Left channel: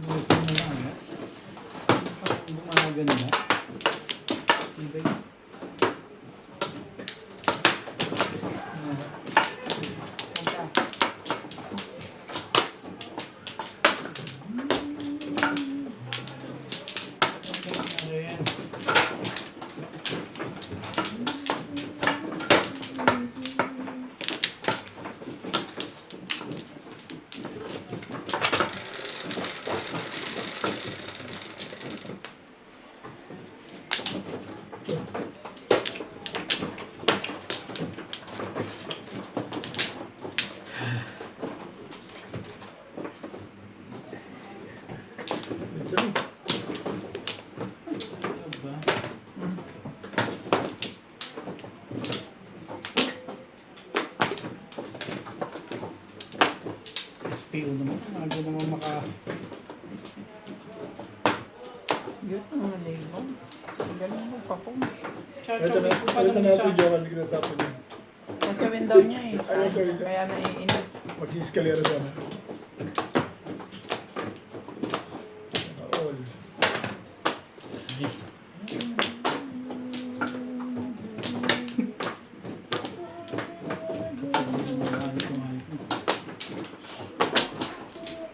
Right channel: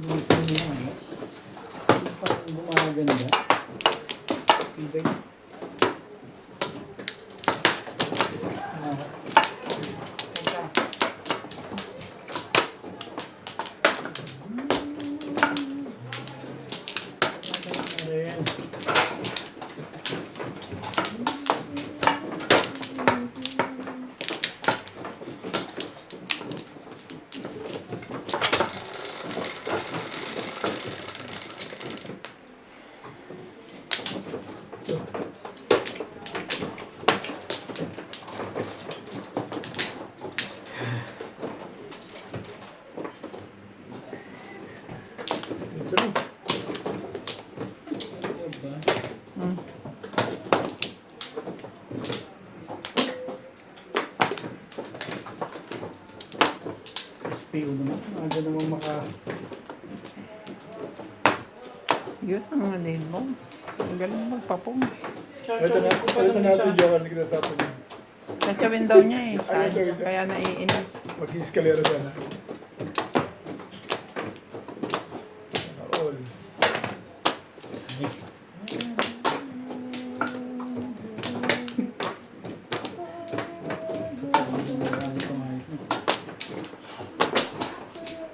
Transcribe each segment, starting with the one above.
Buti na lang eh. Parang gumaganda. Tibay. SPO naman. Ano naman maka... Yun ang malibong. Ang galing magpapong. Ito na, palitan natin yung joker, hindi kinatapon niya. Nagsawin daw niya eh. Ayaw tawin niya. Kaya naiinis. Mag-escalera sana. All.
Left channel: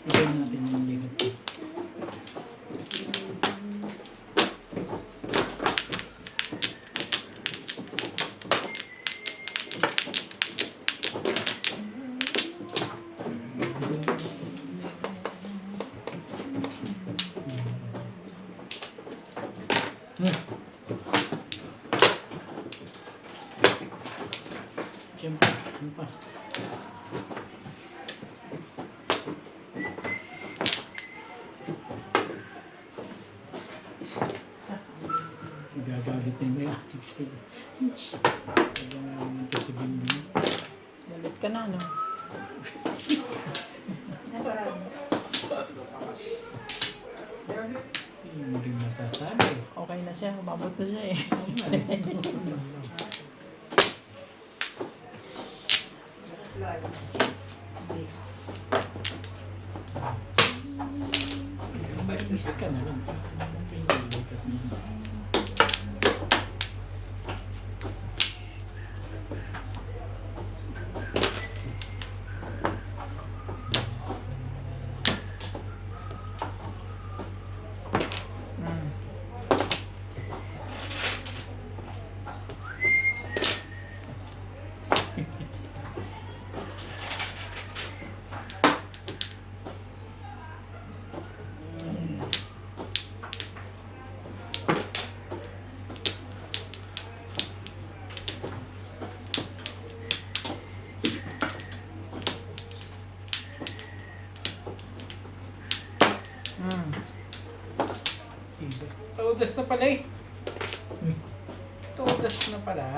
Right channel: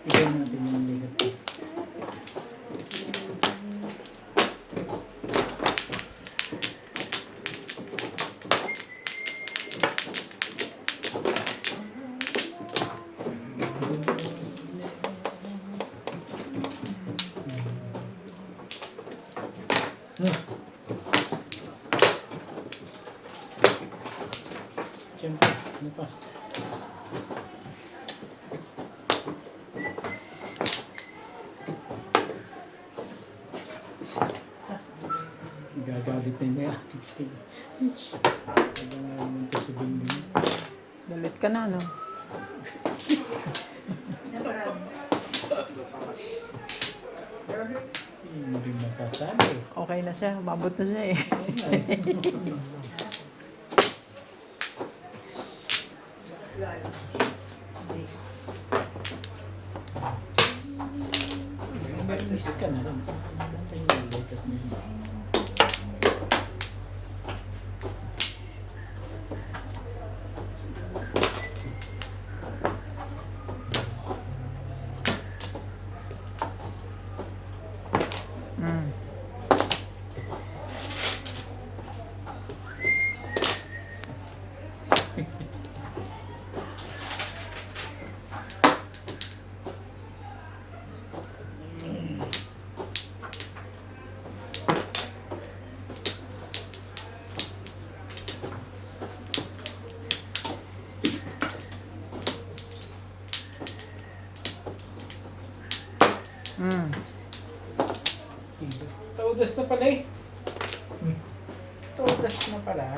Ibigay natin yung ligat. Siyempre, ano pa? Gagalit na niya. Habang namunta si Bingbing. Galit ka na, no? Hindi mo rin masasabi. Okay na siya. Umabot na siya eh. Miss ka na lang. Kaya nilikat niya. Mm. Mm. Todas na pala eh. Todas na pala.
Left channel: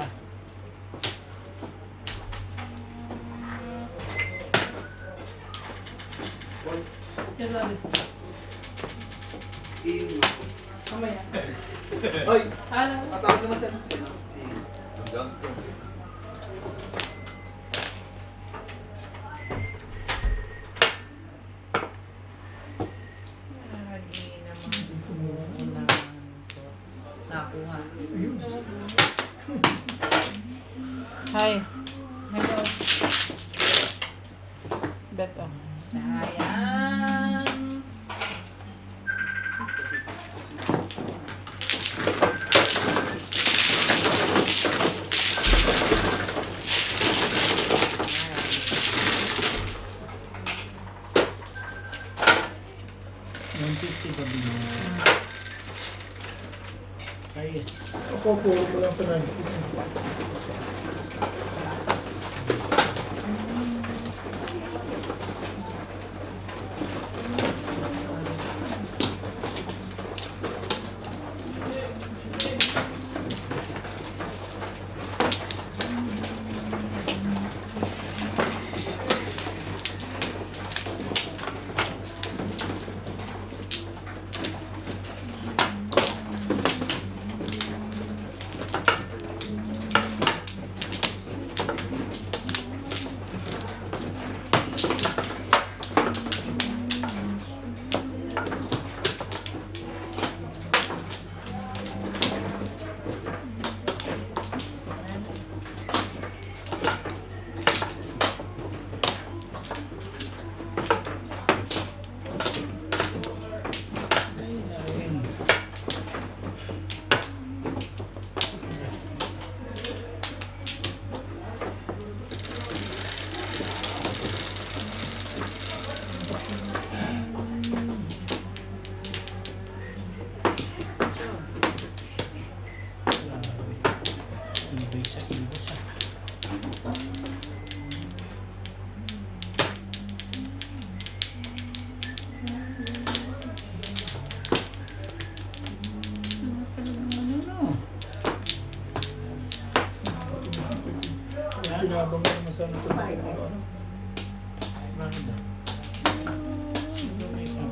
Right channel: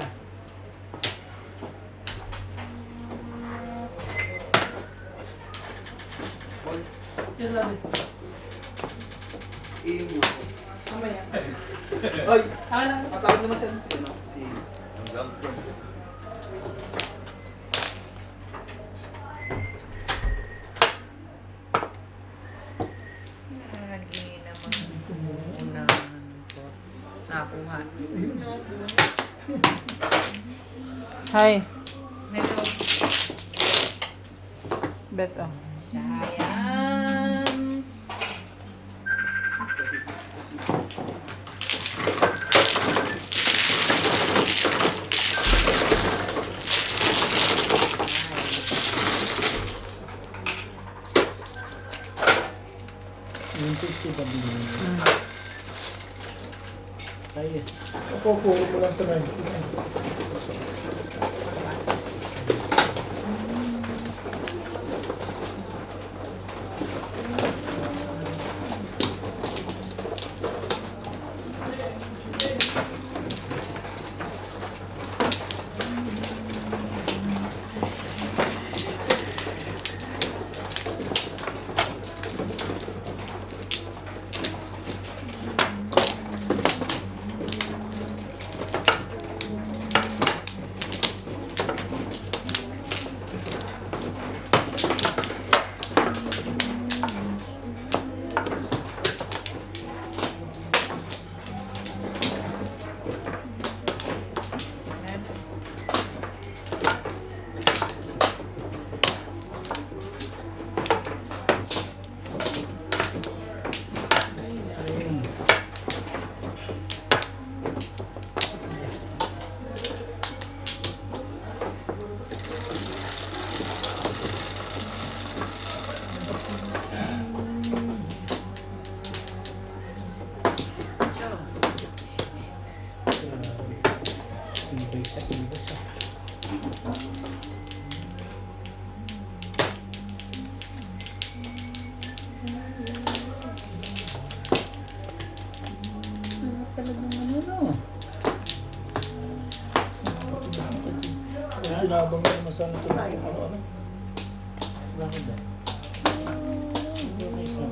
Yes, Daddy. Mamaya. Ay! Ano? Patawag naman siya. Si... Lagi naman unahan ko. Nakuha. Hi. Hello. Beta. Science. Yung 50 pa din yun. Sayas. Ako, puro ko lang sa nightstick. kinabang mo naman sana ito. Ano? Bakit daw? Okay, so.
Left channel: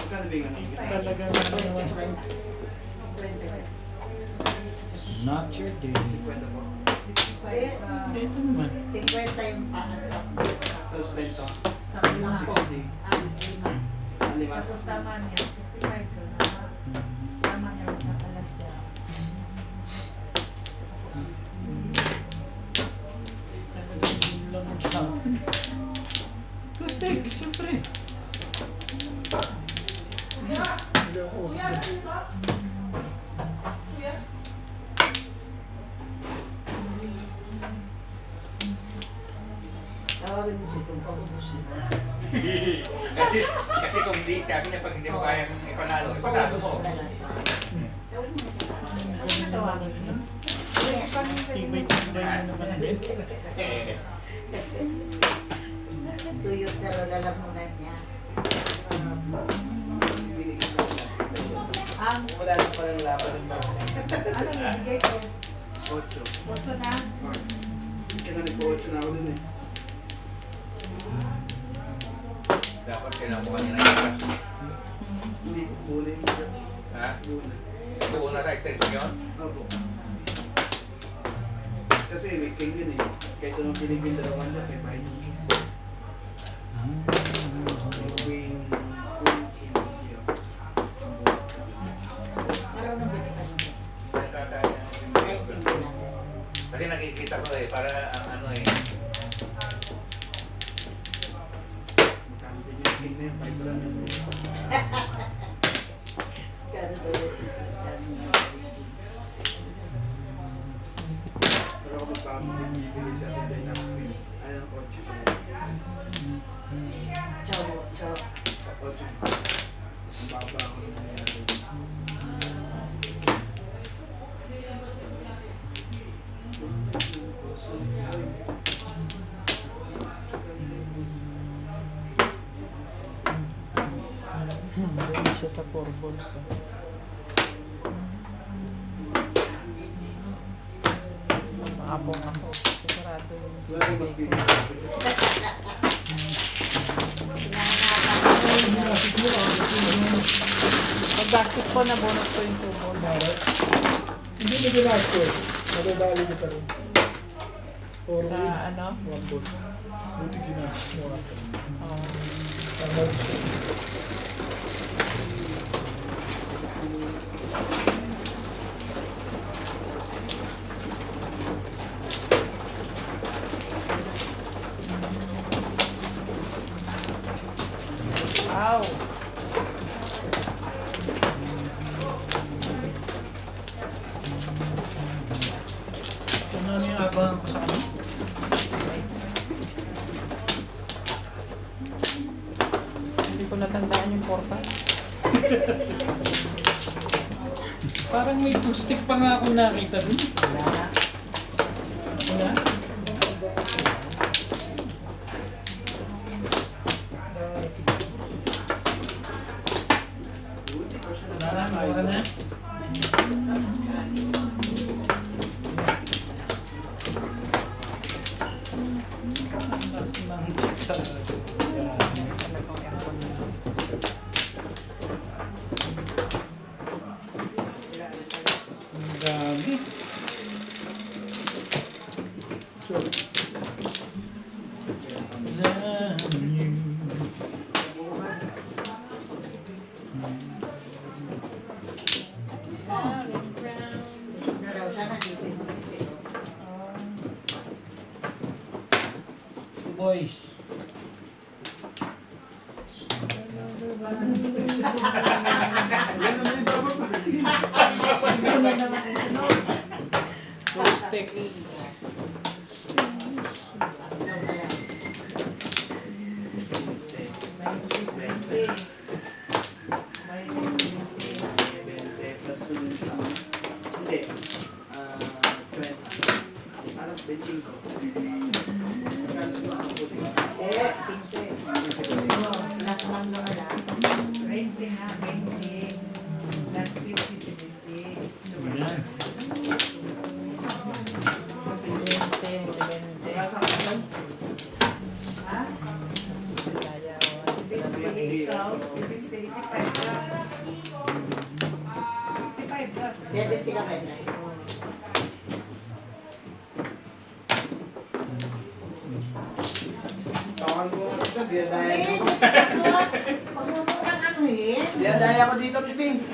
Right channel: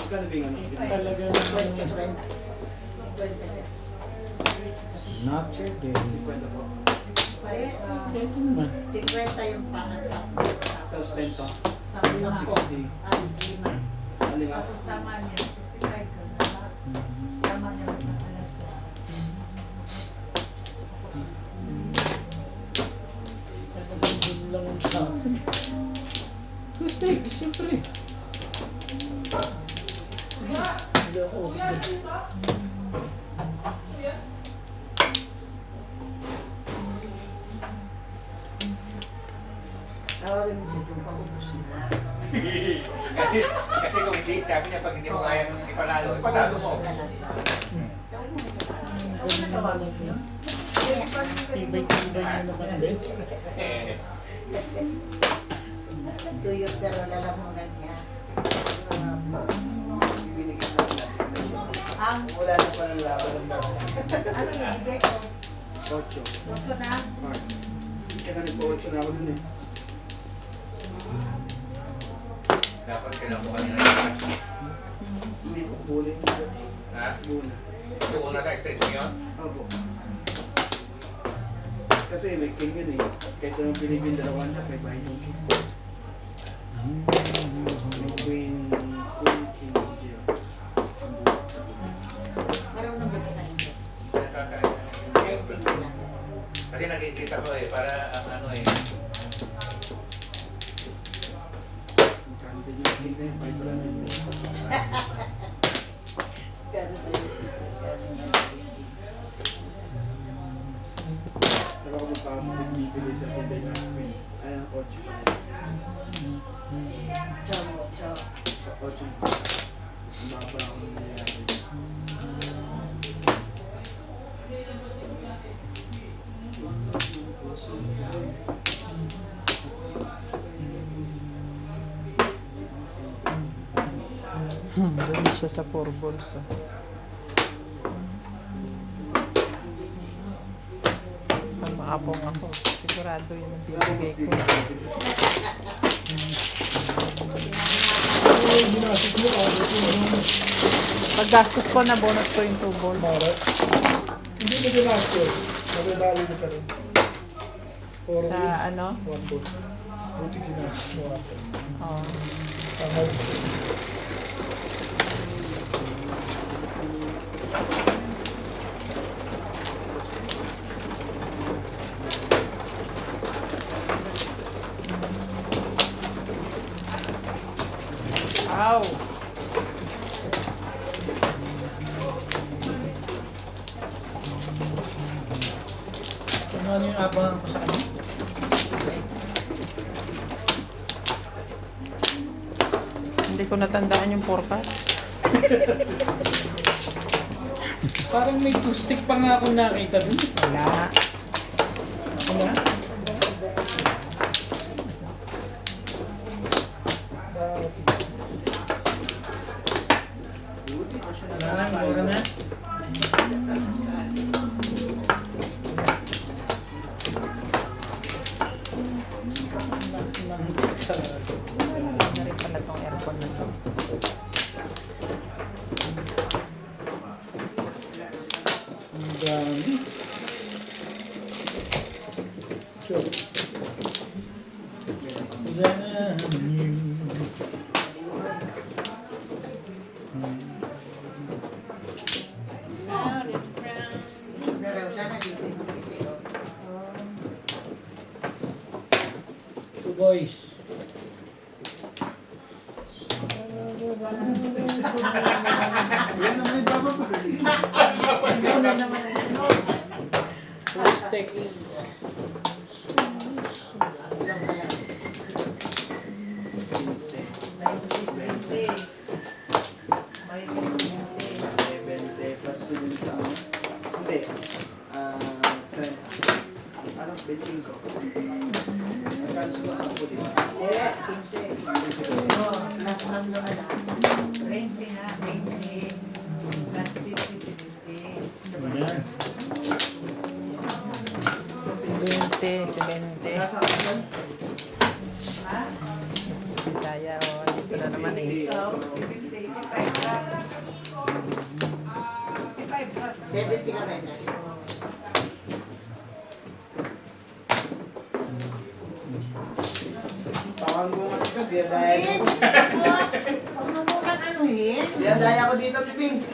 Talaga naman. Not your day. Ito naman. 50 yung pangatap. Tapos lento. Sa lima po. 60. Ang lima. Ano ba? Tapos tama niya, 65 ko na. Tama niya magkakalat niya. Talagang yun lang ang sa akin. Tuesday, siyempre. Hindi ako usap din. Tawagin mo siya kung pag-ubos na. Kasi kung hindi, sabi niya pag hindi mo kayang ipanalo, ipanalo mo. Ano na tawagin niya? Tibay-tibay mo naman din. Tuyot na lalamunan niya. Binigay sa kanila. Ang, Wala na pala laban ng mga. ano yung bigay ko? 8. Kotso na? Kaya nga nagpo-8 na ako dun eh. Dapat kailangan mo kanila yung Hindi ko bula yung mga. Ha? Bula. Una ka straight mo yun? Opo. Kasi weekend yun eh. Kaysa nung Pilipin dalawan na, may bahay yung king. Queen, king, zero. Parang nabalik ka nito. Nakakain. Kahit hindi lang. Kasi nakikita ko eh, para ang ano eh. Magkano din yung king na yun, 5 run yun eh. Pero tuyot. Pero ako magpapabibili sa atin din ng queen. Ay, ang 8 pa yun. Chow, chow. Sa 8. Ang baba ako yung nangyayari. Doon siya sa 4 balls. Maapong ako. Sigurado yung Wala akong bibigay mas ko. dito. Ay, ginasos mo. Paggastos ko na bonus ko yung 2 balls. Maras. Hindi mo ginastos. Madadali ka pa rin. Or Sa win. ano? 1 ball. Buti ginastos mo ako. Oh. Tama rin. Wow! Ano yung abangan ko sa kanya? Hindi ko natandaan yung porka. Parang may two-stick pa nga akong nakita dun. Wala nga. Wala? Dati. Wala na, mura na. Talagang aircon na to. Ang dami. Sure. Pero sana dito yung Pilipino. Two boys. Yan naman yung bababa. Ikaw na naman ang sunod. Two sticks. Ikaw na lang. May 60. May 20. Nasaan? Ha? Sa Bisaya, o. Wala naman eh. Ikaw, 70, 85 lang. 55 lang. 70 ka ba? Tawag mo kasi ka, diyadaya ko. Huwag mo mukhang anuhin. Diyadaya ko dito, Tibing.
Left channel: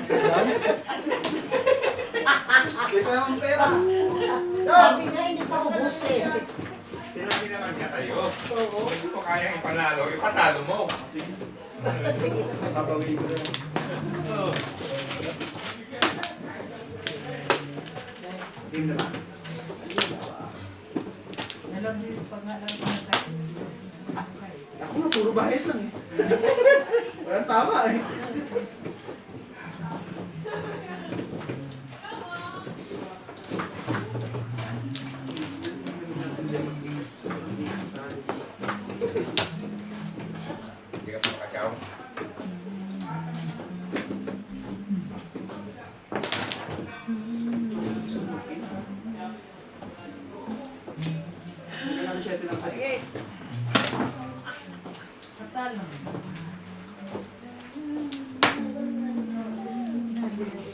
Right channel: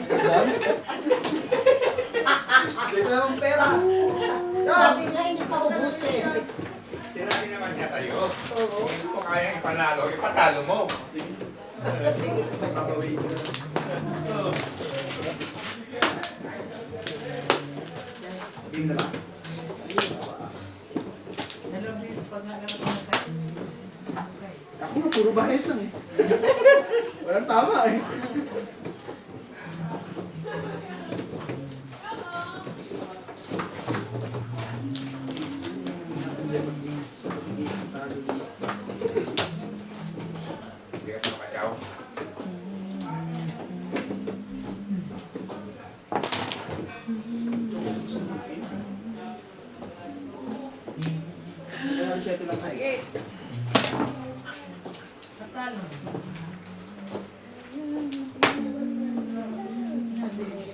Dito naman pera. Sabi nga hindi pa ubusin. Sinabi naman niya sa'yo. Hindi ko kayang ipanalo, ipatalo mo. Sige. Papawin ko na. Team na ba? Dalawang beses pag nalaro ko na Ako nga, puro bahis lang eh. Walang tama eh. Hindi ka makakaw. Patalo.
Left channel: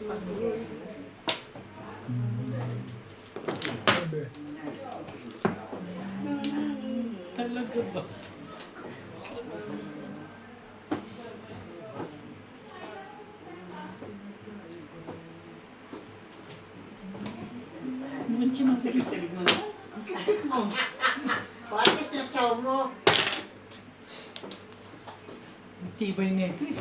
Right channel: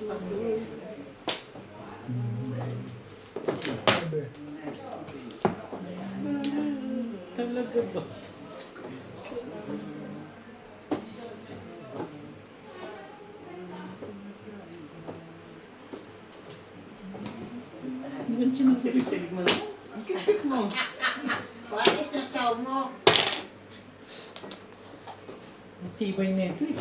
Sabi. Talaga ba? Naman sinakilig mo na. Ang kitik mo. Patis na chow mo. Ang tibay na ito eh.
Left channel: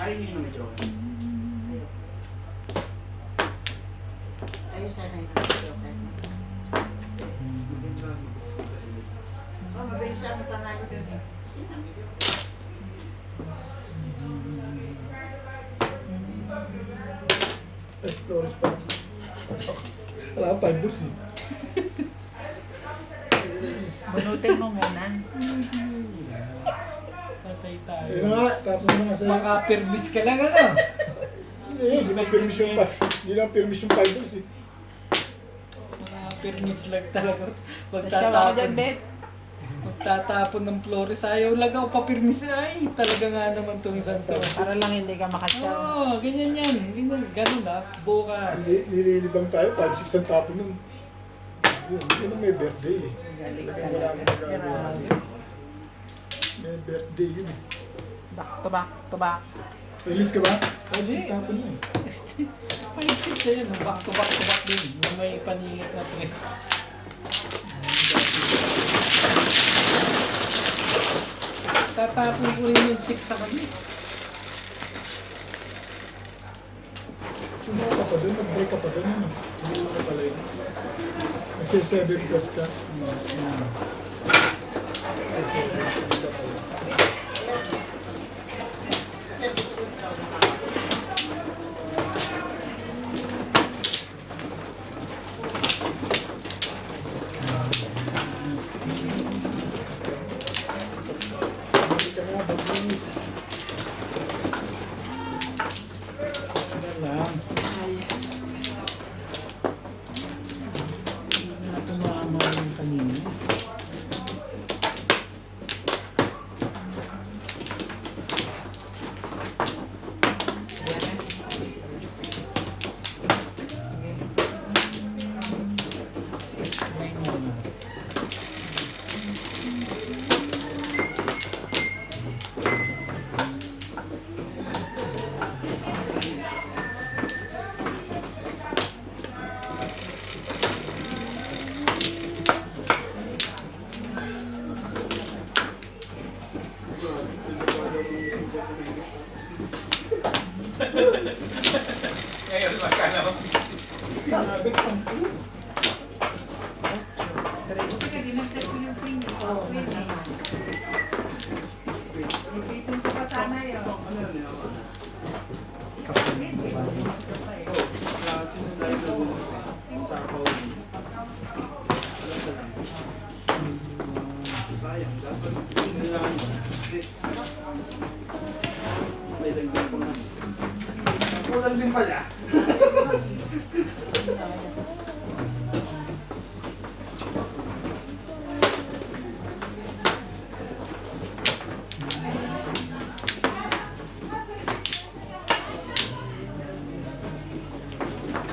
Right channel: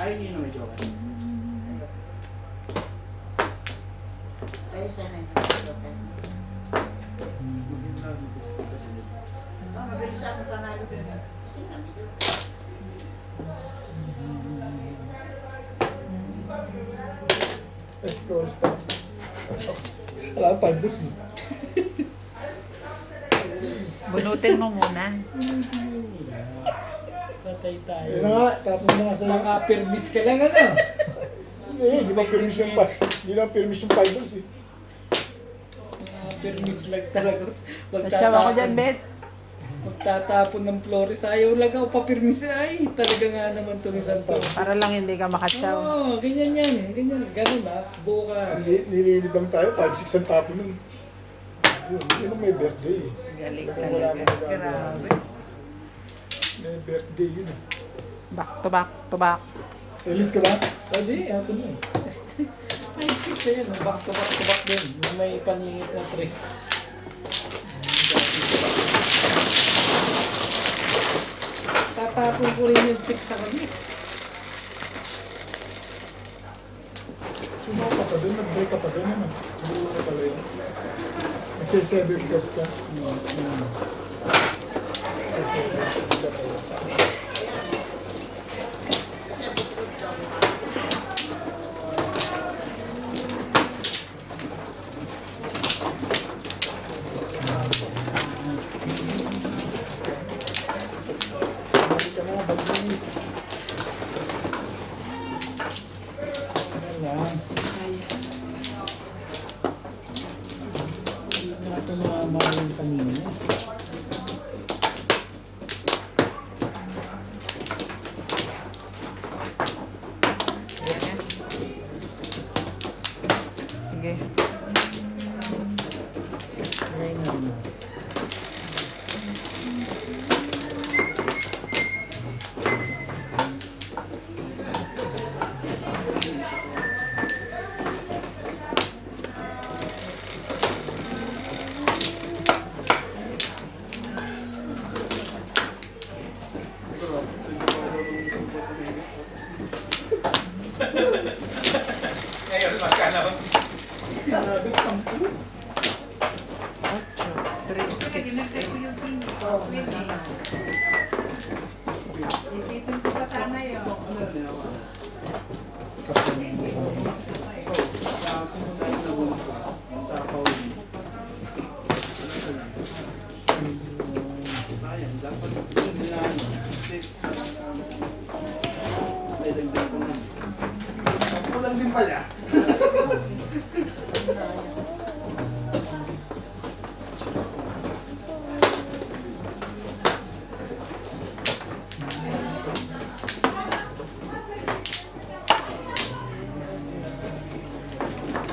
Ayaw niyo yung medyo. Ayun sana yung mabilis ako panalo din. Sinabi ko. Flores pa. Wala pa, 5 balls eh. Bunutin mo muna. Patay tayo. Ayun na nga, tapos na nga sa'yo. Maka-permis ka lang ano? Hindi ba permission pa? Hindi na permission 5 balls eh. Maka-permis lang talaga. Tatsawa ko dyan, Bet. Magtatapon ng Flores. Ayaw lang ako papirmis. Ay, talaga nga naman itong isang taon. Para lang hindi ka makatsaw. Oo, ganyan yan. Ganyan, ganun ah. Bukas. Nililibang tayo, 5-6 ang tapon nun. Yun ang may birthday eh. Galing. Talagang wala akong magagawa doon. May birthday yun eh. Back to back to back. Release ka ba? 5-6 tapon na eh. 5-6 na yan. Back to back din. Yung may paningit na tres. Tatapon ko rin yung 6 sa kanya. Sumuko ka pa doon, nag-break ka pa doon yun ah. Hindi mo na pala yun. Nagsi-7 plus ka. Nagsi-7 plus ka pala. Hindi ka na, bagus. Tagal lang. Hindi na ito tumama yung kanina. Sige. Try na mo. Ngayon, magkano? Sinabi ko 10. Kaya ginagay ko yung pin. Oo, naman. Ipitin ko pa sana yun. Simula na buwan sa Pauli. Sayang, dapat kailangan sis. Ay, dagdag ko na. din pala.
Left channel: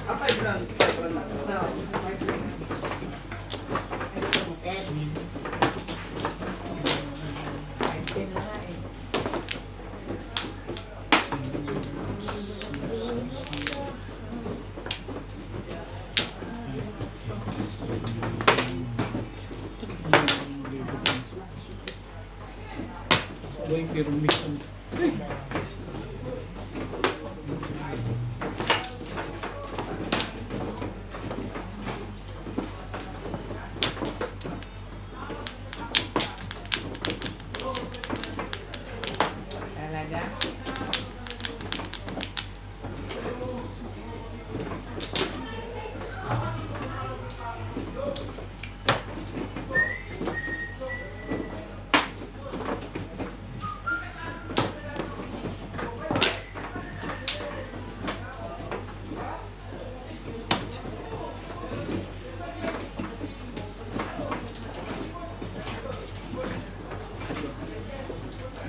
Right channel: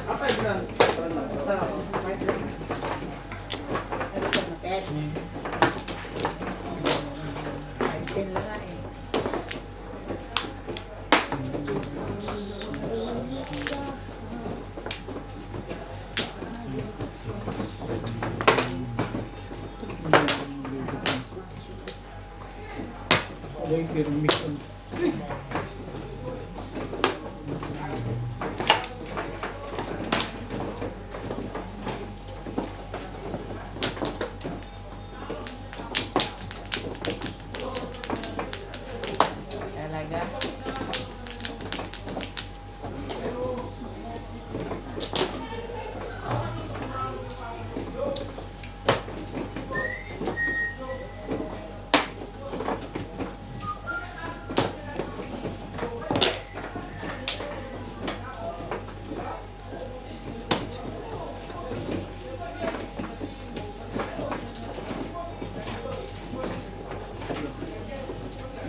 Apa yun lang? Oo, partner. Ano sa motel? 5-10 na nga eh. Sabay pirmis ang... Talaga?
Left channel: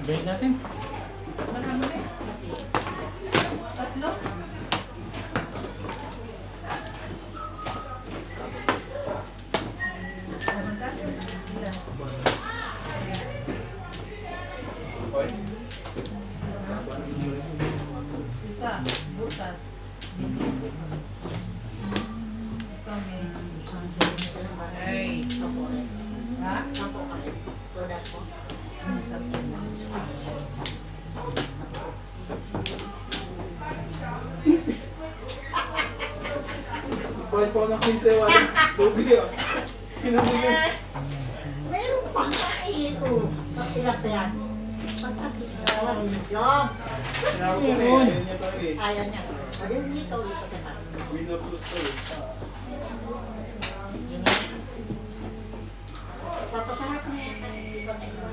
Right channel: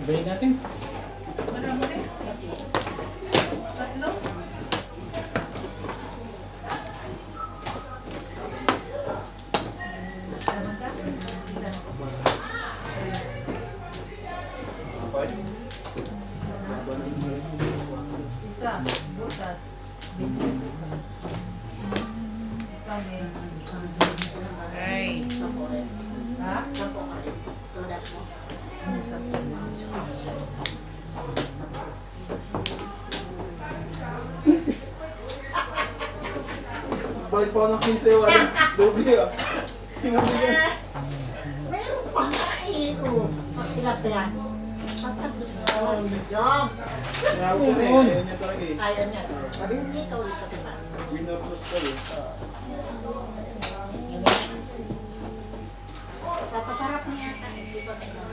Bayin natin. Marami rin. Tatlo. Isa, butas. Kami. Ay. Sampo rin. Ha? Sampo ka rin. Tulad mo. Balik po ako ng 15 wala. Lugi ah. Pinabigyan. Meron pa nga eh. Oh, pagpilaplan. Pagtapos na naman. Yung. Sinawag ko na eh. Ayaw niya talaga eh. Ayaw niya. Sabi niya ikaw ulit sa kanya. Winner plus to eh. Tapos harap na yan. Hindi ba kayo?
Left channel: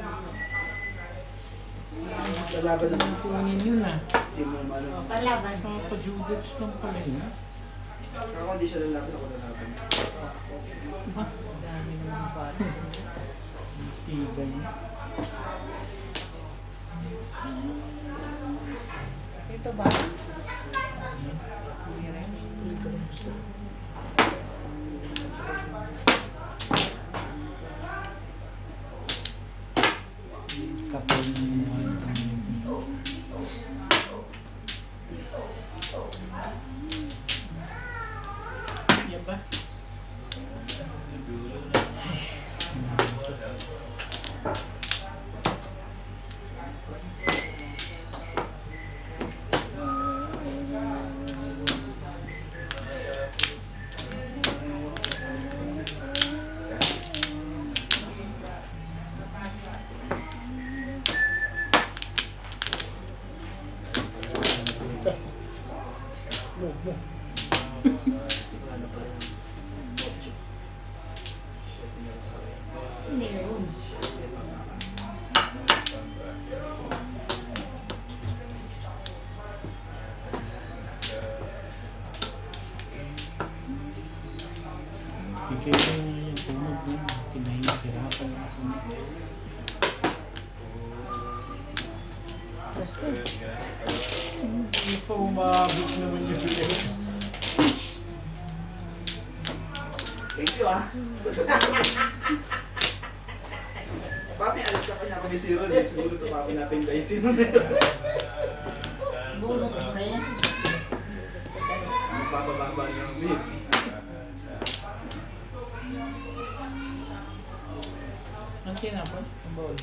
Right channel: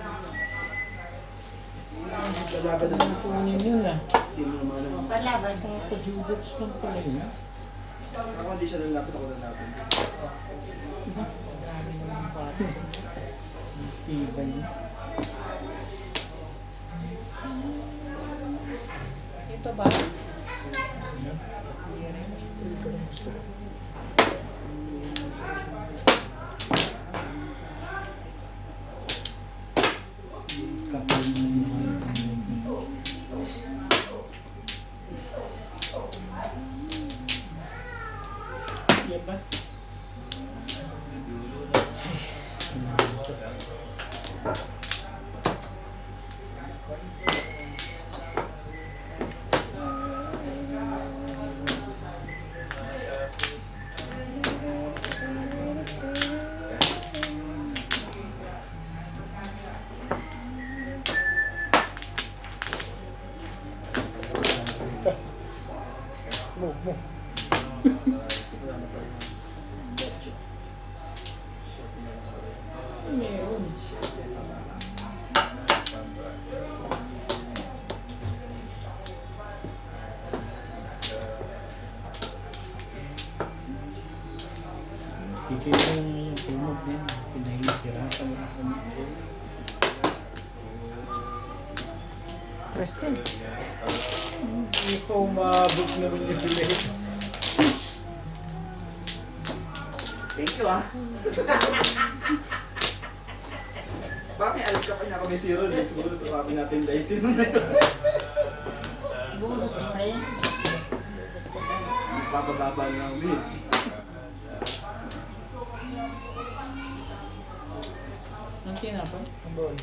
Sa laban naman po. Kunin yun ah. Hindi mo naman O, alam. Palaban. Nakapajudats lang pala yun. Ako hindi siya lalapit, ako lalapit. Dami naman bata. Tibay. Ito ba? Hindi ka rin gusto. Kapal na yun. Yan ba? Mo. Meron. Hindi kayo tumog yan. Pinahihirapan ako. Hindi ko umabot naman yung bilay. Thank you ah. Baka may alas ka pa niya kung may zero din. Siguro tumapin natin dahil sino na yun. Bunot mo rin. Bababa ng lead. Ang tinapon? Ang ball.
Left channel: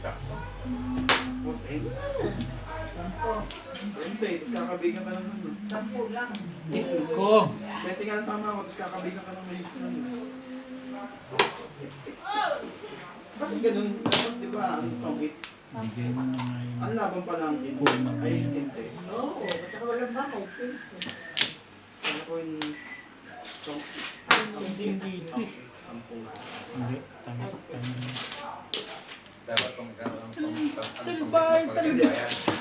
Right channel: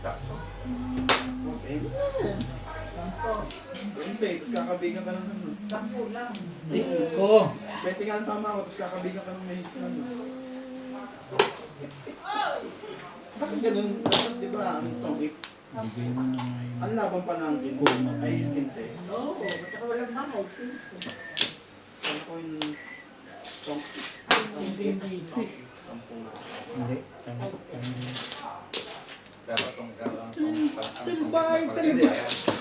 Sampo. 20, tapos kakabigan ka ng 10 lang. Ko. 20 nga ang tama ko, tapos kakabigan ka ng mahigit na Bakit ganun? Dapat di ba, ano tong it? Hindi mo na ngayon. Ang laban pa ng 15 ay 15. Oo, ba't ako walang bahay? Ano ko yung tong it? Hindi dito eh. 10 na. Hindi. Tama. Pero itong Salbahe talaga.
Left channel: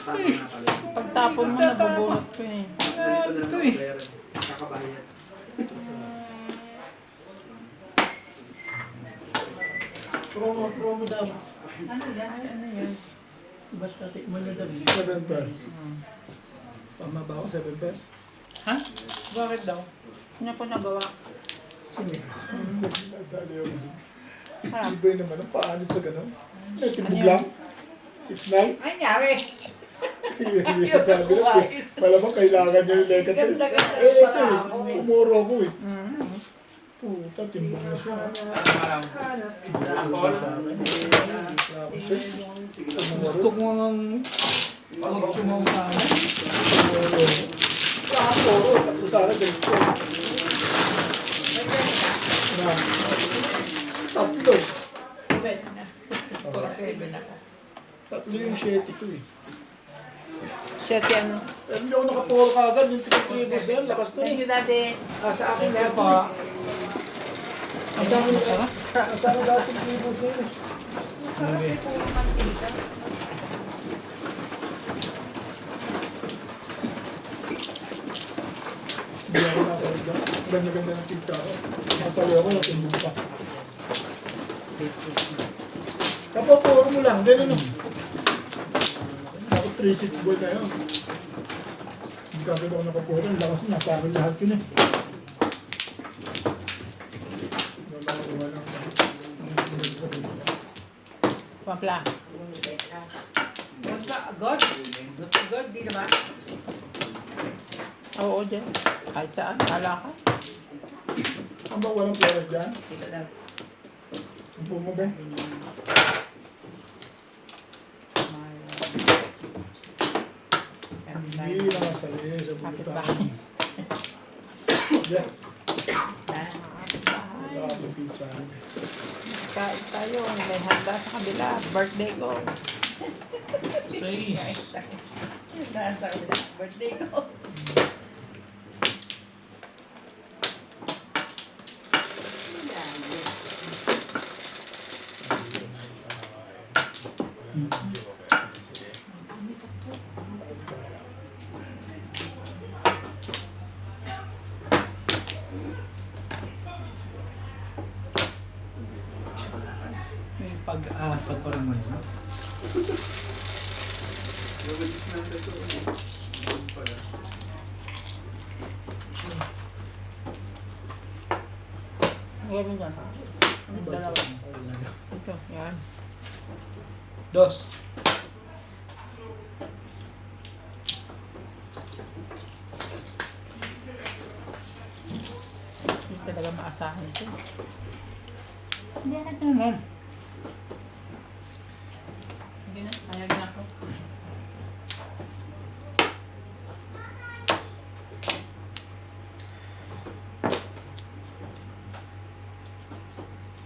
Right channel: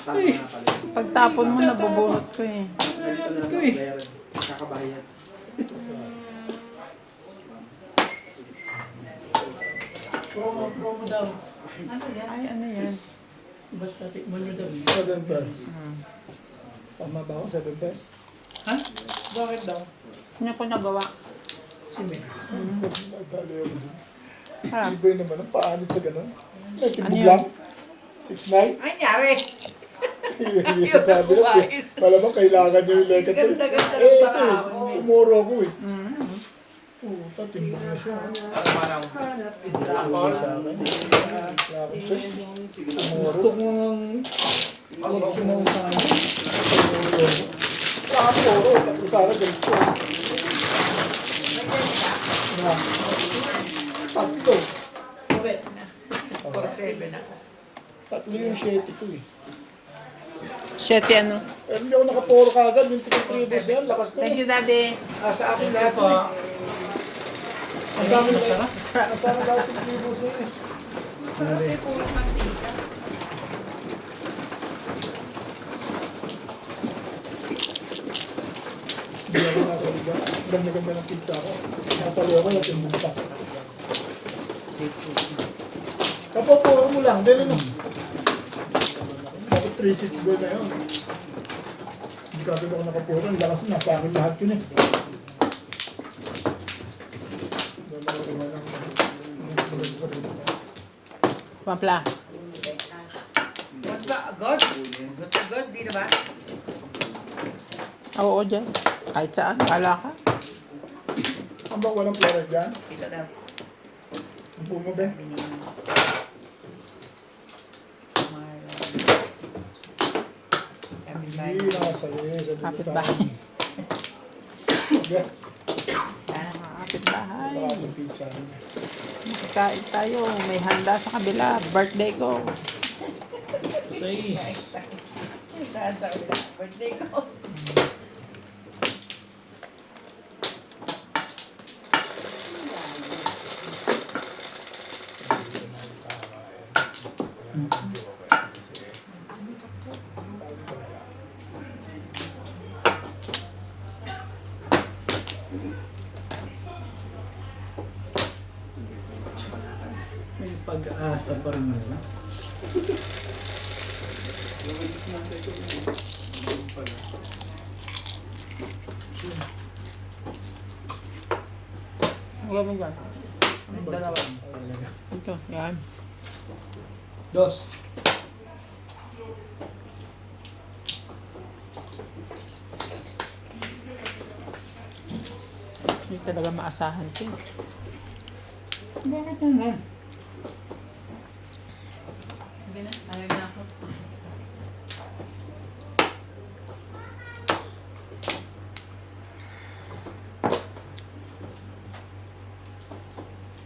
Ay, Pagtapon mo, nabubuhat ko eh. Ganito na ito lang eh. bayaran. Kakabayan. Promo daw. Ano yan? Ay, ano yan? Basta tikman mo daw. 7 pairs. Tama ba ako? 7 pairs? Ha? Bakit daw? Ano ko nagawa? Nagtali ako dun. Ah, Iba yun naman, ang paanod sa ganun. Nagtimbog Ano yun? lang. 6'9". Ay, nyari. Sabi na, malamang kailangan niya yung lekat eh. Ganda-ganda Eh, yung ito eh. tao eh. Umuro ako eh. mm. Puta, timbog na siya. Ano malam? Umuro sa akin. Wala akong choice. Umuro. Tuk mo ng... Tuk mo ng kami. Wala akong umuro. Tatlo sa akin, galis ko. Na. Tatlo. Tatlo yung 7 ko eh. Shit, ano? Pero hindi ako nakapuro kagad. Yung tikitribos na yan, lakas ko Thank eh. you, Daddy. Sa akin lahat yun eh. Sa akin lahat. Sa akin lahat yung tribos na yun eh. Masarap yung puro mantika. Hindi ako nasa liga. Ganda-ganda ng pinta ko. Nasali ako, natimbog pa. Kapapuro mo lang, din ano. Bakit 3-6 ball na yun? Hindi kagad ako nakapuro. Ang lakas na, sa akin lahat yun eh. Doon ako kuha ng maganda sa pinta. Papla. God, God. Good to God, di ba? Oo, dyan. Kahit saan, kala ka. Ang bang walang flores dyan? Dito daw. Ang pumo ba? Hindi nakasali sa Kapit bulutan. bahay. Yeah, Kapit bahay. wala akong pizza. Kain tayo. May handa sa kabila. Birthday ko. 6. Daan sa kanila. Birthday ko. May pag-asa pa rin yun. Release natin ito. Doon pala. Ang gawin dyan. Ano ba Dalawa. ito? Ito, yan. 2. Hindi talaga maasahan ito. Bakit naman? Hindi na. Ayag na ako.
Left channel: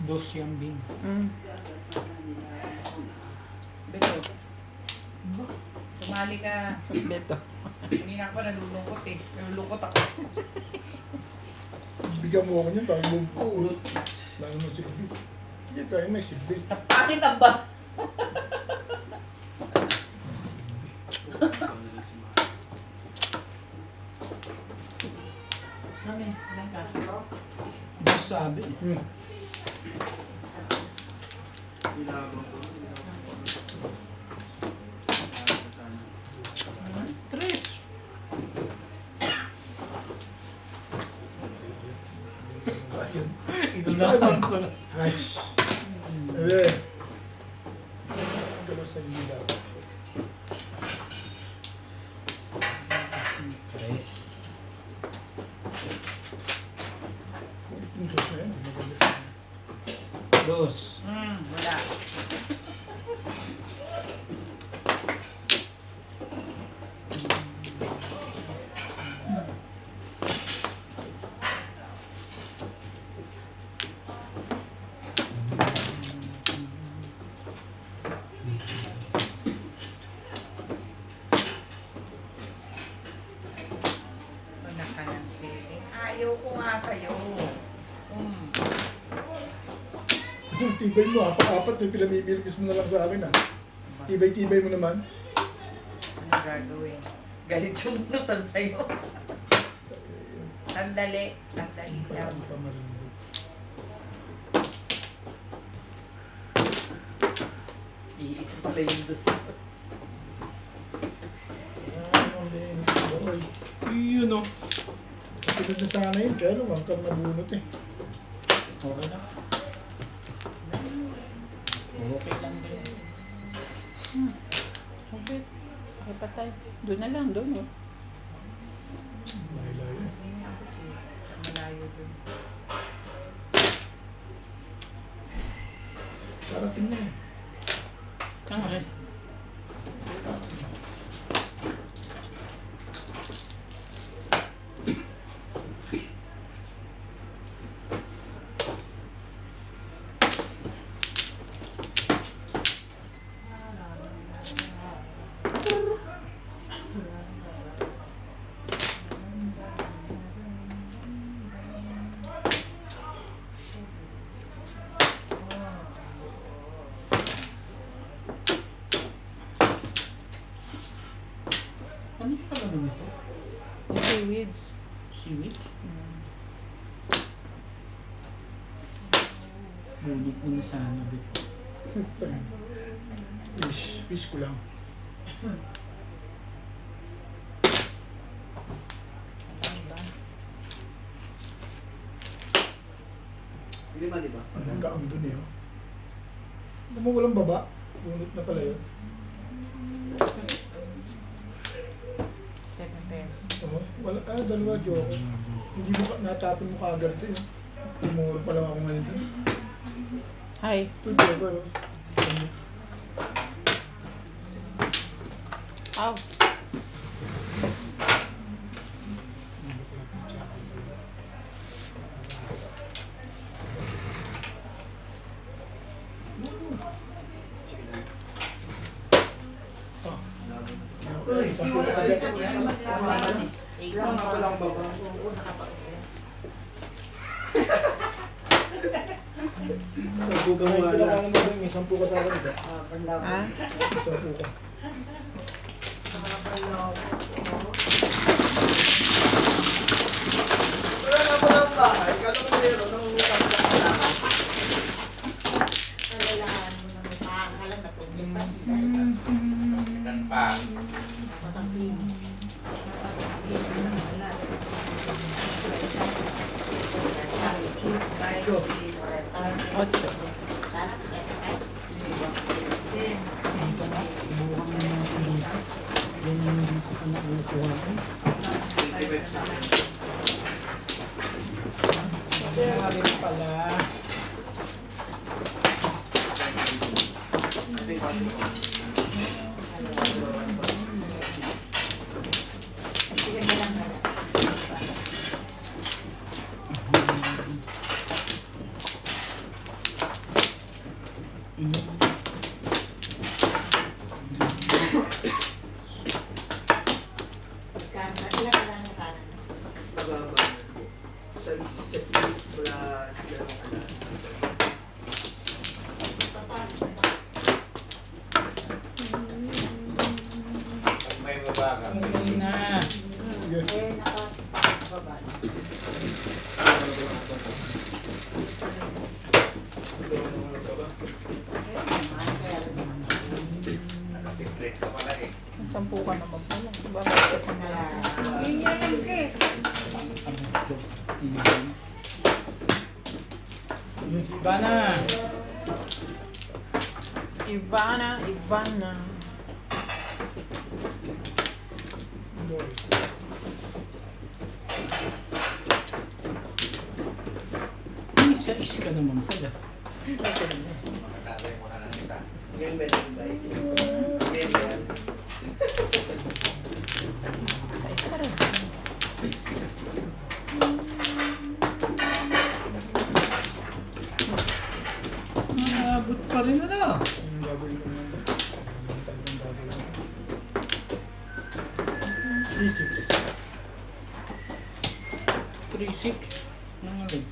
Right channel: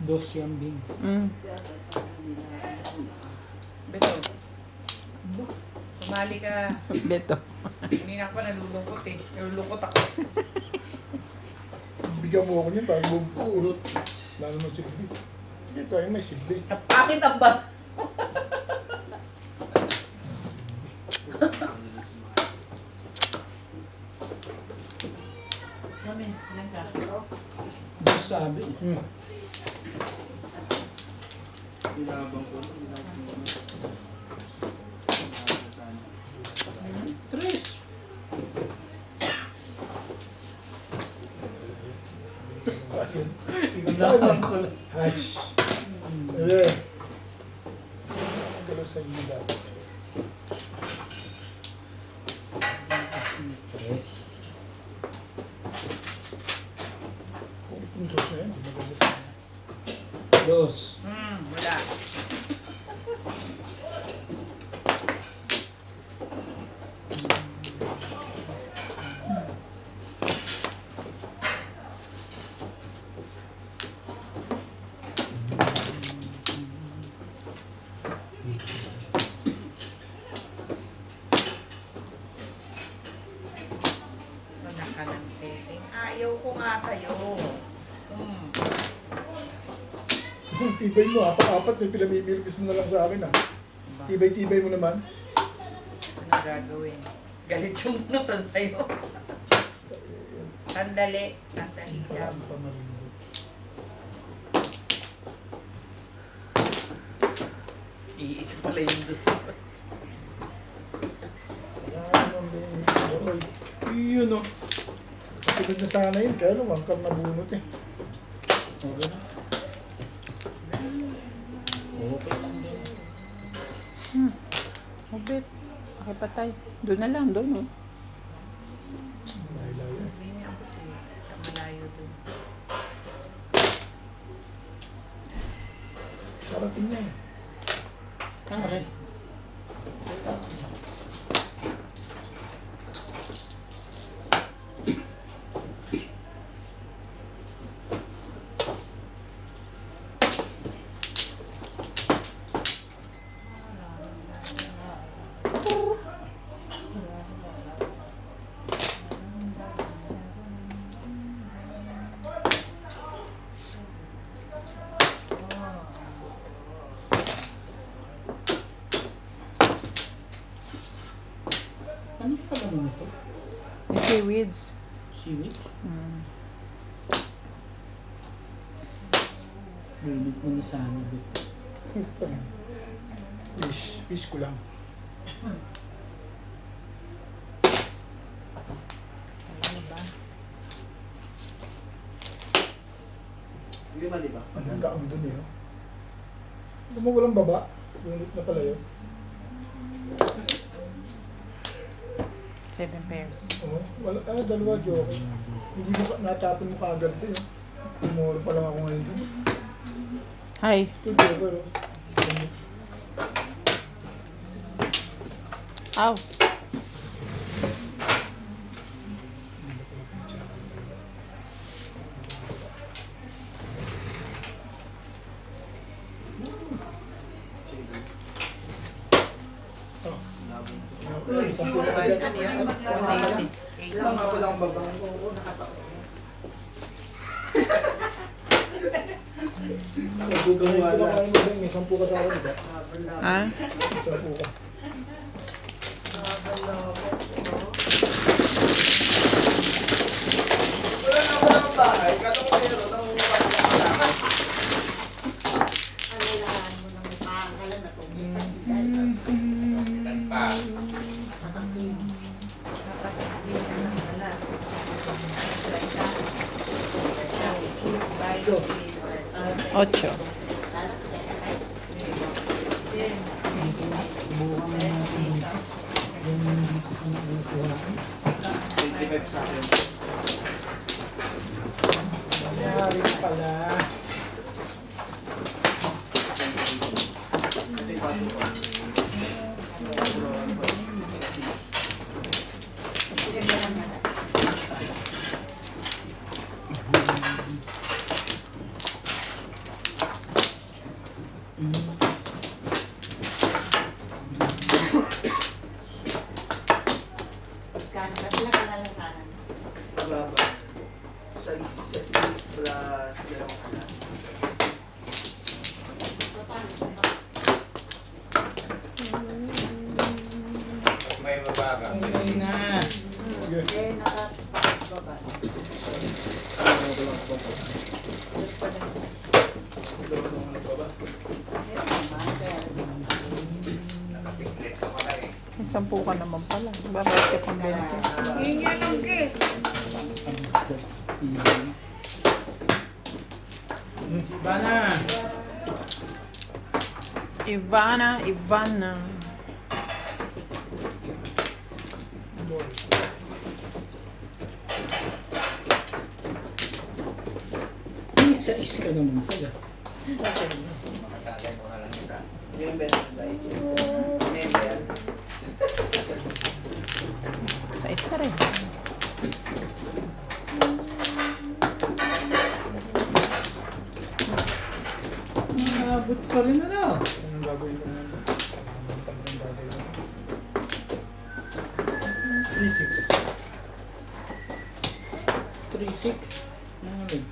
Dos yung din. Mm. Beto. Sumali ka. Beto. Hindi na ako nalulungkot eh. Nalulungkot ako. Bigyan mo ako niyan, parang bubulot. Lalo mo silbi. Hindi tayo may silbi. Sa pakit ang ba? Kami, ilan ka? Dos sabi. Binabang ko. 3. Ayun. Inaman ko. Hatch. Eh. Galaw sa inyo dapat. 3. Kulit yung dos na yan, hindi maganda sa inyo. 2. Wala. Wala ka ng pili. Ayaw ko nga sa'yo. Yung tibay mo, apat-apat eh, pinamimilkis mo na lang sa akin ah. Tibay-tibay mo naman. Ano gagawin? Galit yung bunutan sa'yo. Sandali. Sandali lang. Parang pa marindog. Iisa pala yung gusto. Ayan, ang oy. Yun o. Sunod na sana yun, kaya lang, wangkam na bunot eh. Okay na. Okay lang din. Sabit. Okay pa tayo. Doon na lang, doon eh. Layo-layo eh. Hindi niya ako malayo dun. Parating yan eh. Okay. Ano pa naman ito? Yung seaweeds. Seaweed? Mm. Bunot mo na sana bit. Fish ko lang. Lima, di ba? Ang gaang dun eh. Oh. Alam mo, walang baba. Bunot na pala yun. 7 pairs. Oo. Wala, dalawa joke. Hindi mo, natapon mo kaagad ito yun. Tumuro pa lang ako ngayon dun. Hi. Ito joker oh. Ow. Isang buo ka dyan. Sa bugang Ay, kinakain mo ba yung 10 ka sa akin, diba? Ha? 10 ka. Ito. 8. Subukan mo natin yung dito ka na kukuha ko. 25 sa akin. Mayroon pala. Pababa. Sa please plus May mabaga. Ay na. Sige. Secret ka pala eh. May 10 ka naman pala. Bakit ito na ito? Hinga lang ka eh. Bana. Ivana. Boy. Isa ka naman pala. Magkakay mo na lang isa. Ngayon ba yan tayo? Ngayon ba yan? Sa isa rin. Abot pa rin na daw. Anong gagawin ko naman? Anong gagawin ko? 3-6. 3-6. Ano ulit?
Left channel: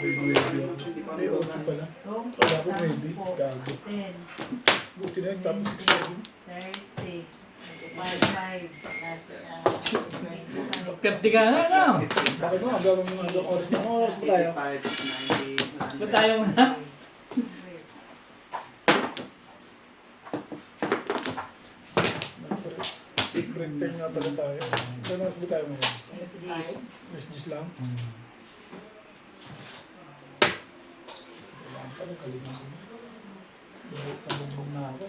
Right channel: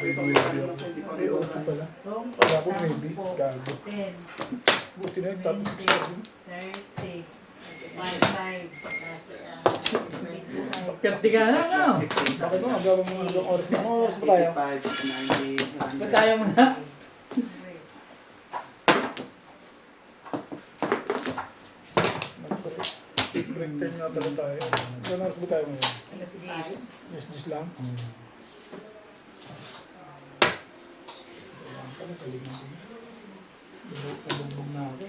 May 9 ako. May 8 pala. Kala ko maybe. Gago. 10, Buti na tapos 6 pa din. 30, 55, Pwede ka na, no? Bakit mo? Gawin mo ilang oras na. Anong oras ba tayo? 85, 90, 100. Ba't tayo na? Break time nga pala tayo. Anong oras ba tayo ngayon? 10. Yes, lang. Kailangan pala, kalingan ko na. Nabugbog na ako.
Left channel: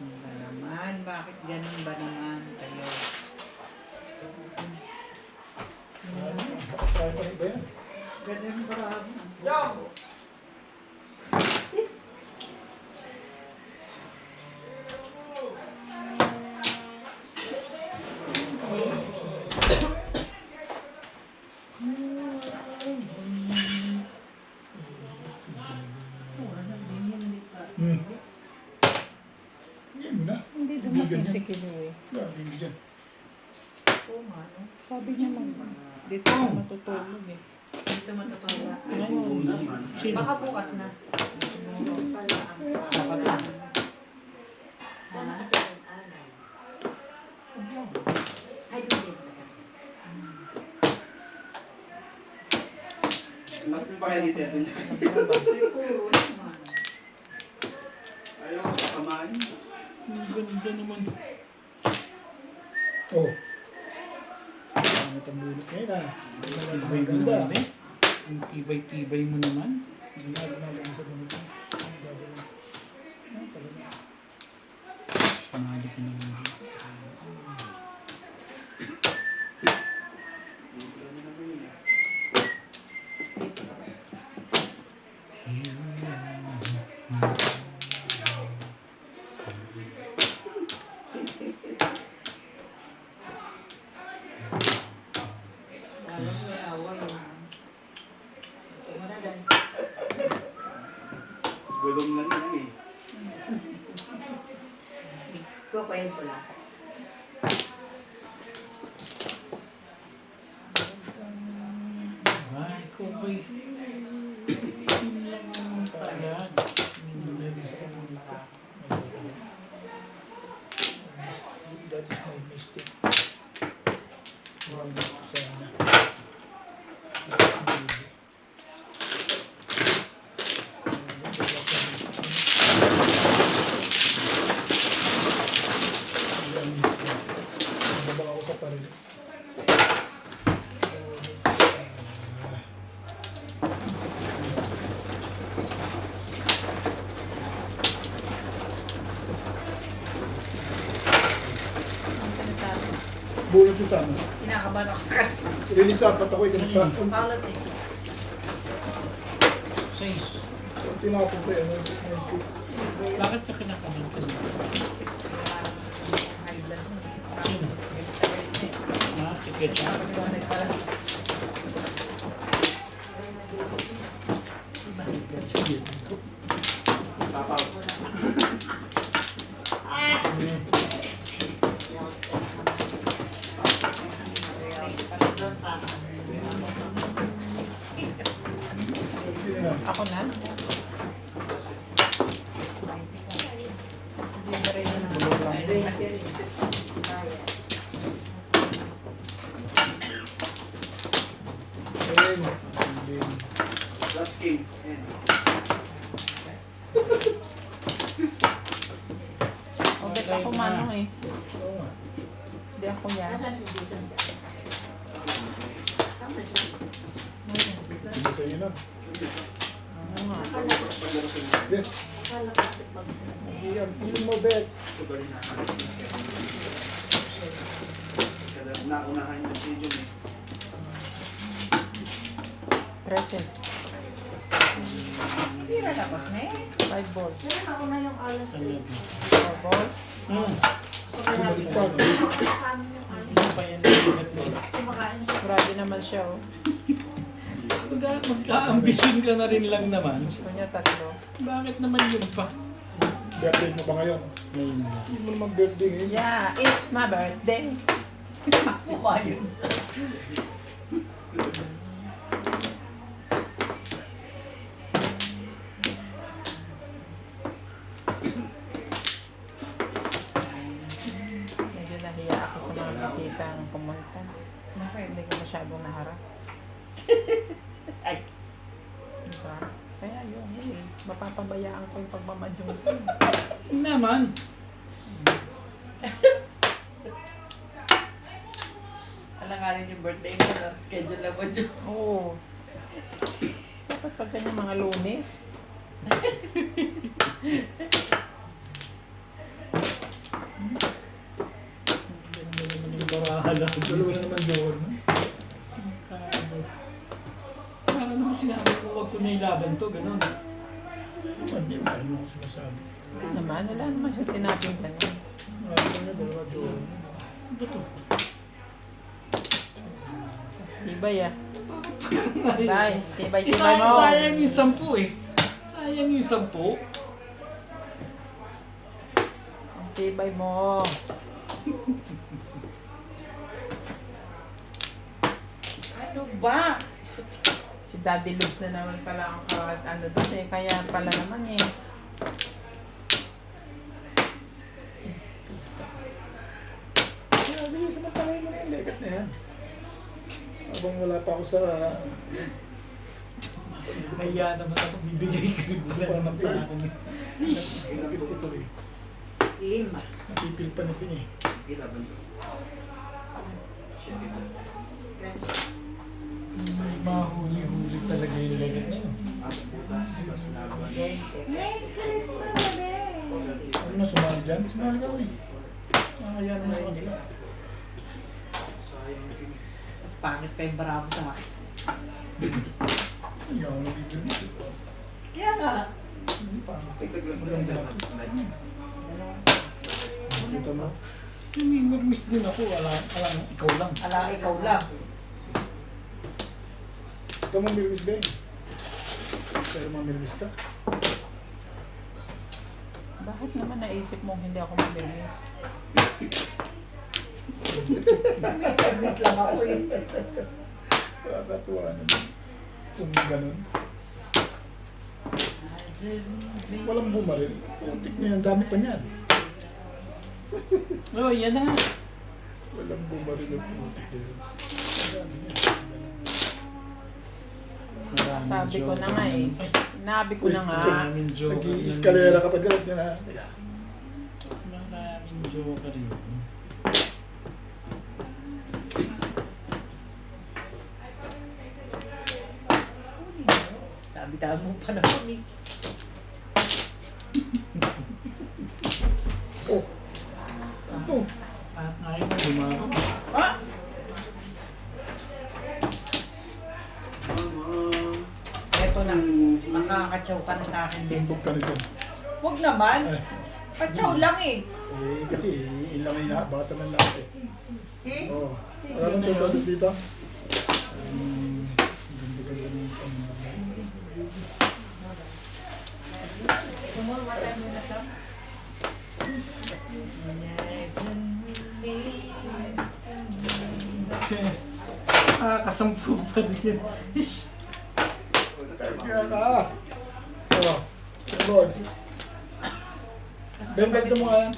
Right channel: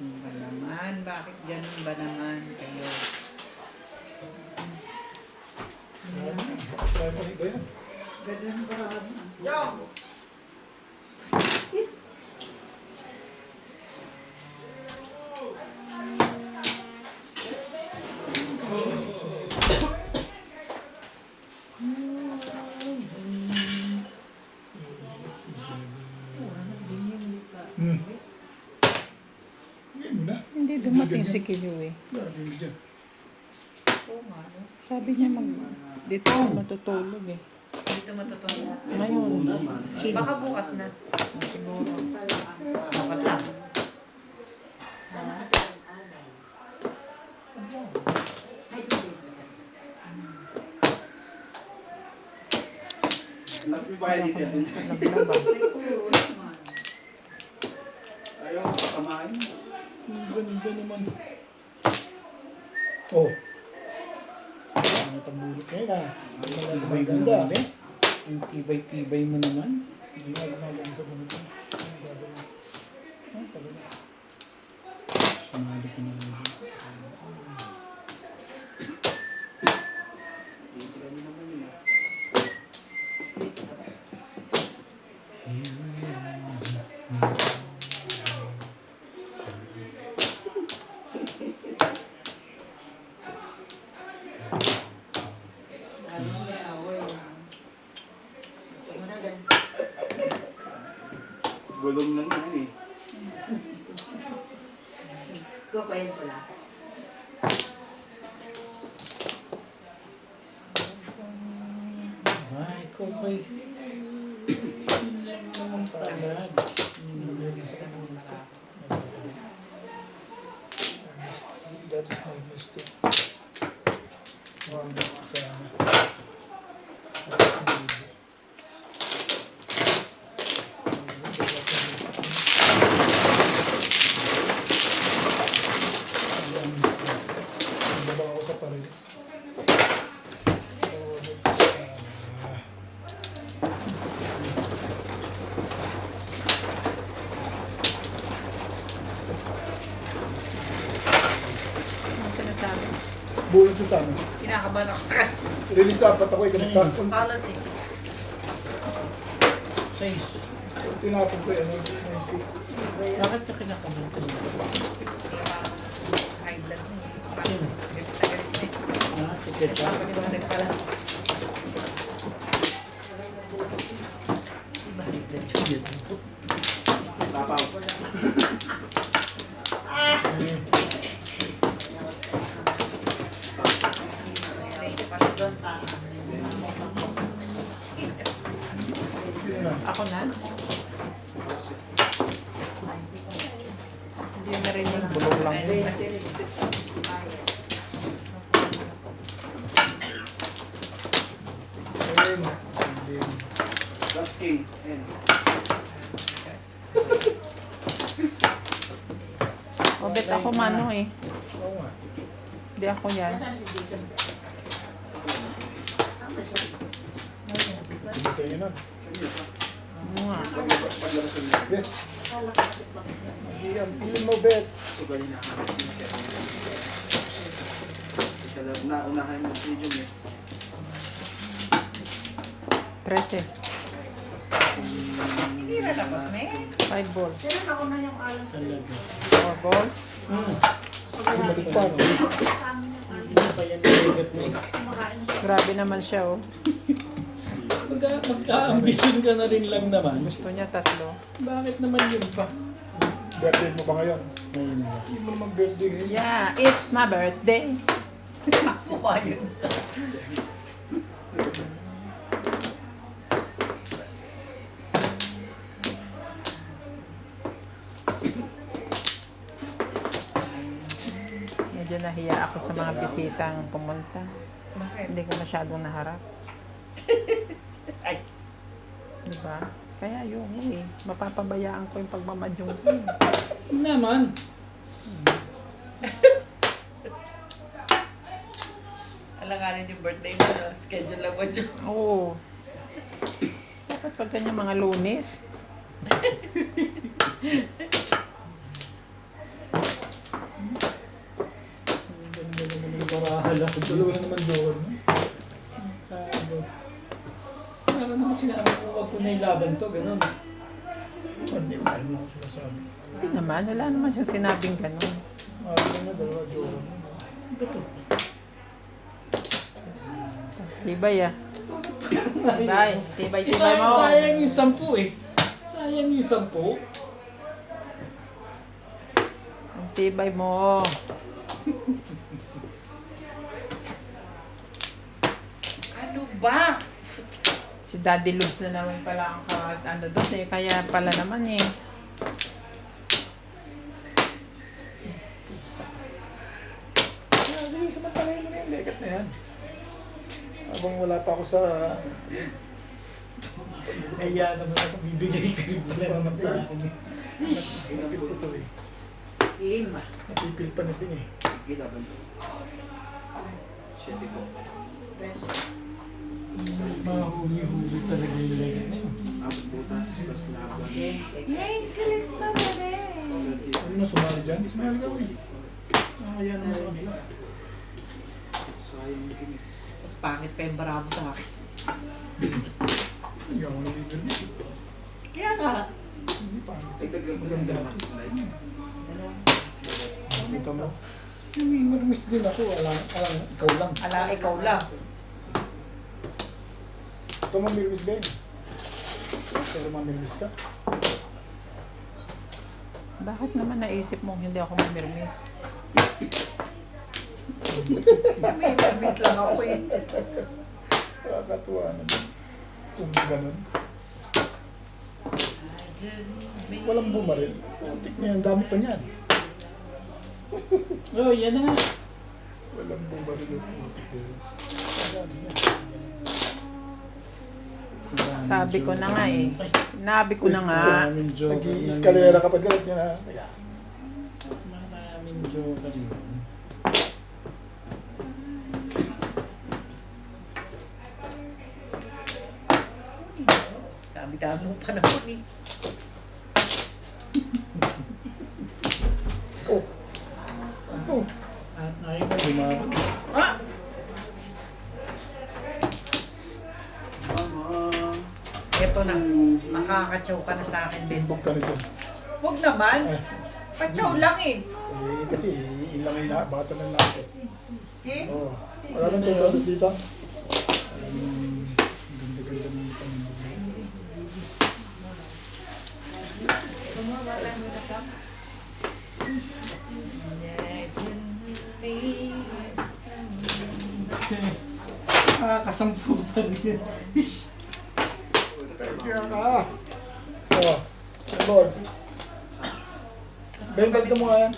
Ano ba naman? Bakit ganun ba naman kayo? Ano? Baka try pa rin ba yan? Ganun ba? Ngayon mo na. Hindi dumating ganyan. si Kilo eh. Grabe mo dyan. Oo nga, no? Sabi niya dito ako matutulog eh. Dito matutulog. Ngayon, Sino? Baka bukas na. Siguro. Bakit lang? Bakit ba kayo dito? Ayaw, kamain. Ang ganda naman. Oh. Ano tambulot ngayon ah. Maganda. Ang tibay-tibay mo naman. Hindi nga gumaganda sa bunod ko. Ano gagawin? Ah, talaga. Sumali ka naman. Dito kami naman yun eh. Lalong may away. Muna dan. Gulong na yan eh. Kukuhin ko lang. Ay, kubay. Yun lang naman pala. Nalagay sa bunod ko. That is my mistake. Wag ko sana. Babak ako sa Paris. ang sinasabi. Bulot siya sana. Kinakabalak ka. Release apat ako ikamagta. Politics. Size. Tinapon ko yung ano, my stick. Bakit ka kinakabahan ka naman? High blood mo. Sino? Ah, si Ketchup. Sapaw. Hindi na. Ako na? Hindi na rin na Ayun. Hindi. Last king. Ayan. Bakit ako mano eh. Oo nga. Hindi ako yan. Hindi sa'yo na. Bet. Hindi ang piling mo, Bet. Sugalin na. Kada naunahan yung video eh. 13. Hindi na tapos na eh. 5 ball. Pero ako na yung alam ko. Talaga. 4 ball. Bumalik pa, no? Hindi pa yan talagat na eh. Kumakain. Grabe naman siya oh. Mag-ambisyon ka na rin lang naman. Gusto niya 3. Bakit naman yun pa? Birthday mo ba ngayon? Ngayon na. Hindi mo naman birthday ngayon. Yeah, it's my birthday. mga bisitang pumunta. Bakit? Hindi ko masyadong naharap. Diba? Kaya yun eh. Mapapabayaan ko yung pagmamadyong ko. Hindi naman. Alanganin yung birthday mo, no? Schedule na ba dyan? Oo. Dapat pag ganyan mga Lunes. Ganda naman yung barahala. Dalawa na naman joker, no? Para naman sinabi ko, huwag ko na ilaban to, ganun. Hindi mo alam ako sinasabi. Hindi naman. Wala naman siyang sinabing gano'n. Ano na, dalawa joker. Ano ba to? Tibay ah. Tibay. Tibay mo. Sayang yung 10 eh. Sayang yung 10. Ang tibay mo. Ano ba? Si Daddy Lubs na naman pala ang ano doon eh. Kaya pala naman eh. Sige, samantalahin mo na yung legat na yan. Habang wala pa ako sa... Nahiya naman ako, bibigay ka rin nila naman sa akin. Ish! Napipil ko to eh. Napipil pa na din eh. Mahuli-huli talaga yung legat na yun. Ano na, sumali dyan? Sumali ka eh. Nakakaya naman sa kanila. Mas pangit pa yung bravo sa akin. Hindi ako nabibili. Kaya nga. Hindi pa. Maganda ako. Kita mo? Namimirmis din ako, alam, ikaw lang. Ala, ikaw lang. Ito mamirmis ba yun? Pero mamirmis ka? Bakit naman naisip mo hindi ako mamirmis? Miss lang ako eh. Nakakatuwa naman. Kung ganun. Walang bumaril. Putik na yan. Dami pa niyan. Oh, yan na nga. Walang bumaril yung putik. Dami niyan. Sabi ko na nga eh. Nabi ko na nga. Maraming joker. Nag-i-escalera kapag galit niya na. Teka. Maraming joker yun. Dami-dami mo pa naman eh. Oh. Ano? At nakita dumarap. Ah! Eto na. Makakatsaw ka na sa akin din. Timbok ka na dyan. Huwag naman. Eh, Katsaw lang eh. kasi ilang ay lahat. Bata ng lahat eh. Eh? Oh. Wala nang tutulos dito. Ganda-ganda ng pamilya. Wala mo na ka. Kasampu pa rin yan. Ish! Kaya ka. Oh. Lord. Ben, balikan mo nga yan.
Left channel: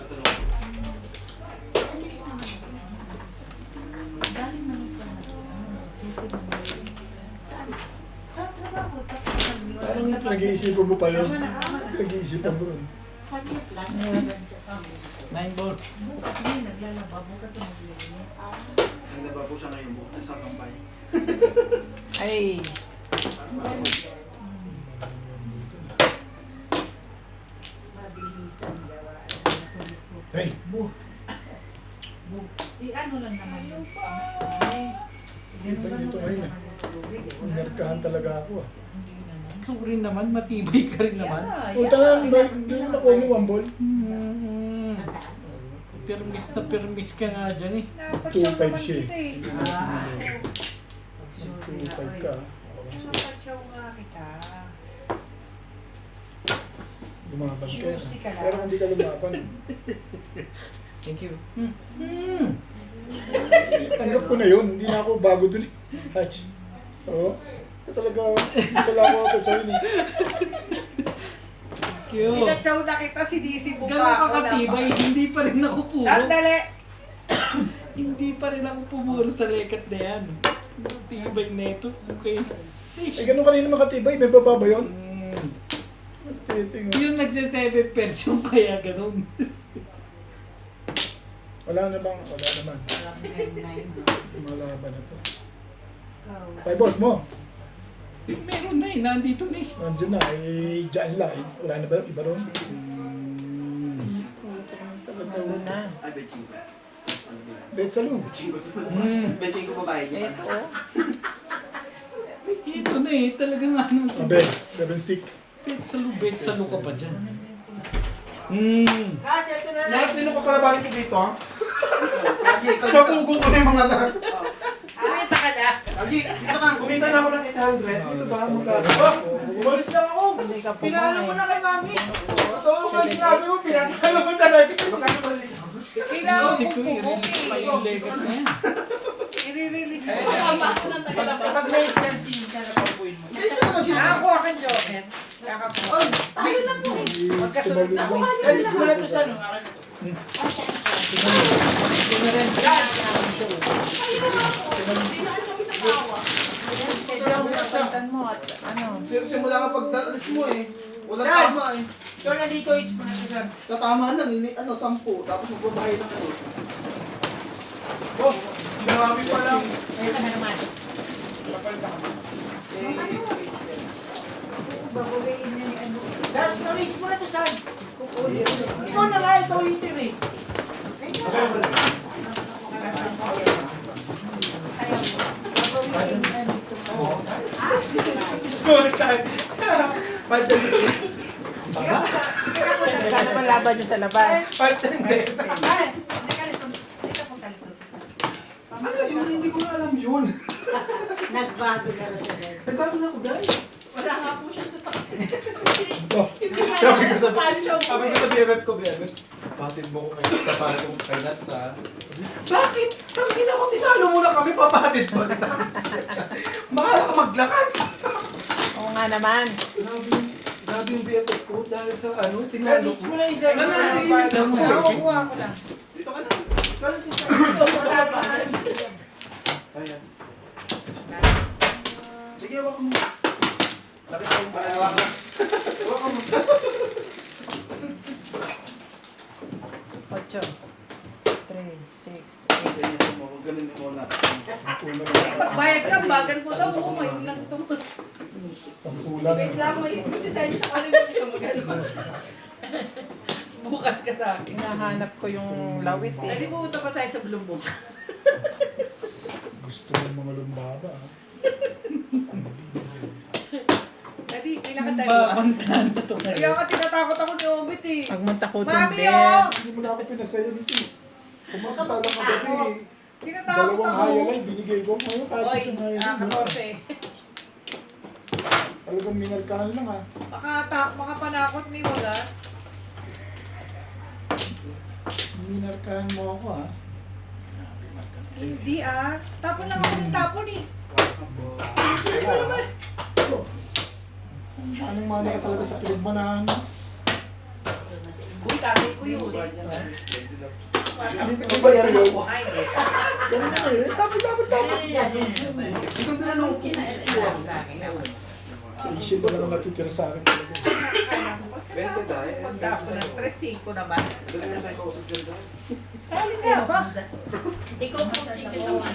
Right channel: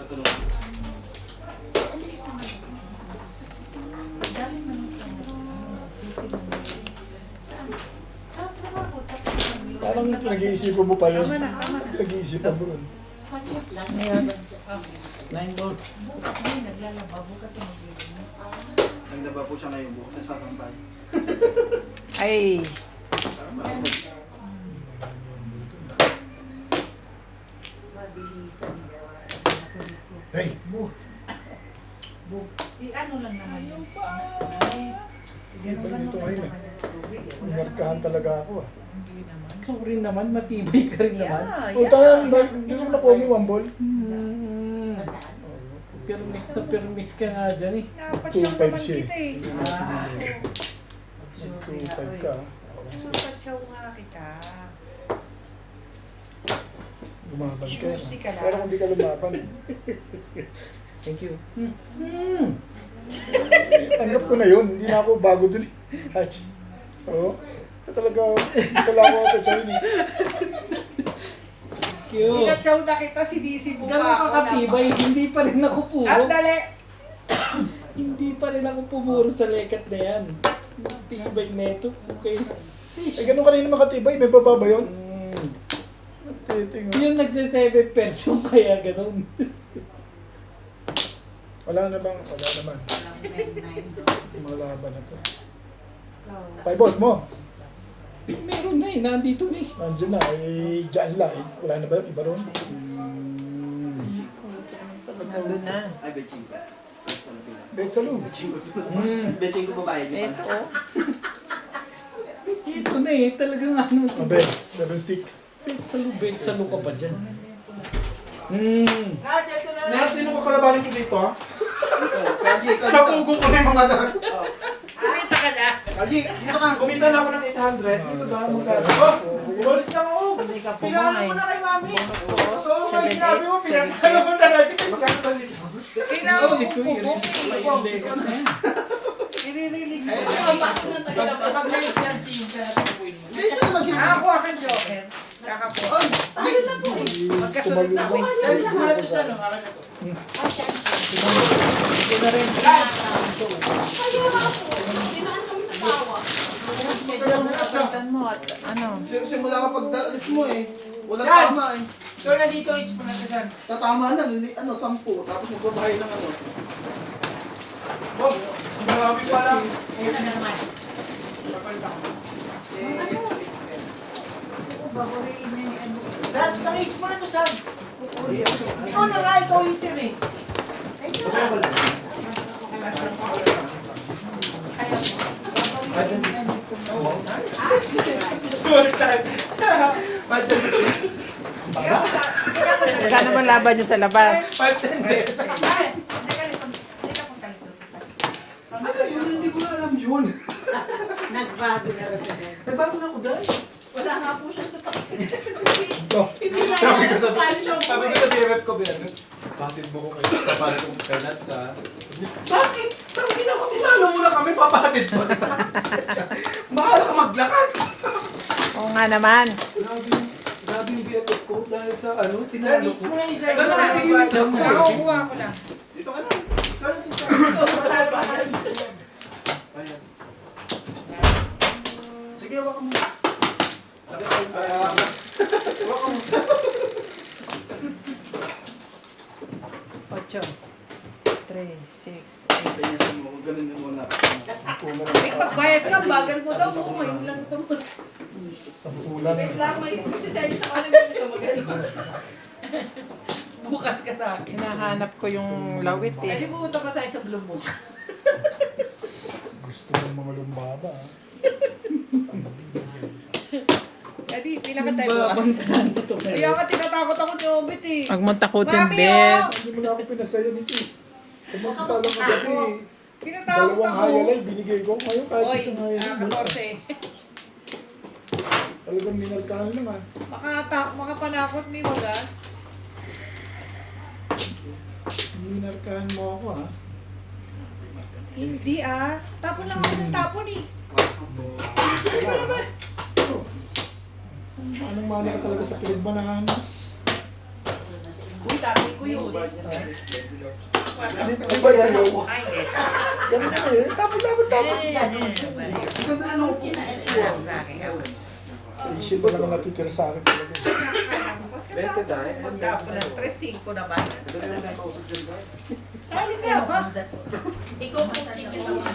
Parang pinag-iisipan mo pa yun. Pinag-iisipan mo rin. 9 volts. Hindi, naglalaba. Bukas ang maglilinis. Naglaba po siya ngayon bukas. Nasasampay. Ay. Mabilisan daw. Hey! Ano lang naman yun. Iba nito ngayon eh. Nerkahan talaga ako ah. Ikaw rin naman, matibay ka rin naman. O talagang, hindi mo nakuha mo one ball. Permis ka nga dyan eh. 2-5 siya eh. Ah. 2-5 ka ah. Nakakatsaw nga kita. Lumaban ka eh. Juicy ka lang. Pero kung di ka lumaban, Thank you. tanggap ko na yun. Hindi na ako bago dun eh. Hach. Oo. Ito talaga, isa lang ako katsaw eh. Thank you. Pinatsaw na kita, sinisi mo Gano'n pa ka katibay, hindi pa rin ako puro. Andali! Hindi pa rin ako pumuro sa lekat na yan. Tibay neto. Okay. Eh, ganun kanina makatibay. May baba ba yun? Titing. Yung nagse-7 person kaya ganun. Wala na bang? Wala naman. 9-9, no? Malaban na to. Ikaw. Pay boss mo. Meron na eh. Nandito na eh. Nandiyan na. Eh, dyan lang. Eh. Wala na ba yung iba ron? Nandun na. Ay, betching ka. Bet sa loob. Betching ko babae. di ba? Ito. Ito na eh. Talagang ano. Abe, 7 stick. Bet sa luka pa dyan. Lahat sino ko kalabanin ko dito, ha? Kaji, napugo ko na yung mga dahil. Kumita ka na. Kaji, dito ka. Kumita na ako ng 800. Dito ba? Magkano? Umalis lang ako. Hindi ka Pinakano pumay. ko na kay mami. So, kung sinabi mo, pinakano mo talaga. Magkano ba dito? Kailangan Isip ko ko yun. pupumi. Yung lekat na yan. I-release ko. Pag may searching ka na pag-point mo. Dito naman dito. Nakakuha ka, Joker. Kakapo. Ay, ayun lang po. Magkasunod na ako. Sabi ko na ito sa ano. Ito na rin. Medyo masasagan mo at ano. Simula ka pag-alis mo eh. Walang tama eh. So, nandito each po na ito, sir. Tatama na, 10. Tapos magbabahay lang ako. Oh, sinabi ko lang. Ito na naman. Baguliin niya yung ano. Sir, pa-reach mo na to, sir. Ikaw na nga, ikaw hitin eh. Score time. Kano man laban nyo sa labas? Ano yun? Hindi ko na alam yun. Nagbago na rin siya. May bago na ako dahil. Wala nga po siya sa sakit. Sabi ko sa BFF ko, BFF. Bakit mo ko kayo sa para kong kay Nats, ha? Bakit? Tangin ako, tinalo mo na kami, papatid pa kita. Mahal ka maglakad. Oo nga naman. Grabe yung BFF ko dahil sa ano, Sir, tinalo reach ko. mo na yung sir. Ano, naiiwit ako. Nakakuha ko lang. Dito ka na. Ikaw na dito. Ayan. Sige, wak mo. Sabi ko, wak mo. 8, 3, 6, Sige mo, ganun mo muna. Bayad ka, bagal mo daw. Oo, yun lang ito. Sampulan. Lang may siseli sa kanin mo siya magano. Bukas ka sa akin. hinahanap ko yung lawit Ay, eh. pumunta pa tayo sa Blue Moon. Gusto ng mga lumbaba. ah. Daddy, kailan ka tayo bukas? Babangtan na to Kaya ngayon. ka tinatakot ako ni Obit eh. Huwag mong takutin, Mami, Bet. oh! Hindi mo na ako pinasaya nito. Pumunta lang kagabi. Tinatakot Dalawang ako. hayalay binigay ko. Ngayon kahit Oy, isang hayalay. wala. nakakorse. Talagang minarkahan lang ah. Makapanakot ni Walas. Minarkahan mo ako ah. Grabe, marka na. Hindi ah. Tapon lang ako ng tapon eh. Wala ah. Anong mana ka talaga sa pinagmanahan? Uy, tatay ko yun. Hindi ko ba yan yun? Ay, hindi. Ganun na eh. Tapos. Ito na lang ako. Isip na lang ang natitira sa akin talaga. Bente dahil. Magtapon ng 3-5 naman. Ito na lang tayo kausap dyan dahil. Sali ka ba? Ikaw po chicken naman.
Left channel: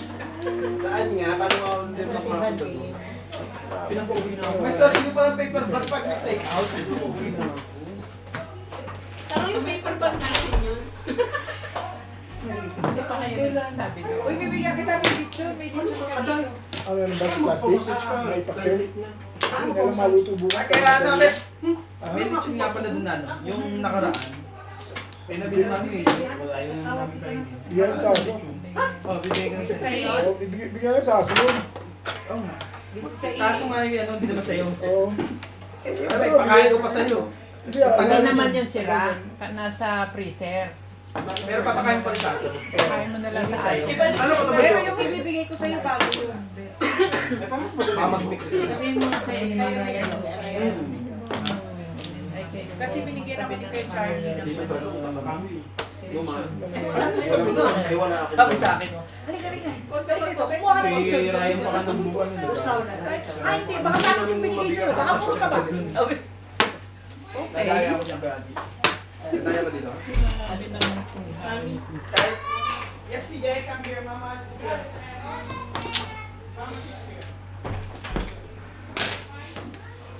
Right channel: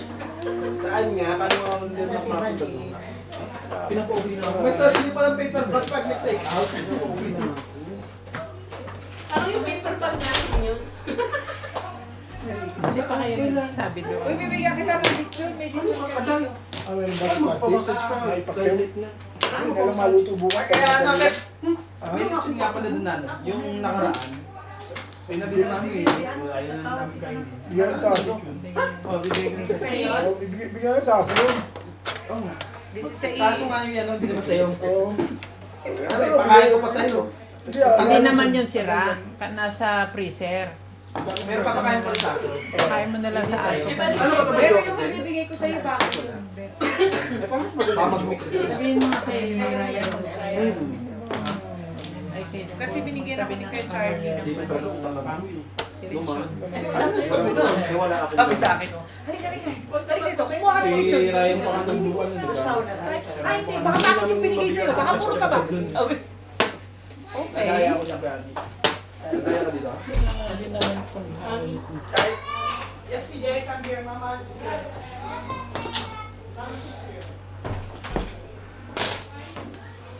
Saan nga? Paano mo hindi makapunta doon? Pinapauwi na ako. May Mas sarili pa ng paper bag pag take out. Pinapauwi na ako. Ano yung paper bag natin yun? Kasi pa kayo nagsabi na. Uy, bibigyan kita ng lechon. May lechon ka dito. ano ba plastic? May paksew. Hindi na lang maluto bukas. Kaya ano, may Ah, may lechon nga pala doon ano, yung nakaraan. Ay nabili namin eh. Ayun na namin kainin. Bigyan sa aso. Oh, bibigay ko na sa iyo. Oh, bigyan ka sa aso yun. Oh. This is a Kaso nga yung ano, hindi naman sa'yo. Oo. Ano, pakain ko pa sa'yo. Hindi ah. Hindi alam- naman yun sila. Nasa freezer. Pero papakain pa rin sa aso. Kaya mo na lang sa sayo. Ano ba ito? Pero yung ibibigay ko sa'yo bago yun. Ay, paano mas madali? Mag-mix ka. Sabihin mo kay Kasi binigyan ako ni Kuya Charlie. Hindi ko talaga utang kami. Selection. Sabi na, kaya wala ako. Sabi sa akin mo, halika, halika. Halika ito, kumuha ka ng Si kutsyon. Ryan pa ka ng buwan, di ba? Ay, hindi, baka meron yung binigay sa'yo. Baka puro ka ba? Sabi. Okay. Nagaya ako sa Bradley. Nagaya ka dito. Ano naman po? Yes, CJ, come here, mama. CJ.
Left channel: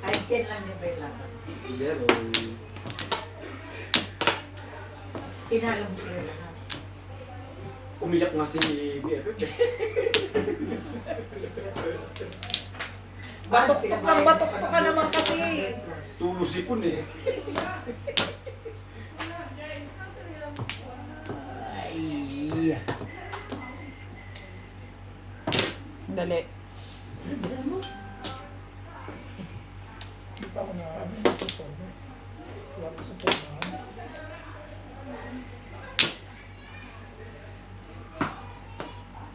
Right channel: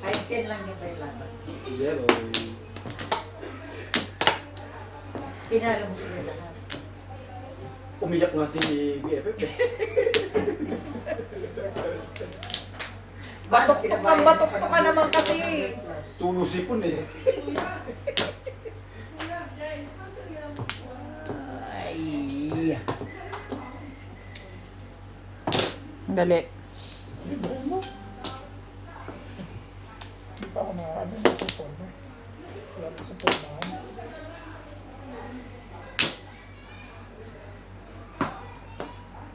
Ay, 10 lang yung kailangan. Zero. Pinalo mo sila lahat. Umiyak nga si BFF eh. Batok ka naman kasi. Tulo sipon eh. Ay. Dali. Libre mo. Hindi pa ako na ano yung perform eh. Wala pa sa pormahan.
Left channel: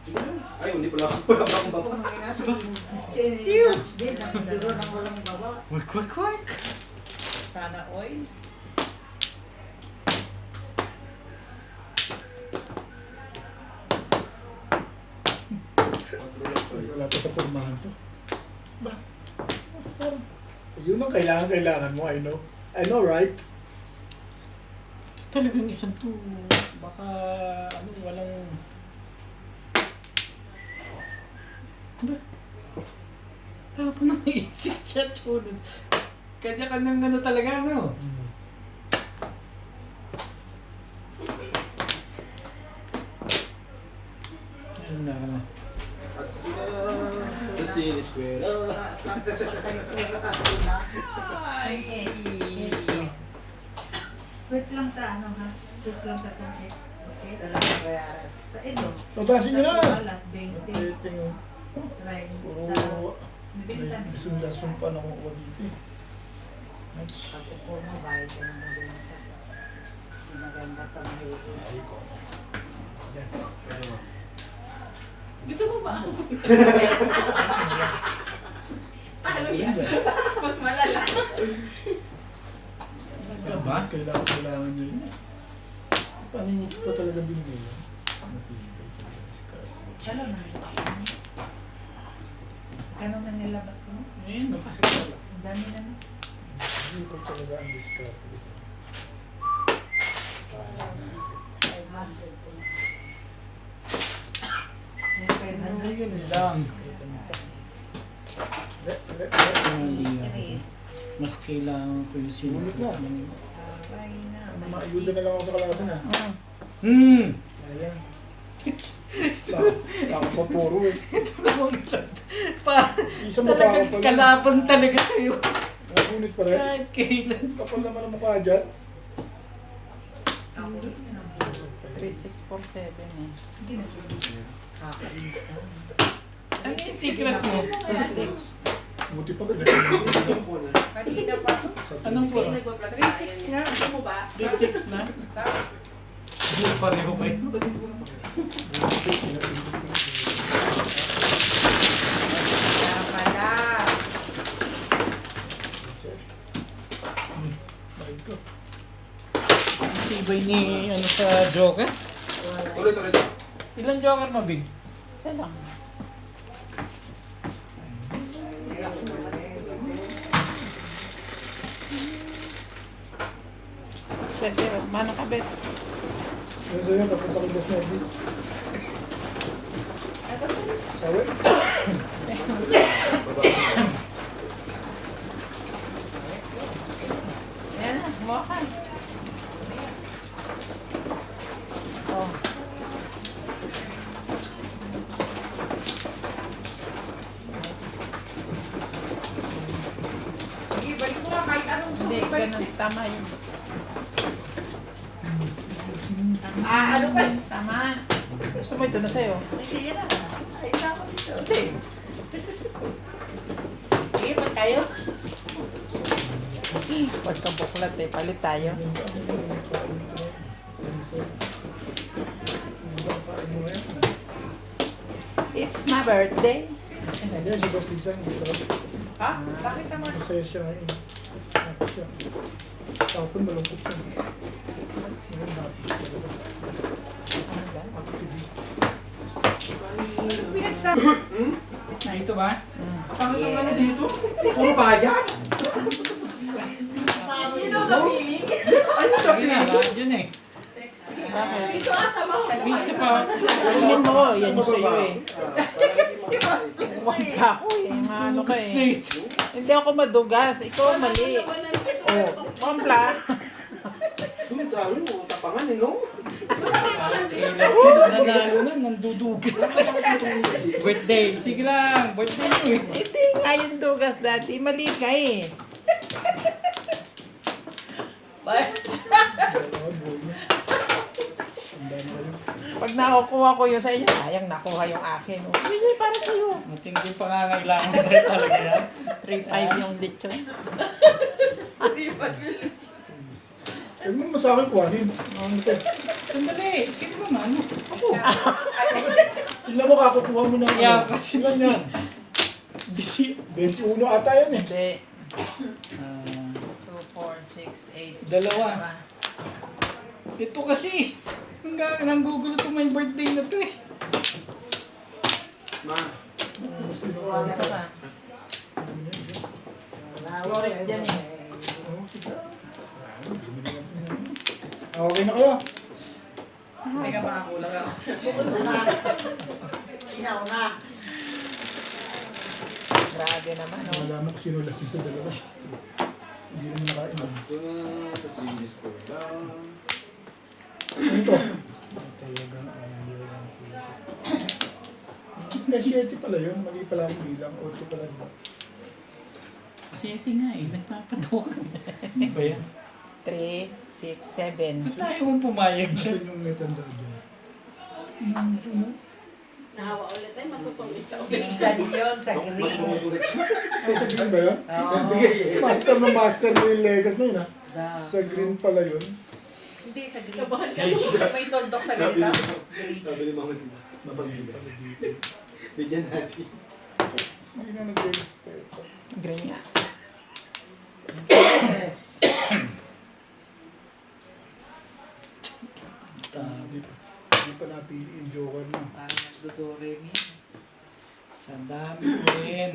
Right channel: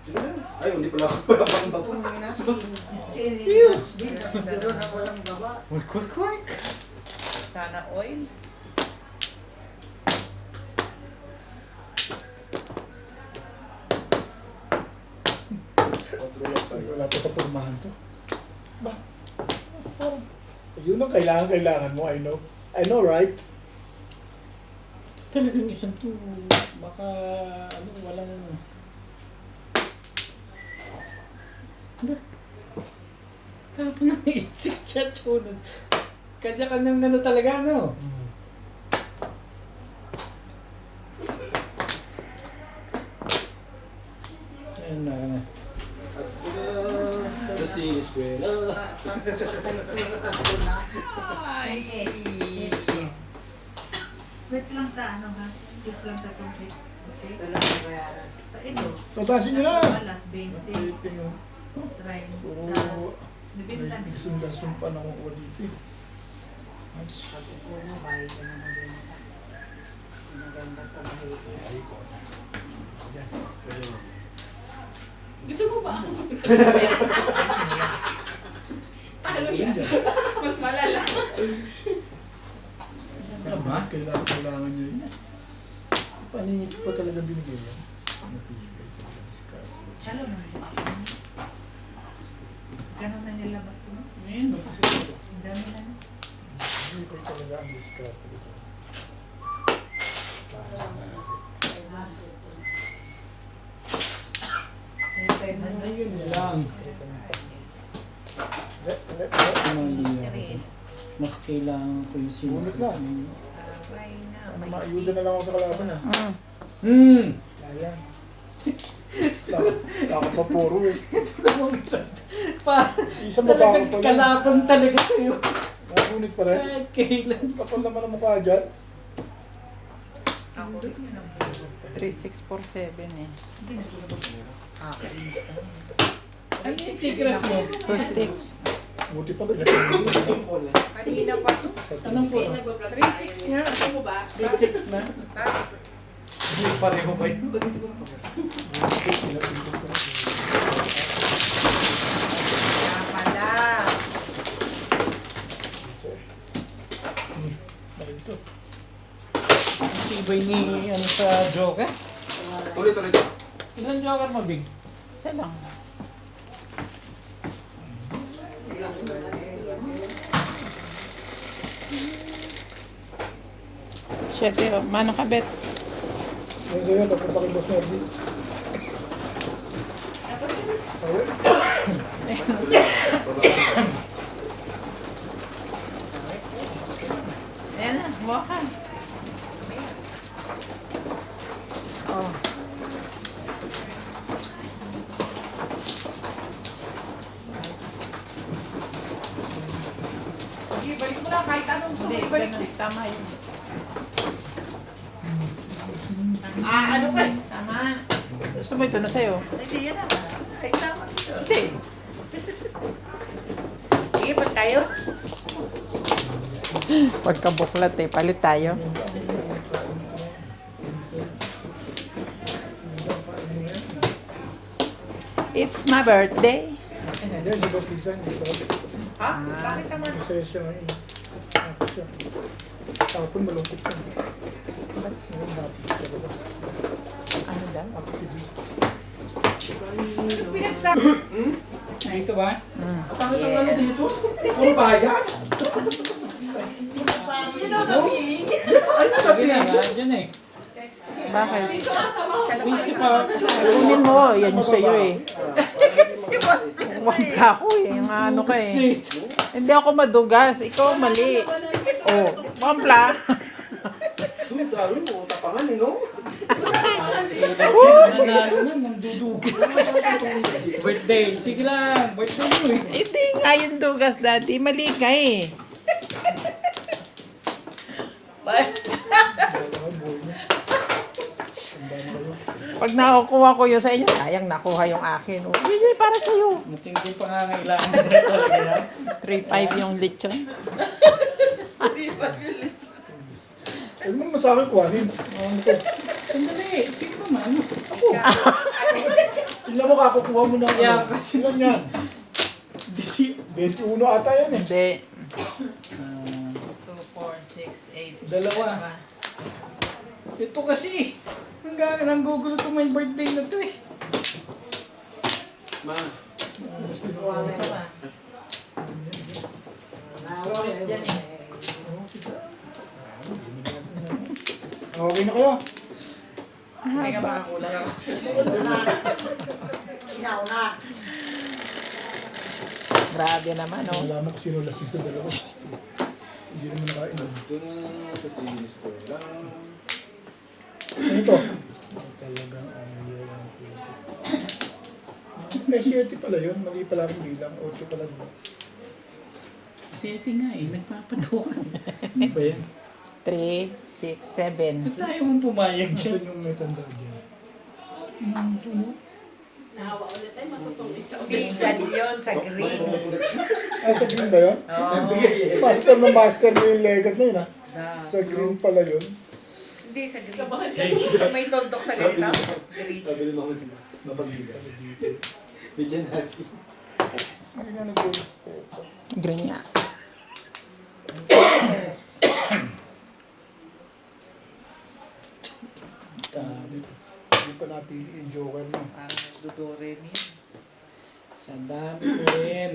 Sige na. Ay, hindi pala ako pala bang baba. Din, nagduro ng walang baba. Work. Sana oil. Ay, wala pa sa pormahan to. Ba? Parang, yun ang kailangan mo, I know. I know, right? Talagang isang to. Baka, ano, walang... Ba? Tapos na 86 chat units. Kanya-kanyang ano talaga, no? Yan na, ano. Kasi eskwela. Quits lang sa ano ha? Quits lang sa tubig. Okay? Talagang bayaran. Sa ilo. Tatasin nyo na! Alas 20. Updating, oh. Try. Puro... Nabintan. May gusto-lason pa nakukuha dito eh. That's... Pati po mo, bahay ka naman din sa maganda pa mahirap. Ay, ko na. Yan. Pero... Gusto mo ba? Yan dyan. Mas malala. Sabi, kailangan niya yun eh. Paningit pa talaga binigay yan. Matibay talaga si Carlo. Ano naman? Ganun na nilabat ko. Ayun, nakakita. Ang dami na. Matibay talaga ang discard. May 500. Ano yun lang. Mas kailangan ko yung Bunot na. Sabay na. Ano, maayuda na lang ako sa kalaban ah. Ayan. Baka pa puro eh. Isang baba ka pa lang. Kalaban talaga kayo. Nakakunit pa rin. Kahit kailan. Kapal naman ang mukha dyan. 3647 eh. Ano yung secret mo? First day. Buti pa ba ganun? Kanina pa. Anong po? 36 nga. Ano mo ba? 36 na? Hindi pareho ba yun? Pala. Bakit ko? Ang tibay ni ano sa Joker? Tuloy. Ilan Joker mo, Big? Isa lang. Siyempre, oh, manang kabet. Yan sa'yo, papunta kay Boss Nerdy. Sabi? Ayan na, huwa ka. Oh. Sige, balik mo na kahit anong Hindi, sulit. Balik ganun. Tama yun. ano ka? Tama. Gusto mo ito na sa'yo? Hindi yan na. Ay, tama. Hindi. Sige, pa tayo. Pagkabuklat eh, palit tayo. It's my birthday. Hindi, si Boss Lisa, hindi ko. Ha? Bakit naman? Masaya siya ngayon. Tapos siya. Tapon malungkot siya. Ngayon happy siya talaga. Ano daw? Active. Pinagsa- Ah, ito ba? Ang pangit ng ano dito? Puro bayan. Sino ka piling? Ano Sabi sabi na, mo? dyan eh. Bakit? Minsan pa. Kunin mo, yan yung sa'yo eh. Huwag ka ako eh, yung ano ka eh. Snake. Hindi ako madugas, ikaw mali. Oh, kampla. Doon tayo, tapangan eh, no? Nanalo na, nandudugas. Birthday. Sige lang, birthday mo eh. Hindi nga yung dugas, daddy. Mali ka eh. Dalawa, buhay niya. Tanda na kayo. Pag nakukuha ko yun sa inyo, sayang nakuha yung akin. Oh, yun yun, para sa'yo. Matindi pa nga ngailangan na talaga yan. 3-5 yung lechon. Eh, mo sa akin kuhanin. Ano ko? Sandali, sige naman. Ako. Tingnan mo, kakukuha mo na. Yeah, Ano. kasi- Ilan yan? Bisi. 21 ata yan eh. Hindi. Ah, 2, 4, 6, 8. Dalawa. Ito kasi. Hanggang nanggugulo to my birthday na to eh. Ma, Ito ba? Flores dyan eh. Oo, sige. Okay na kayo. Teka, makakulang ako. Sinauna. Grabe naman, oh. Nalaman ko sino lasing sa dalawa. Hindi naman nakain. ito na sa series ko lang. Ano ito? Talagang ayaw ng puto. Eh, 7 pala yun. Mali pala akong bilang. 8 pala diba? Sete nga eh, nagpapatawakan. Ano ba yan? 3, 6, 7. Ba't tayo mong pumayag dyan? Saan yung may tanda dyan? Nahawa ulit ay matutuwid ka. Dyan yun sa green. Ah, sa green ba yun? Master na master mo yung legat na yun ha. Sa green pala yun. Hindi, sa green. May tuldok sa ganito. Green. Sabi ni Mama sila, mapagbiga. Bigyan natin. Hindi na nag-respeto. Green nga. Hindi pa napili yung joker mo. Parang dudoremi. Sa dami ko rin.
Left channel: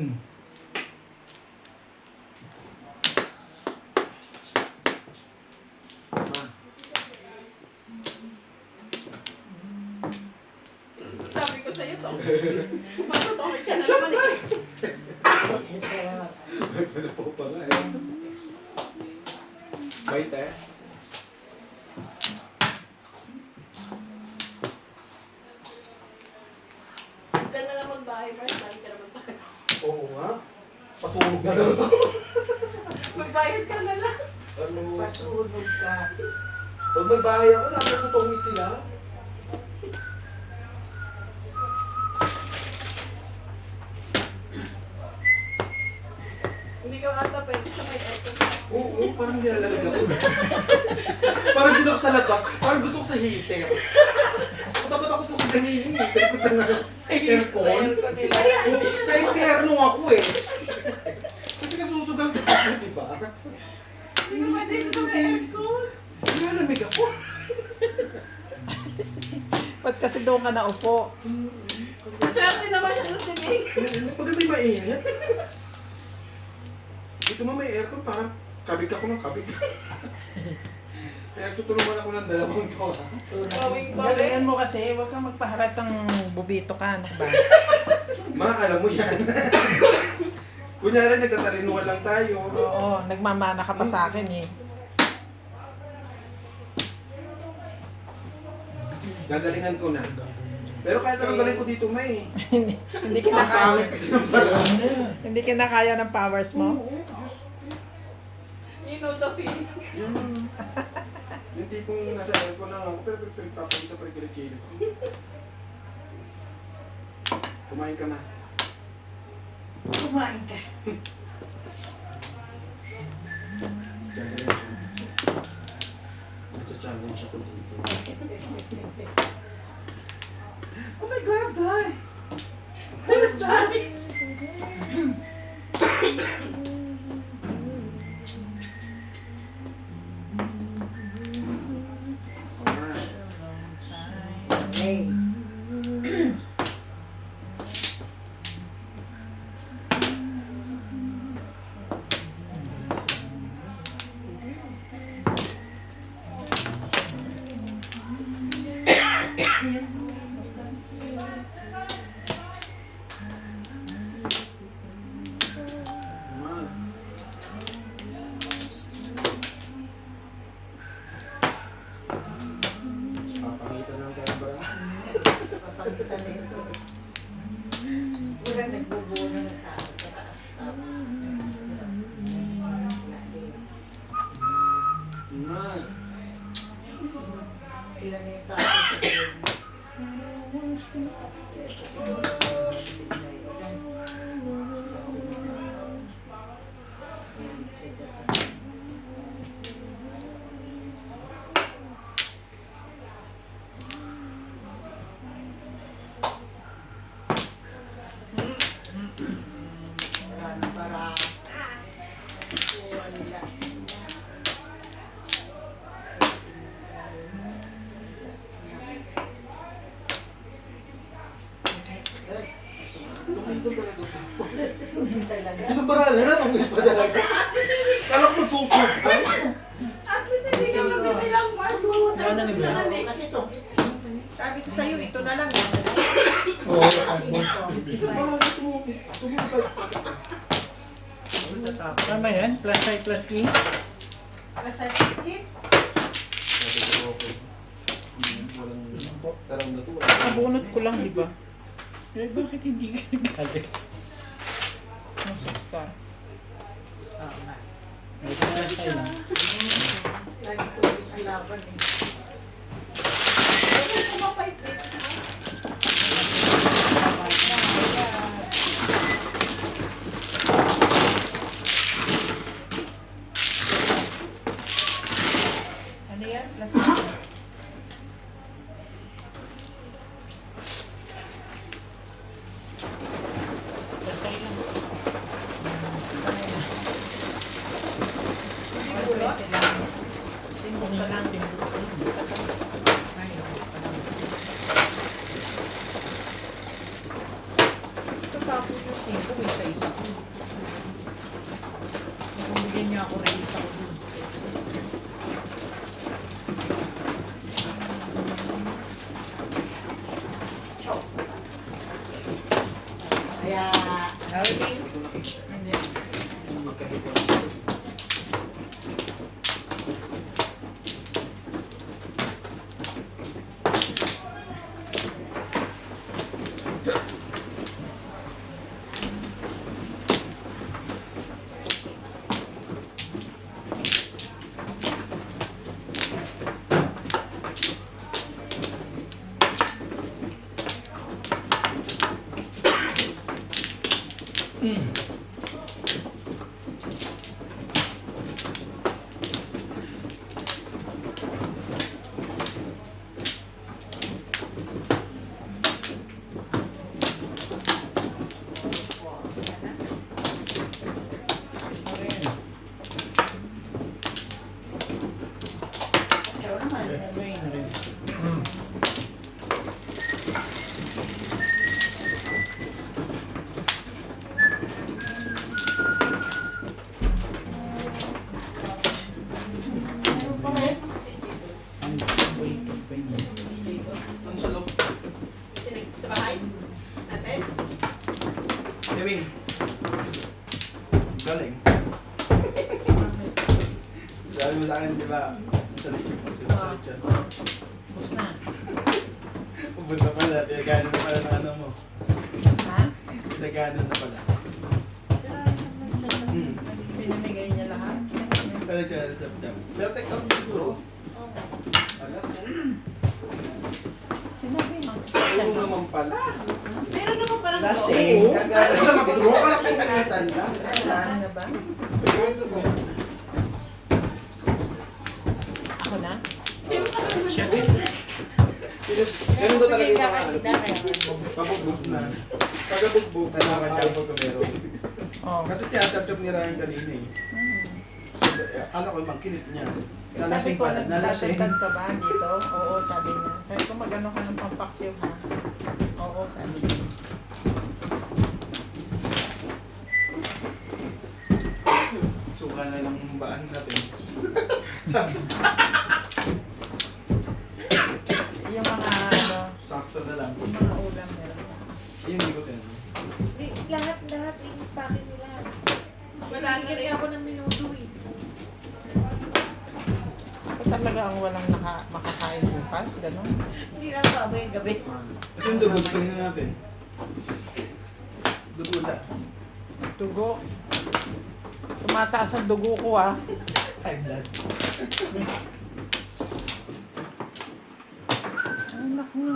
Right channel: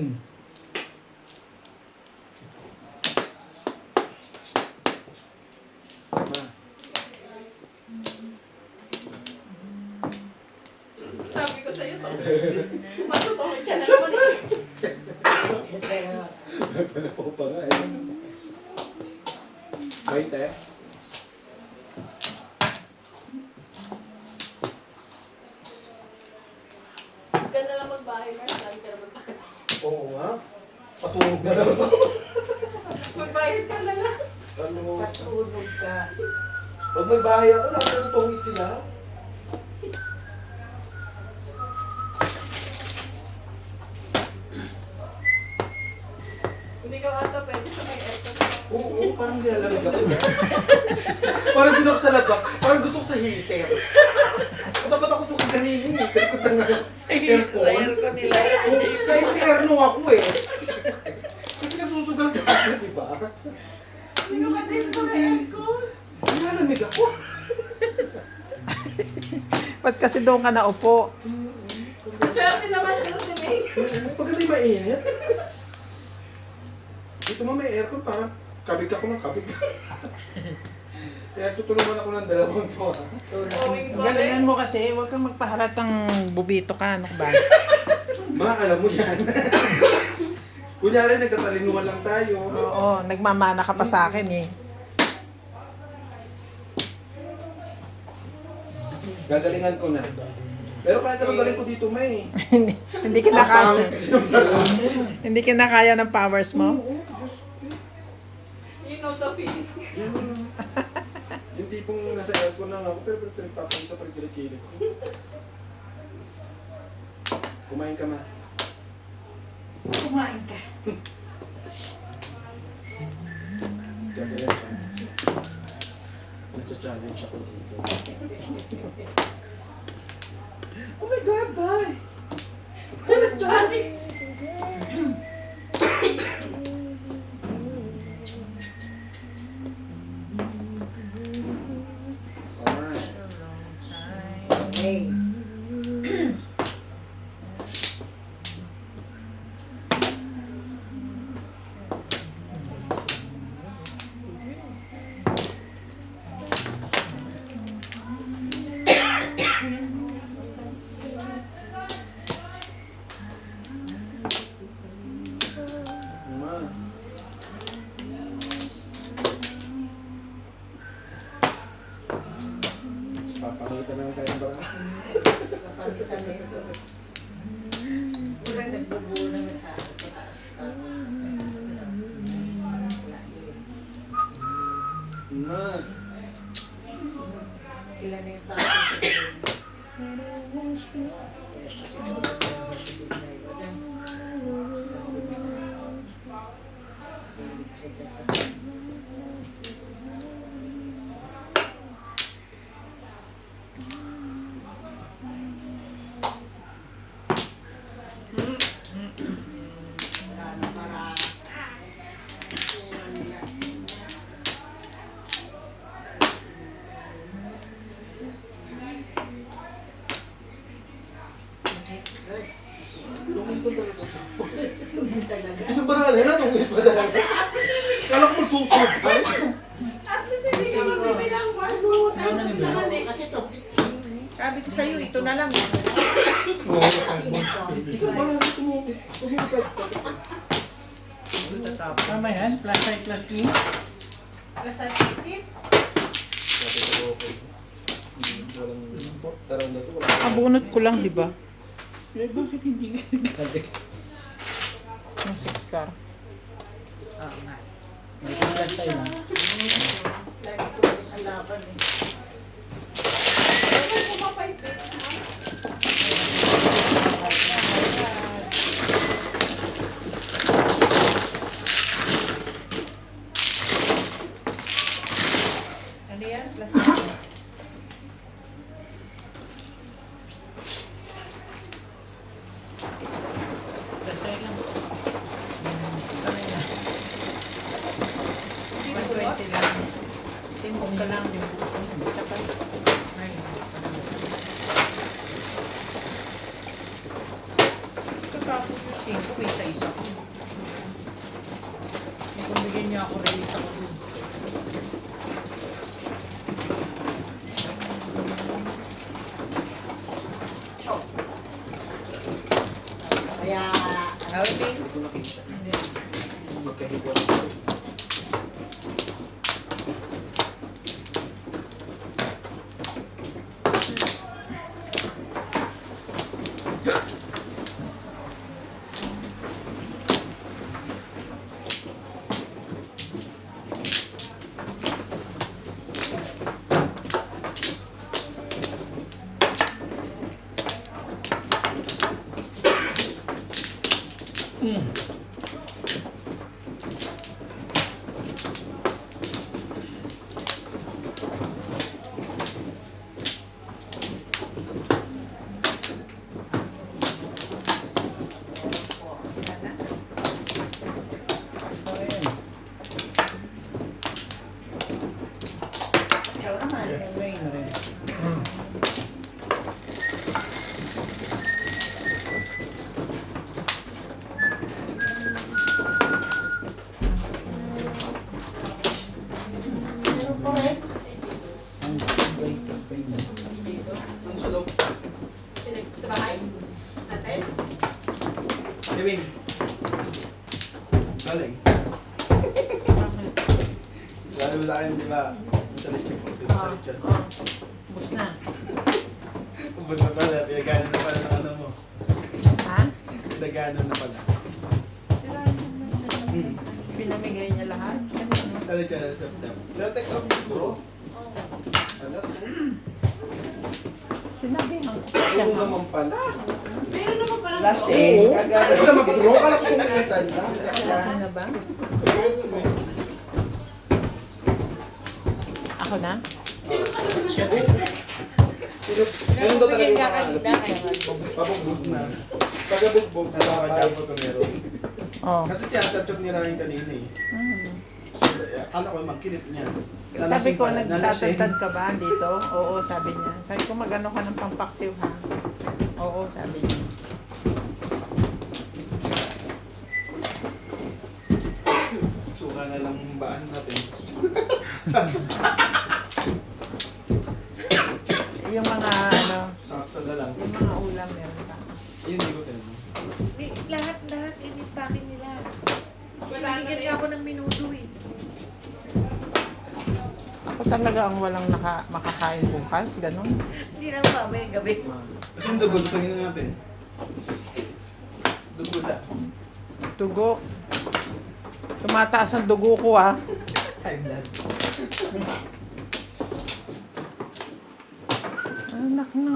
Sabi ko sa'yo to. Matutuwid ka na naman eh. Pwede po pa nga eh. Bait eh. Huwag ka na lang magbahay, Mars. Sabi ka na magbahay. Oo nga. Pasunog na lang. Magbayad ka na lang. Ano mo? Pasunog ka. Pag may bahay ako, lagi natutungit sila. Hindi ka ata pwede sa may aircon. Oo, parang nilalamig ako. Parang din ako sa labas. Parang gusto ko sa heater. O dapat ako itong ganyan eh. Sa likod ng aircon. Aircon nila. Oo, sa impyerno ako eh. Kasi nagsusugal ka ako, di ba? Hindi ka pwede sa may aircon. Nilalamig ako. Ba't kasi doon ka naupo? Swerte naman siya doon si May. Mas maganda yung mainit. Dito mo may aircon, parang kabig ako ng kabig. Kaya tutulungan ako ng dalawang to. Galingan mo kasi, huwag kang magpahalat ng bubito ka, ano ba? Ma, alam mo yan. Kunyari, nagkatalinuhan lang tayo. Oo, nagmamana ka pa sa akin eh. Gagalingan ko na. Pero kahit ano galing ko dito, May. Hindi kinakaya. Pangit kasi yung dalawa. Hindi kinakaya ng powers mo. You know the feeling. Yan. Yung tipong nasa aircon lang ako, pero pinagtapon sa pagkilikilid ko. Kumain ka na. Kumain ka. Gagaling ka. Nagsa-challenge ako dito. Oh my God, Day! Pulis Johnny. Kita nito. Pura nagbubunong ka. Ilan na yung tao? Para kuha nila. Talaga. Isang barala na, kung ito talaga. Kala ko magsusog. At least hindi ka magbibilang Marco. Kasi ito. Sabi ko sa'yo, ito na lang. Oo, kahit mo. Isang barala tumulipad pa sa Tama yan? Plus size plus king? Basta Steve, Sarang na to. Abunot ko lang, di ba? Eh, bakit hindi ka nagkagay? Yung 6 star. May plus size lang. Lagi ko yung alaban eh. ano kung mapait-pait? Ano yan? Plus one. Plus size lang. Hindi lang. Timpong ka lang. Tapos yung 5, may isa-isa ko. Kung bigyan niya ako ng isa ko dun. Kaya, Gawin. Gawin na rin. Ang wait, Ang sulok. Ewing. Galing. Sabi mo sa akin, di ba? Masalit yung pagsalit yan. Bus na. Ubus na pala, pinagano na pala ng ano mo. Ha? Pinagano na pala. Pinamigay niya lahat. Kaya kaya tap-tap. Pero take out bro. Alas na. Sinabi no? Ano naman pala? Meron naman pala. Lasing. Kagano ka mag-draw ka lang kung kumitan lang. Lasa na ba? Ako na? Ganun daw talaga yung mga ano. Pabugbog na. Pagabugbog na lang kaya po ito meron. Oh. Kasi tiyatap-tap ni Ryan kanina eh. So, akala ko makinip niya. Sabi ko, Nalasing. nagtatatad ka ba dito? Oo, sabi niya. Sabi ko, magano ka ng pampaksiw ha? Oo, sabi niya. Suka na lang baan natin. Yung mga ano, Saksa na lang. yung mga ulam meron pa. Ayun, hindi ko tinanong. Lahat, init pa akin nila. Bigyan niya ako ng minuto eh. Ako talaga ang walang makakain bukas, ganun. Hindi na mamaya gabi. Kasi yung dugo, tingnan natin. Dugo lang. Dugo. Tumataas ang dugo ko ah. High blood. Anak na.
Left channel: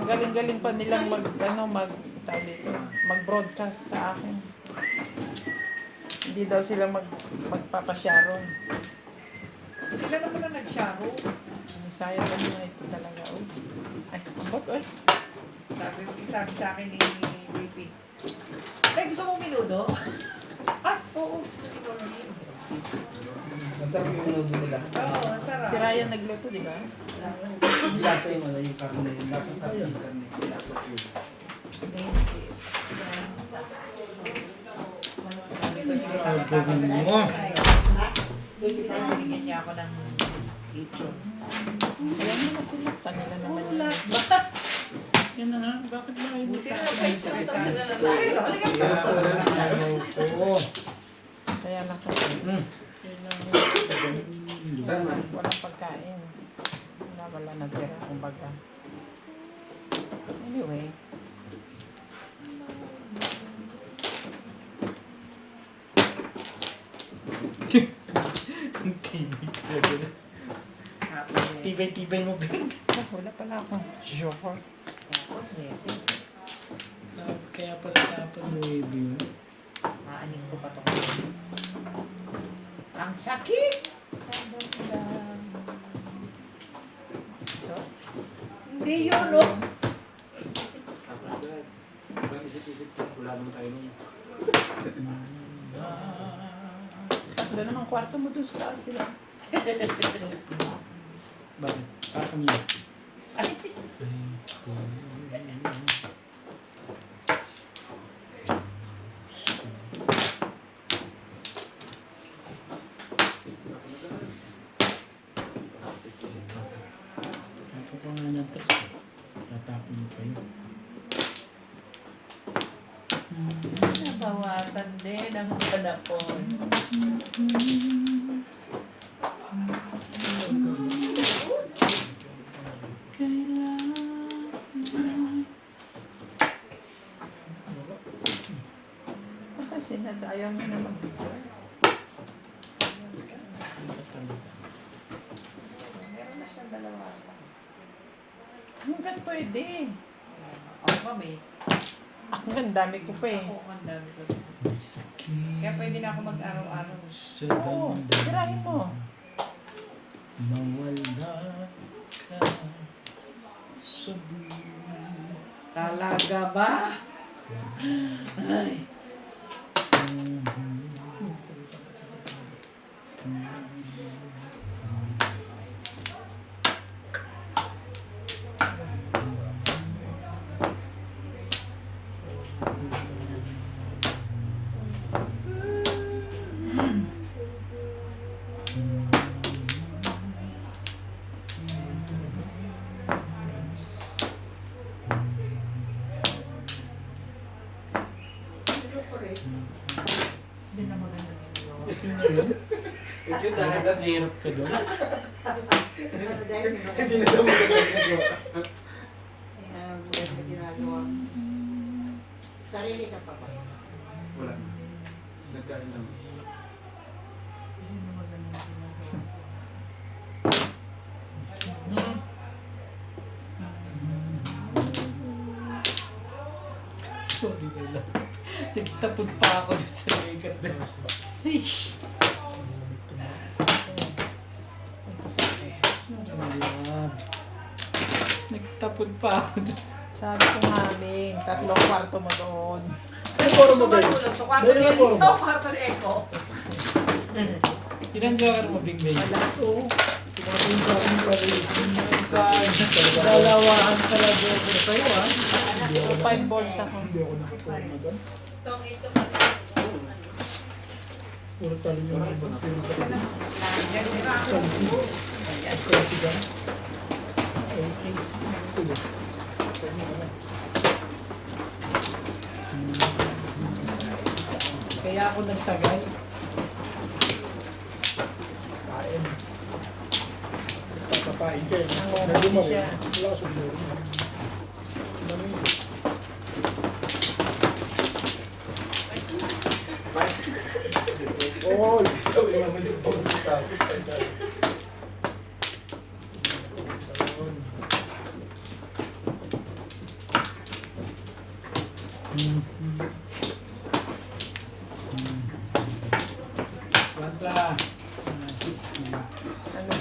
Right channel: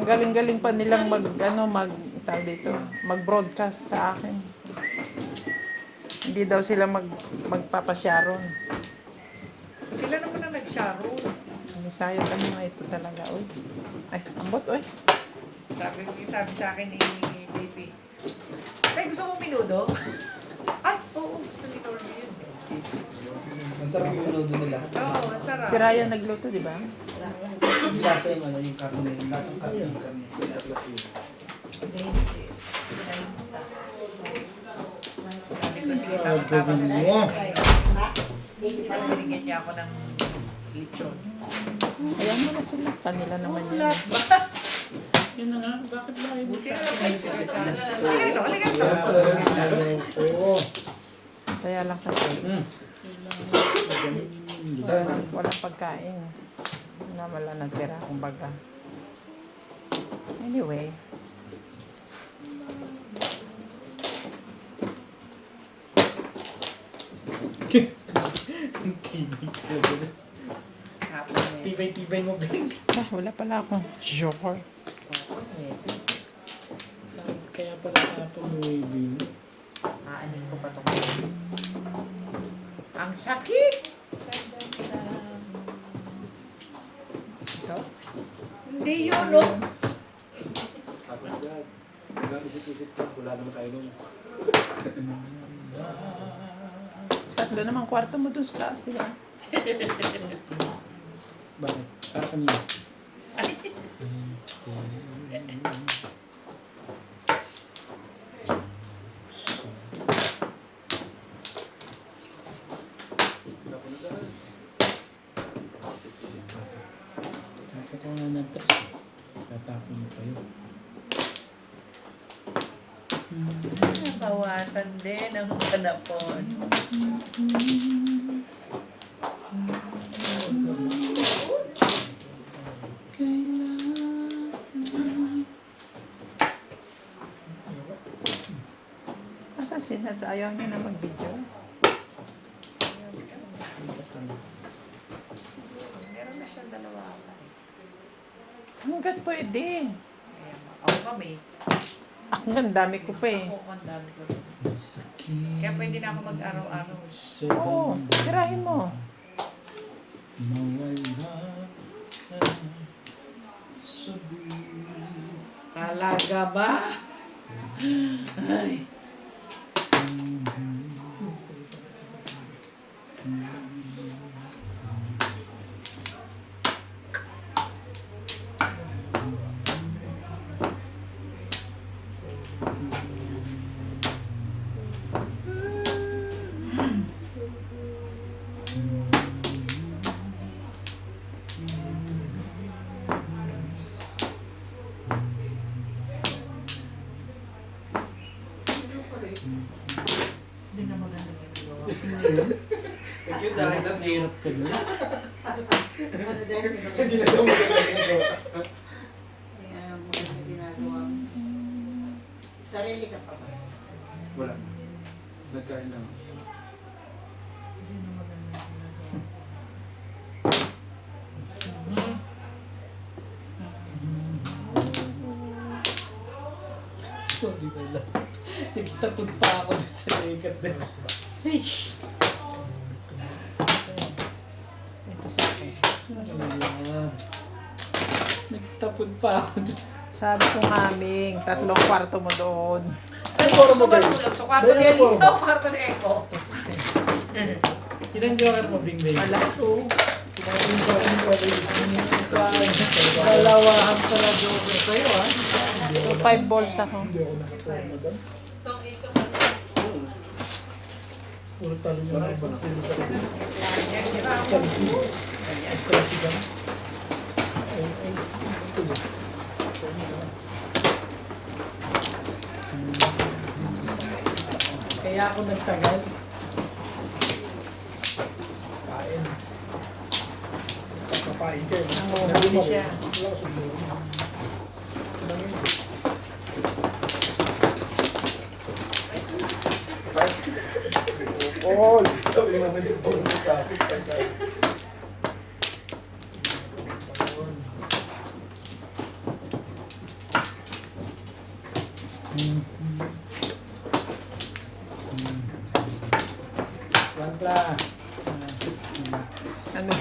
Ang galing-galing pa nilang tawag dito, mag-broadcast sa akin. Hindi daw sila magpapasyaron. Sila naman ang nag-sharo. Sayang kanina ito talaga. Uy. Ay, ambot, uy. Sabi sa akin ni JP. Ay, gusto mo minudo? Oo, gusto ni Norm yun. Masarap yung nudo nila. Oo, masarap. Si Ryan nagluto, di ba? Yung lasa yung ano, yung karne. Yung lasa ng karne. Yung karne. Lasa yun. Sabi ko siguro, Ang gawin mo. Tapos binigyan niya ako ng lechon. Ayan mo na sila. Kanila naman yan. Ulat ba? Yan na nga, bakit lang hindi Buti pa? na lang siya. Halika dito. Oo. Kaya lang kasi. Saan man? Walang pagkain. Wala na tira, kumbaga. Anyway. Ang tibay talaga na. Tibay-tibay mo, Ben. Wala pala akong short. Kaya pala tapos mo yun. Aanin ko pa ito. Ang sakit! Hindi yun, no? Grabe isip-isip ka. Wala naman tayo nun. Tatlo naman kwarto mo doon sa taas, di ba? Bakit? Kako niya. Kako ka nga ng tres. Tatapin mo pa yun. Bawasan din ang panapon. Kasi ayaw niya na mag-video. Meron na siyang dalawa. Hanggang pwede. Ako kami. Hanggang dami ko pa eh. Ako ang dami ko. Kaya pwede na ako mag-araw-araw. Oo, tirahin mo. Nawala ka sa buhay. Talaga ba? Ay. Hindi na maganda ginagawa. Ito yung dahil na Hirap ka doon. Hindi na daw maganda ginagawa. Maganda ginagawa. Sarili ka pa ba? Wala na. Nagkain lang. Hindi na maganda ginagawa. Sorry na lang. Nagtapod pa ako sa likat na. Ay, shh. Sorry na lang. Nagtapod pa ako doon. Sabi ko nga, Ming, 3 kwarto mo doon. Ano poro mo, Ben? Sa kwarto Ben, ni ano poro Elisa mo? o kwarto ni Eko? Ilan joker mo, Bing Bing? Oo. Yung sa akin, pero yung Dalawa ang pala joker sa'yo, ha? 5 balls ako. Hindi ako nakaporma doon. Puro talo nyo na ibang pili sa akin. Sa lisi. Sa lisi ba? Tuloy. Kaya ako nagtagal. Kain. pain ka eh. Oo, Naguma kasi rin. siya. Wala ka sumuro. Namingit. All. Sabi mo, may tapos. Plantla. Ano?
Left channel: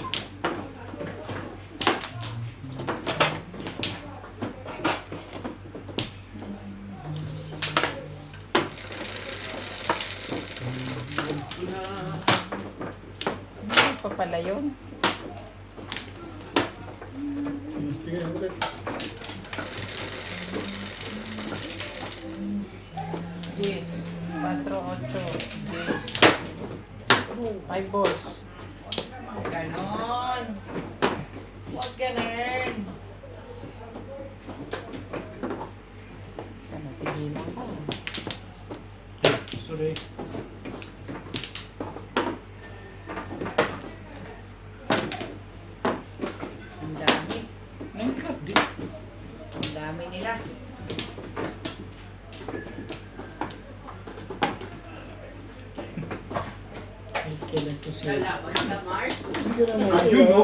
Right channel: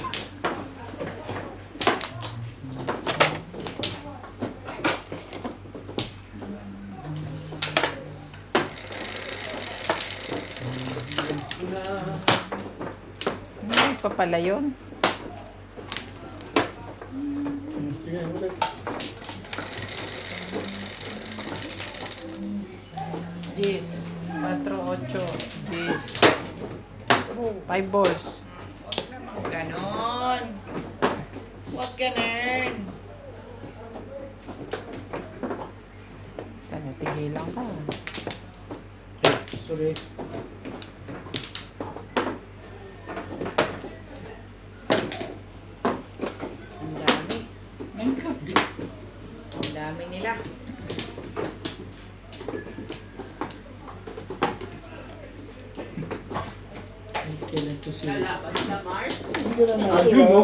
Ano pa pala yun? Sige, ulit. Yes. 4, 8, 10. Oh, 5 balls. Ganon. Huwag ganon. Tigilan ka. Sorry. Ang dami. Ang kabi. Ang dami nila. Ay, kailan to siya? Hindi ka na Ayun, no?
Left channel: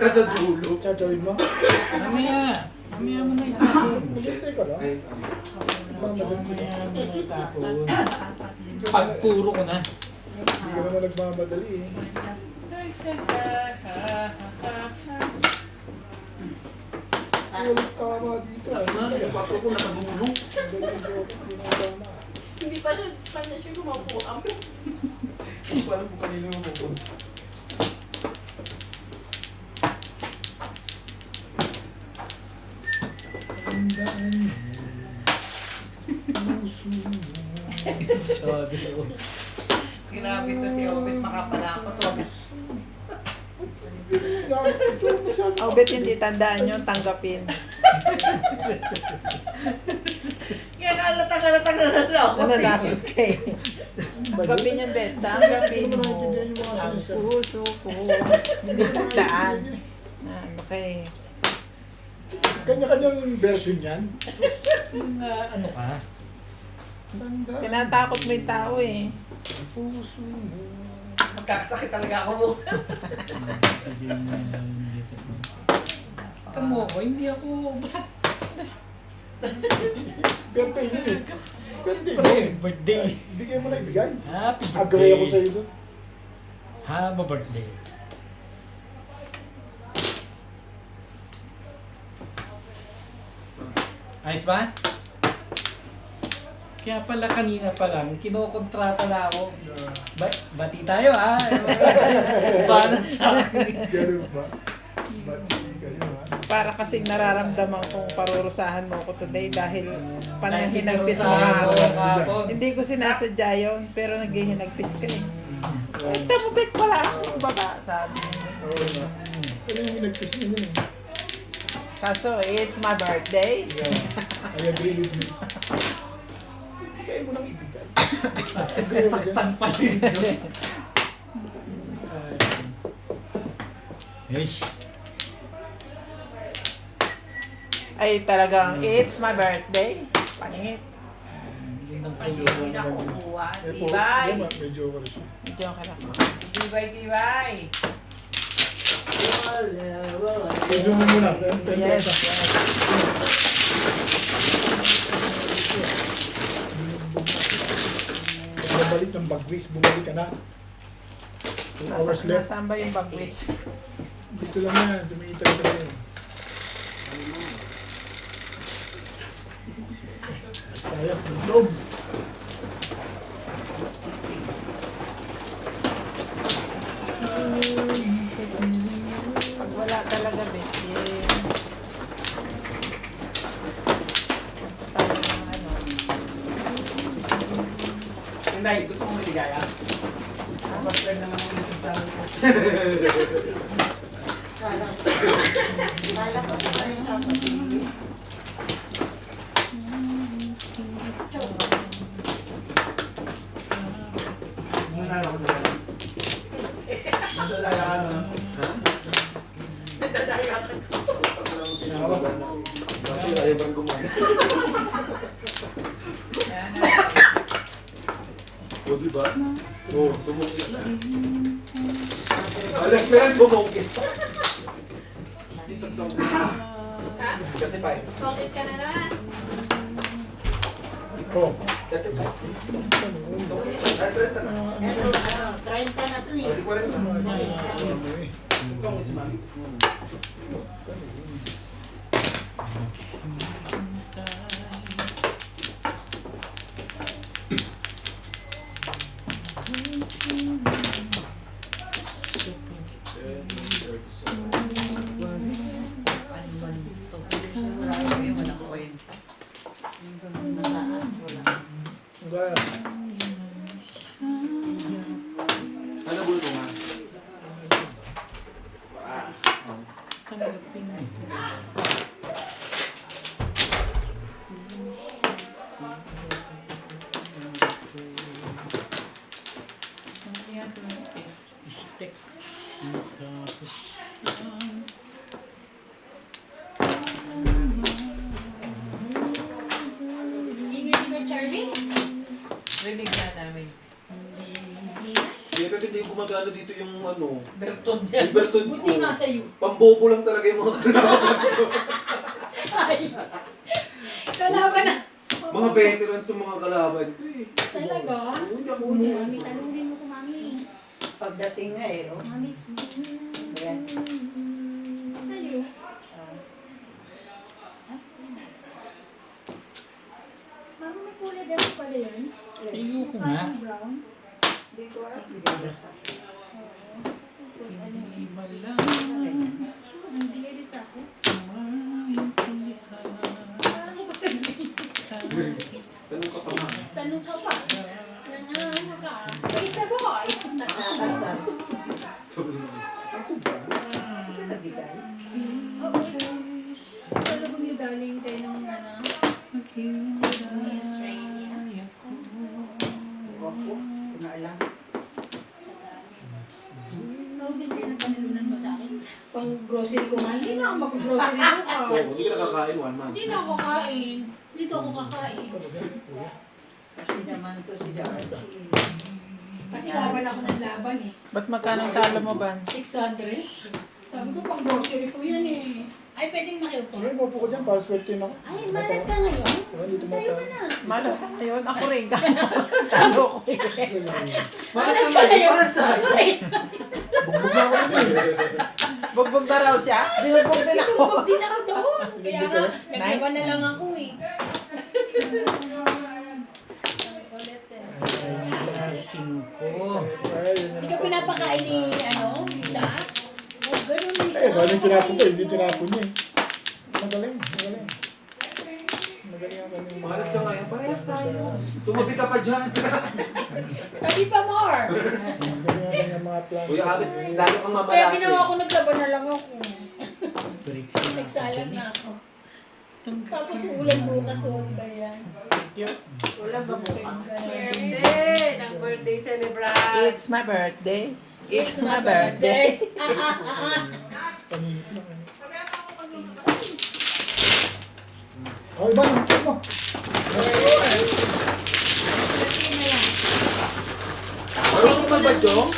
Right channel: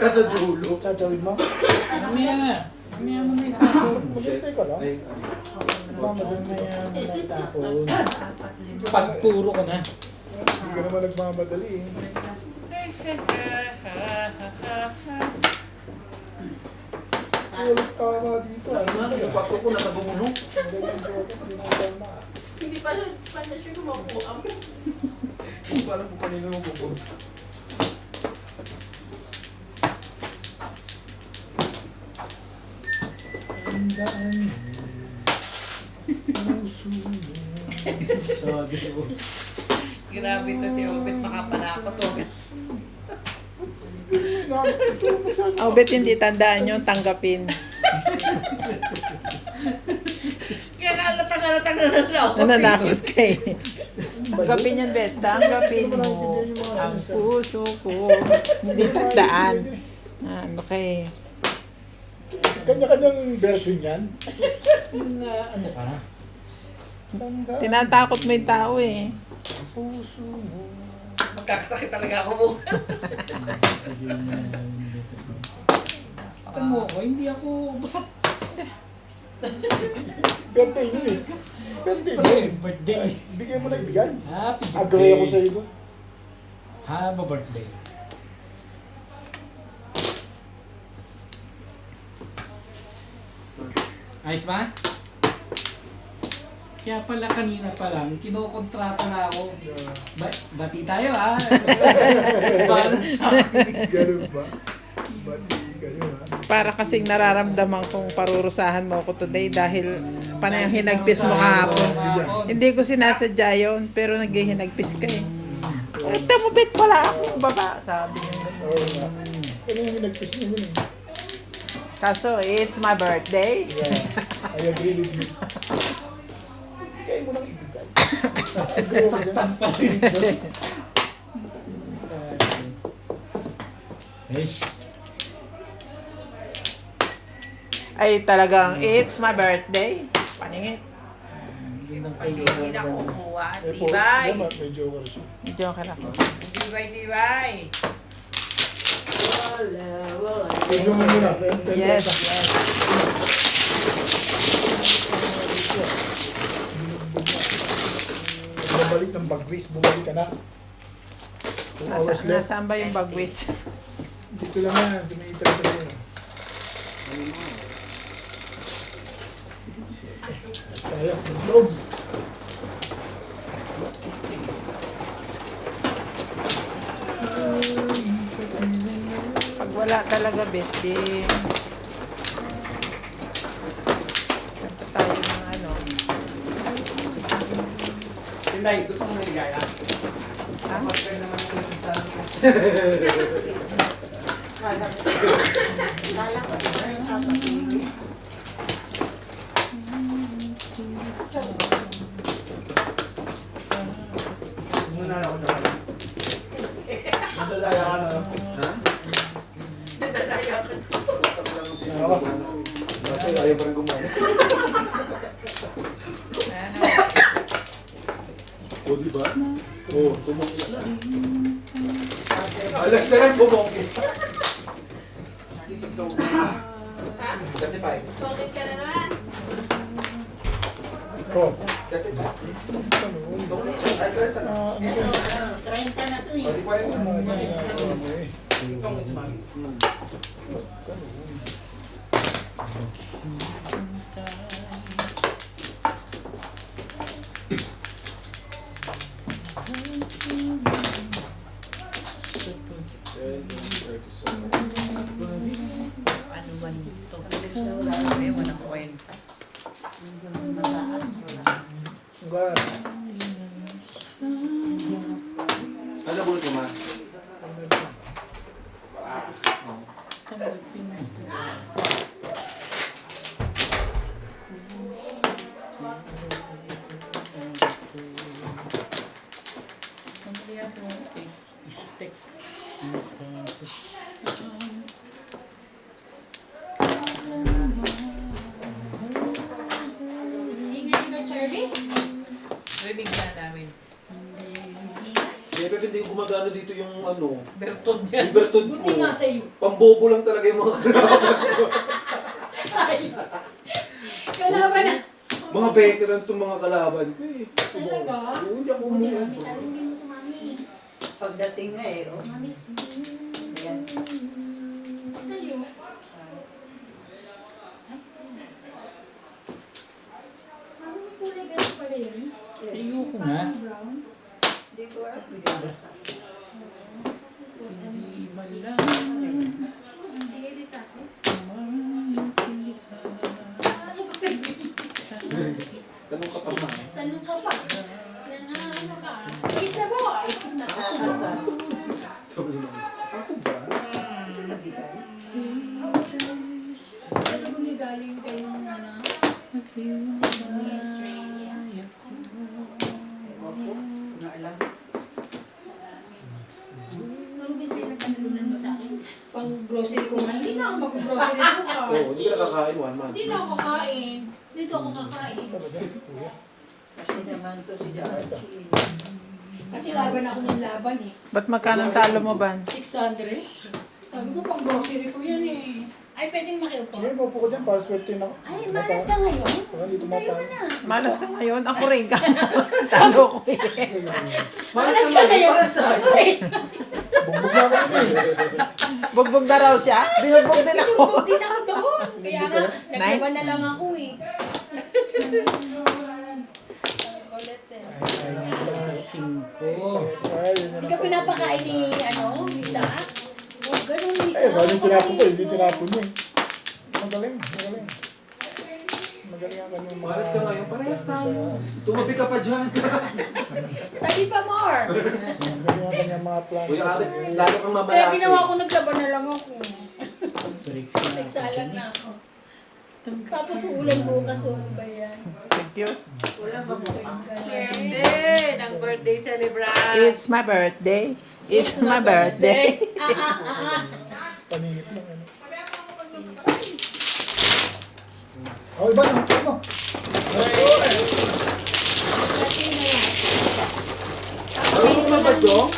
Nasa dulo. Tatawid mo? Mamaya. Mamaya mo na itapon. Maghintay ka lang. Ay, Nagmamadali ka. Mamaya mo na itapon. Pagpuro ko na. Hindi ka naman nagmamadali eh. Walang tama dito. Ay, ano, hindi yung pato ko nasa dulo. Hindi na tama. Hindi pa na siya kumakuha. Hindi ko alam kung kanino yung pupunta. Tandaan mo. Puso mo. Sabi ko. Grabe to si Obit, makapanakot to. Ito masyado. Oh, bet hindi tandaan nyo, tanggapin. Kaya halatang na ako. Nananakot kay. Tanggapin yun, bet. Tanggapin Hindi mo. mo naintindihan yung mga Ang sinasabi. puso ko. Hindi tandaan. Ah, okay. Kanya-kanyang version yan. Yung ano ka? Tandaan. Tinatakot mo yung tao eh. Puso mo. Magkakasakit talaga ako bukas. Ito mo ako, hindi ako basta Birthday yun eh. Birthday mo. birthday. Bigay mo na ibigay. Happy birthday. Agree ako sa'yo doon. Happy birthday. Ayos ba? Kaya pala kanina pa lang, kinokontrata na ako. Bati tayo ha. Balance sa akin. Ganun ba? Bati kayo ha. Para kasing nararamdaman kong parurusahan mo ako today dahil panay hinagpis mo kahapon. Hindi ko sinasadya yun, pero naghihinagpis ka eh. Ito mo, bet, wala akong baba, sabi niya. Oo nga. Ano yung nagpis niya yun eh? Kaso, it's my birthday. Yeah, I agree with you. Ibigay mo nang ibigay. Agree ako dyan. Saktan pa rin. Eish. Ay, talagang, it's my birthday. Paningit. Gandang Hindi kayo. na kumuha. Po, Tibay. may joker siya. Medyo ka na. Tibay. I-zoom mo muna. Yes. Bumalik ng bagwis, bumalik ka na. 2 hours left. Nasaan ba yung bagwis? Dito lang yan, sa may itra yan. Kaya, loob. Pag wala talaga, Betty. Tayo ng ano. Tinday, gusto mo may ligaya? Kala ko pa rin kapatid. Muna ako na. Madalaya ka na. Ha? Ako. Kasi ayaw pa rin kumain. O, di ba? O, tumungkit na. Alas na yan, bumungkit. Certified. Bakit ka na naman? Oh. Certified. Ah, ano ba? 30 na to eh. Tama, hindi na ginagawa mo eh. Ano man ito? Walang kwenta. Hanggang. Ano ba ito, ma? Rinig na namin. Eh, pero hindi gumagano dito yung ano. Bertod Yung bertod ko. Buti nga sa'yo. Pambobo lang talaga yung mga kalaban ko. Ay. Kalaban na. Mga veterans itong mga kalaban ko eh. Talaga? Oo, hindi ako Buti mo. mami, tanongin mo ko mami. Pagdating nga eh, oh. Mami, Ayan. sa'yo. Mami, may kulay ganun pala yun. Ayoko nga. Parang brown. Hindi ko alam. Hindi ko alam. Hindi malang Ang bigay din sa akin. Ganun ka pa ma. Tanong ka pa. Yan nga, ano ka. Wait, sagoy. Nakakasal. Sabi mo. Ako ba? Ito nabigay. Oo. Talagang yung galing kayo ng ano, Sydney, Australia. Ewan ko. Hindi ko na alam. Naubos kayo ng panalunan mo sa akin. Pang grocery ko nga. Hindi na ako mag-grocery ko. Oo, hindi ka nakakain one month. Hindi na ako kakain. Dito ako kakain. Talaga, kuya. Kasi naman to si Darcy. Kasi laban ako ng laban eh. Ba't magkano ang talo mo, Ban? 600. Sabi ko pang grocery ko yan eh. Ay, pwedeng makiupo. Sige, maupo ko dyan para swerte na ako. Ay, malas ka ngayon. Oo, dito Tayo matalo. na. Malas ka ngayon. Ako rin ka. Talo ko eh. Malas ka ngayon. Ako rin. Bugbog na ako rin eh. Bugbog na raw siya. Binugbog din ako. Tinubog din ako doon. Kaya nga, naglaban na lang ako eh. Ang kulit eh. Ay, ay, 5. ay, yun Hindi yan ka ang pinapakain ni, ano, Lisa? O, ganun Lisa. Eh, bali tinapon ko, hindi tinapon niya eh. Magaling, magaling. Magaling ang kanyang mga... Malas ka ngayon, parehas sa- tayo. Tumabi ka pa dyan. Tabi pa more. Magaling ang kanyang mga plans. Kuya Abet, lalo kang Kaya mamalaki. ginawa ko, naglaban na lang ako. Nagsalang na ako. Tapos ulan bukas, o ano ba yan? Thank you. Wala ba mo? Birthday! Ng birthday celebration! It's my birthday. It's my birthday. Paningit lang ano. Oh, iba na, ano? Ano mo ba, Jong?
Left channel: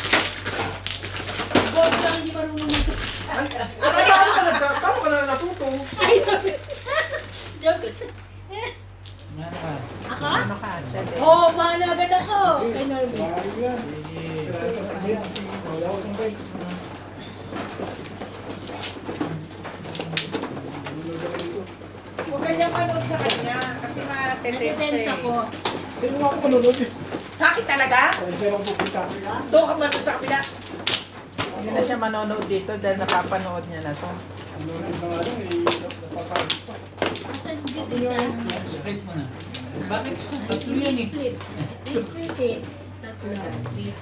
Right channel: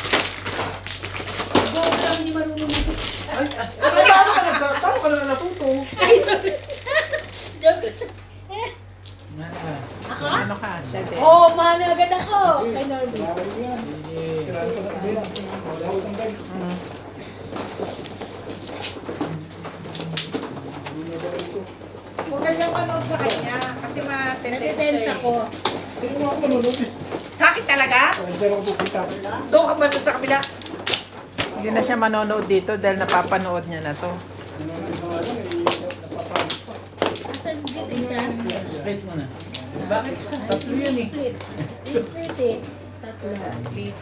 Huwag lang hindi marunong nito. Paano ka na natuto? Ay, sorry. Joke. Nga naman. Ako? Ano ka, chef? Oo, mahal agad ako. Kay Norby. Maaari yan. Sige. Kailangan ko na yan. Wala ko kang kayo. Huwag kanyang manood sa kanya kasi Natitense ako. Sino nga ako manunod eh? Sa akin talaga? Ay, sino ako pupita? Doon ka manood sa kabila. Hindi na siya manonood dito dahil napapanood niya na to. Ano nga yung mga ano, eh, napapalis pa. Asan dito isa? Split mo na. Bakit? Tatlo yan eh. Split. I-split eh. Tatlo. Split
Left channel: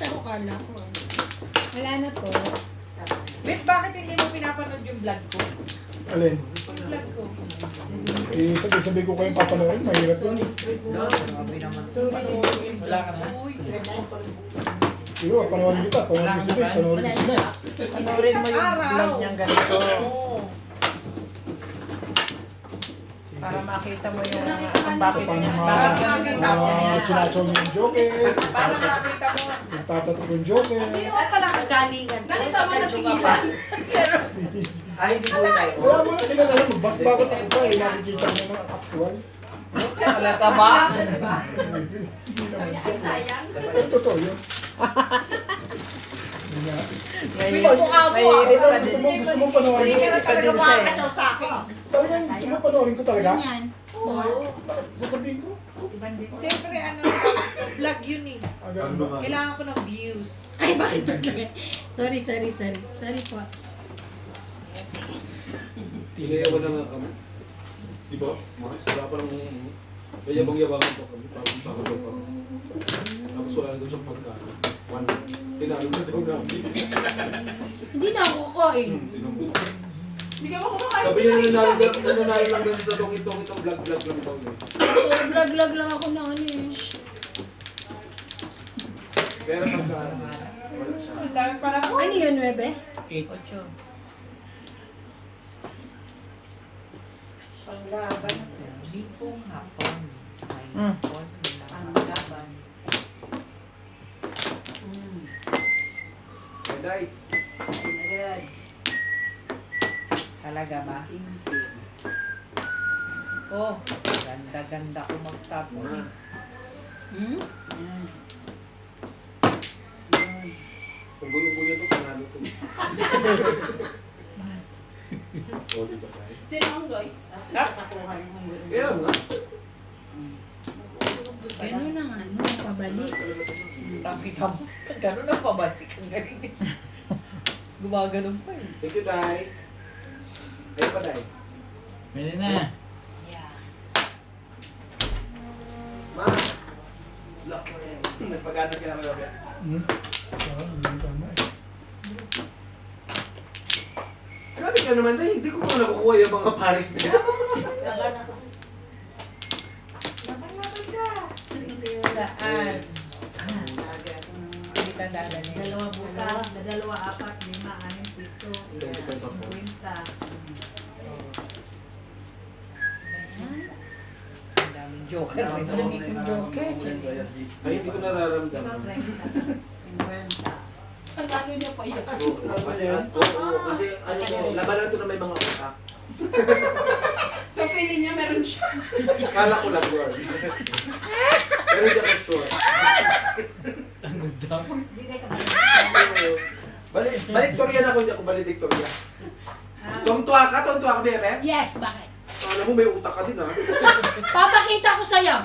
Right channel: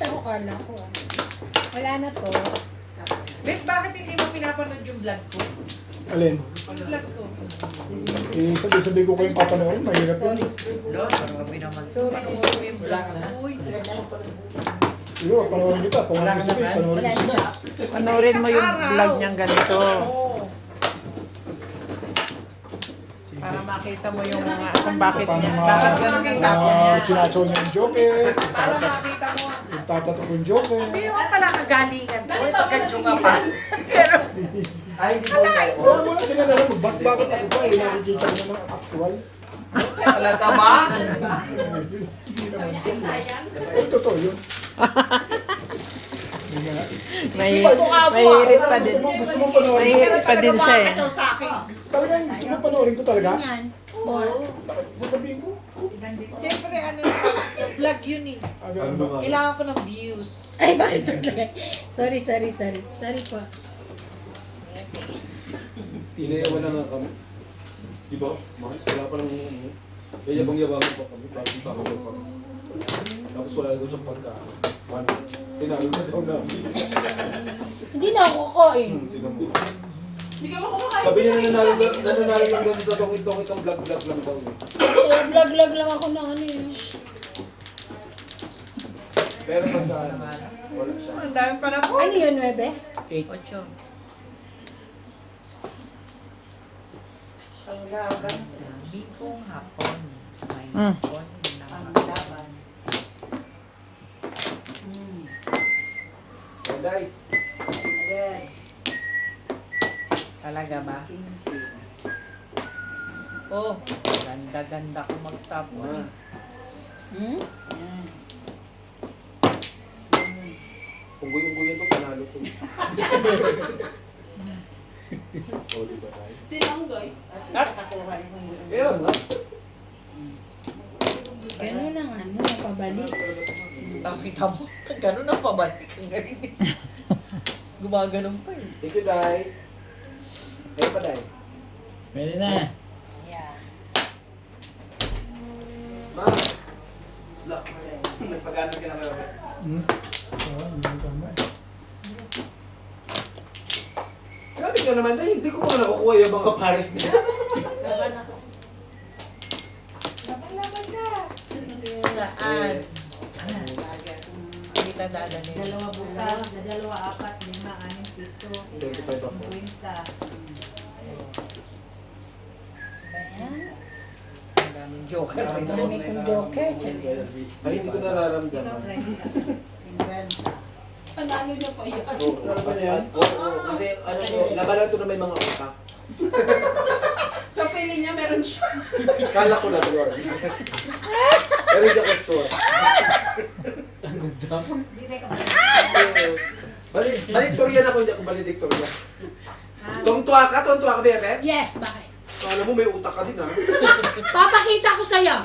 ako kala ko. ah. Wala na to. Wait, bakit hindi mo pinapanood yung vlog ko? Alin? Yung vlog ko. Eh, sabi ko kayong papanood, mahirap yun. Sorry. Wala ka na. Iyo, panoorin kita. Wala ka Panoorin naman? kita. Panoorin Wala kita. na. Panoorin mo yung vlog niyang ganito. Oo. Para makita mo yung kung bakit Paano niya. nga, Bakit ganun yung tapo niya. sinasaw niya yung joker, Para makita mo. yung tapatok yung joker. Hindi naman pala kagalingan ko. Pagkadyo ka pa. Ay, hindi ko tayo. Kaya mo lang sila nalang magbas bakit ako pa eh, nakikita mo naman ang actual. Halata ba? Hindi naman ko. Ay, totoo yun. Mahirit pa din. Gusto mo panoorin ko? Mahirit pa din siya eh. Sa akin. Talagang gusto mo panoorin ko talaga? Ganyan. Oo. Sasabihin ko? Siyempre, vlog yun eh. Ah, ganun ba? Kailangan ko ng views. Ay, bakit naglagay? Sorry. Sorry po. Pinayawan na nga kami. Di ba? Mas, wala pa lang kaya yabang-yabangan pa kami. Parang sa ako pa. Tapos wala doon sa pagkain. One, pinalo na daw namin. Hindi na ako kukain. Tinamot. Sabi niya nananalo lang daw sa tongit-tongit ang vlog-vlog lang daw. Kaya vlog lang ako na ano eh. Pero pagkain, wala siya. Ang dami pala po. Ano yun, Webe? 8. Panglaban. Bikong hapon. Mm. Panglaban. Day. Agad. Talaga ba? Oh, ganda-ganda ko magtapon. Hmm? Kung guyong-guyon to, panalo to. O, di ba tayo? Sino ang goy? At nakakuha yung Kaya nga. Ganun ang ano, pabalik. Nakita mo, gano'n ang pabalik ang galing. Gumaganon pa eh. Thank you, Day. Kaya pa, Day. Pwede na. Yeah. Ma. Nagpagano ka na ba? Hmm? Oo, hindi tama eh. Grabe ka naman, Day. Hindi ko pa nakukuha yung mga pares na yun. laban ako. Saan? Kita dadalhin. Dalawa bukas, dalawa, apat, 5, 6, 7, 25 ako. 50. Ayan. Ang daming joker. Ang dami kong joker. Tsari. Ay, hindi ko nararamdaman. 50. Panalo niya pa yun. Kasi ano to, labanan to na may mga utak. So feeling niya meron siya. Kala ko lang yun. Pero hindi ako sure. Hindi na kami. Valedictorian ako, hindi ako valedictorian. Tontuwa ka, Bebe? Yes, bakit? Alam mo, may utak ka din, ha? Papakita ko sa'yo.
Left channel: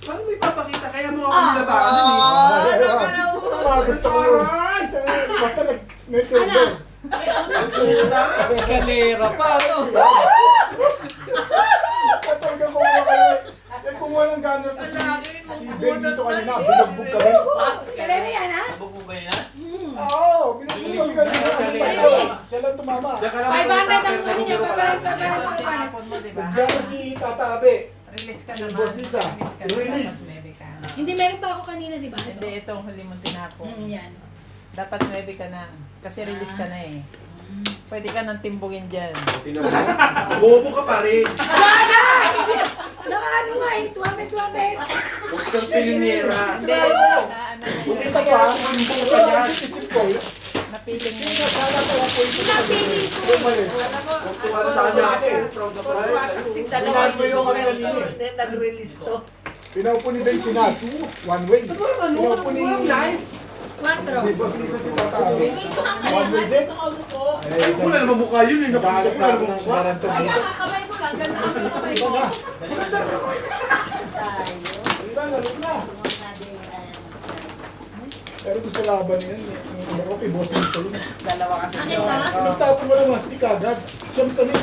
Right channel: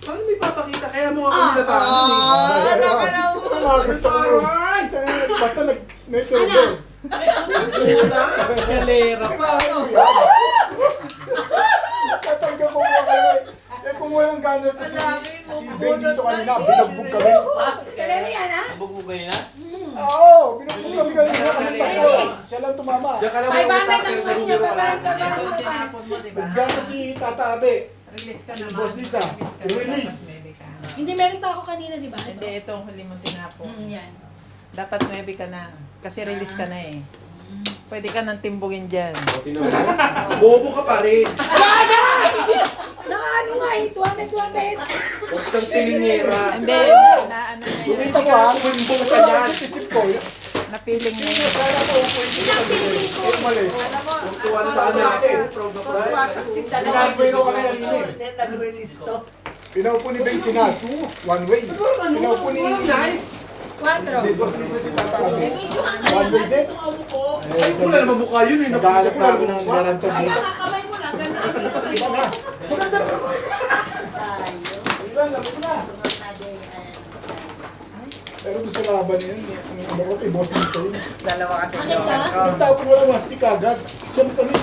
Paano may papakita? Kaya mo ako Ah. nilabanan, eh. Gusto ko yun. Basta nag-nag-table. Kalera pa, ano? Tatanggal ko mga kayo. Eh kung walang gana to si Ben dito kanina, binugbog kami. Eskalera yan, ha? Bugog ba yun, ha? Oo, binugbog kami kanina. Bilis. Siya lang tumama. Diyan ka lang 500 may utak, ang pero ano niya, 500. Tinapon mo, di ba? Gano si Tata Abe. Release ka Si naman. Boss Lisa. Release ka Release. naman. Maybe ka. Hindi, meron pa ako kanina, di ba? Hindi, Ito. itong huli mong tinapon. Yan. Dapat 9 ka na. Kasi release ka na eh. Pwede ka nang timbugin dyan. Bobo ka pa rin. Baga! Nakaano nga eh, 200. Huwag kang silinera. Hindi, na ano na Yung yun. kita ko ha, kung wala sa isip ko, Napiling na yun. Pinapiling ko. yung mali. Tuwa na sa anak ko. Proud ako. Kasing dalawang joker to. Then nag-release to. Pinaupo ni Ben Sinat, one way. Pinaupo ni 4. Boss Lisa si Tata Abe. One way din. Ay, wala naman mukha yun, eh. Naghahanap na ako ng Mukha. garantor dito. Kamay mo lang, ganda. Kasi iba na. Tayo. Iba, laro na. Sabi, Pero gusto laban yan. Ang laro kay Boss Lisa yun. Dalawa kasi Akin ka? Nagtapon mo lang mastik agad. Siyam kami.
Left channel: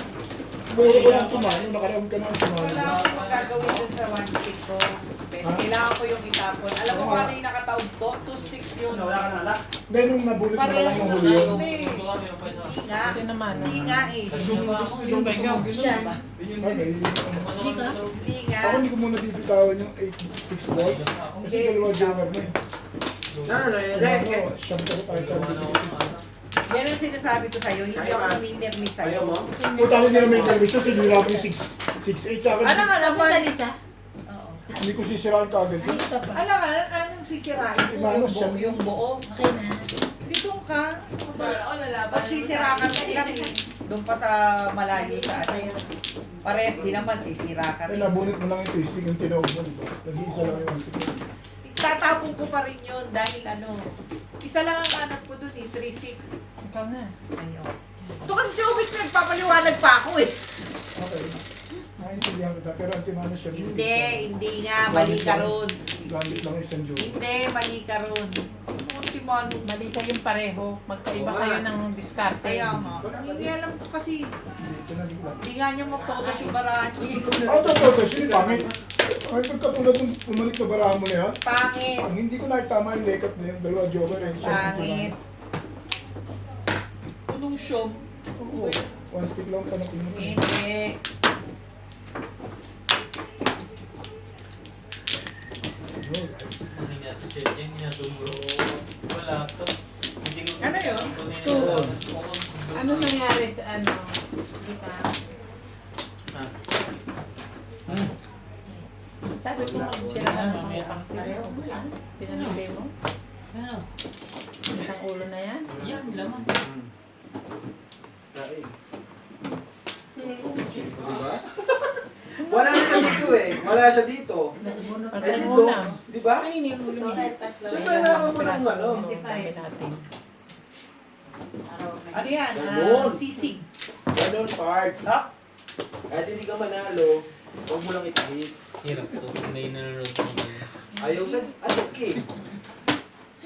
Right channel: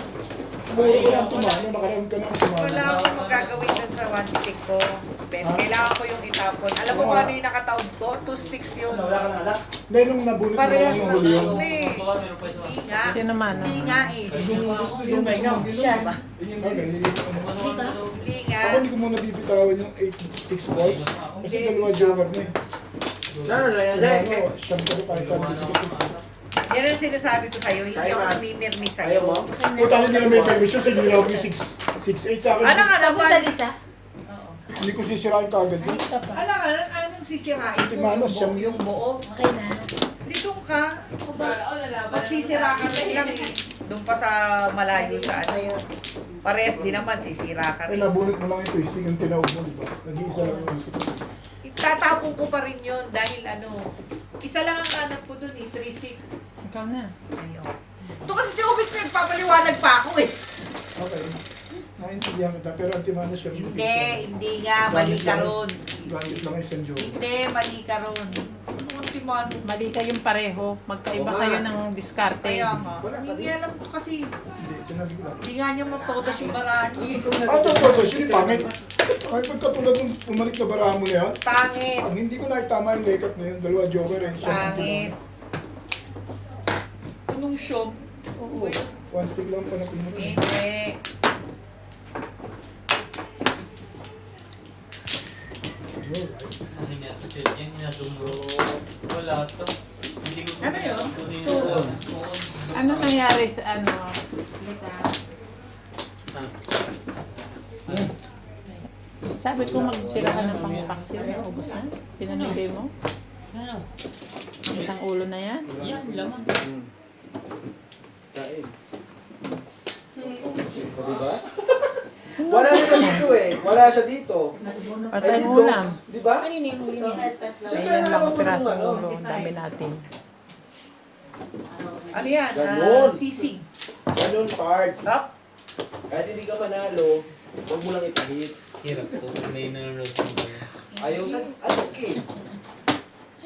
Muro ko lang tumano. Nakaraan ka na ang tumano. Wala akong magagawin dun sa one stick ko. Ben, kailangan ko yung itapon. Alam mo kung ano yung nakataob ko? 2 sticks yun. Hindi, nung nabunot mo na lang Parehas ng na huli yun. tayo. Hindi nga. Sino man? Hindi nga eh. Yung mega. Siya. Okay, Hindi ka? Hindi nga. ako hindi ko muna bibitawan yung 8-6 balls. Kasi dalawa joker na eh. Ano na yan, Kaya Day? ako, siyam ko tayo sa bigyan. Yan ang sinasabi ko sa'yo. Hindi ako namimirmi Ayaw sa'yo. mo? Okay na. Puta na hindi na may permission, sinira mo yung 6'8 sa akin. Ano nga Tapos naman? Alisa? Oo. Hindi ko sisirain kagad. Ay, isa pa. Ano nga, anong sisirain mo? Manos, Yung buo, yan. yung buo. Okay na. Dito ka. Magsisira ka lang yan eh. Doon pa sa malayo sa ano. Pares din naman, sisira ka Ay, rin. nabunot mo lang yung twisting yung tinawag mo, di ba? Nag-iisa lang yung Itatapon ko pa rin yun dahil ano. Isa lang ang hanap ko dun eh, 3-6. Ikaw na. Ayun. Ito kasi si Obit nagpapaliwanag pa ako eh. Okay. Naintindihan kita, pero ang timano siya. Hindi nga, mali ka ron. Gamit lang isang joke. Hindi, mali ka ron. Ang timano. Mali kayong pareho. Magkaiba Oo kayo nga. ng diskarte. Kaya nga. Hindi alam ko kasi. Hindi, sinabi ko lang. Hindi nga niya matodas yung barahan niya. Ah, totoo, siya yung pangit. Ay, pagkatulad ng umalik na barahan mo na yan, Pangit. ang hindi ko nakitama yung lekat na yun, dalawa joker eh. Siya ang Pangit. Anong show? Oo, one stick lang pa na pinag Hindi. Ano niya to siya? Yan niya wala to. Hindi ko Ano yun? kunin Two. yun. Ano nangyari sa ano? Di ba? Sabi ko magsira ka ng pangkaksira. Pinamili mo? Ano? Isang ulo na yan? Yan, laman. Kain. Diba? Wala na siya dito eh. Wala siya dito. Patay Ay, mo dito. lang. Diba? Kanino yung ulo niya? Siyempre Ayan na lang ako ang piraso ano. ulo. Ang dami natin. Ano yan? Ganun. Sisig. Ganun parts. Stop. Kahit hindi ka manalo, huwag mo lang ipahits. Hirap to. May nanonood ko ngayon. Ayaw sa... Ay, okay.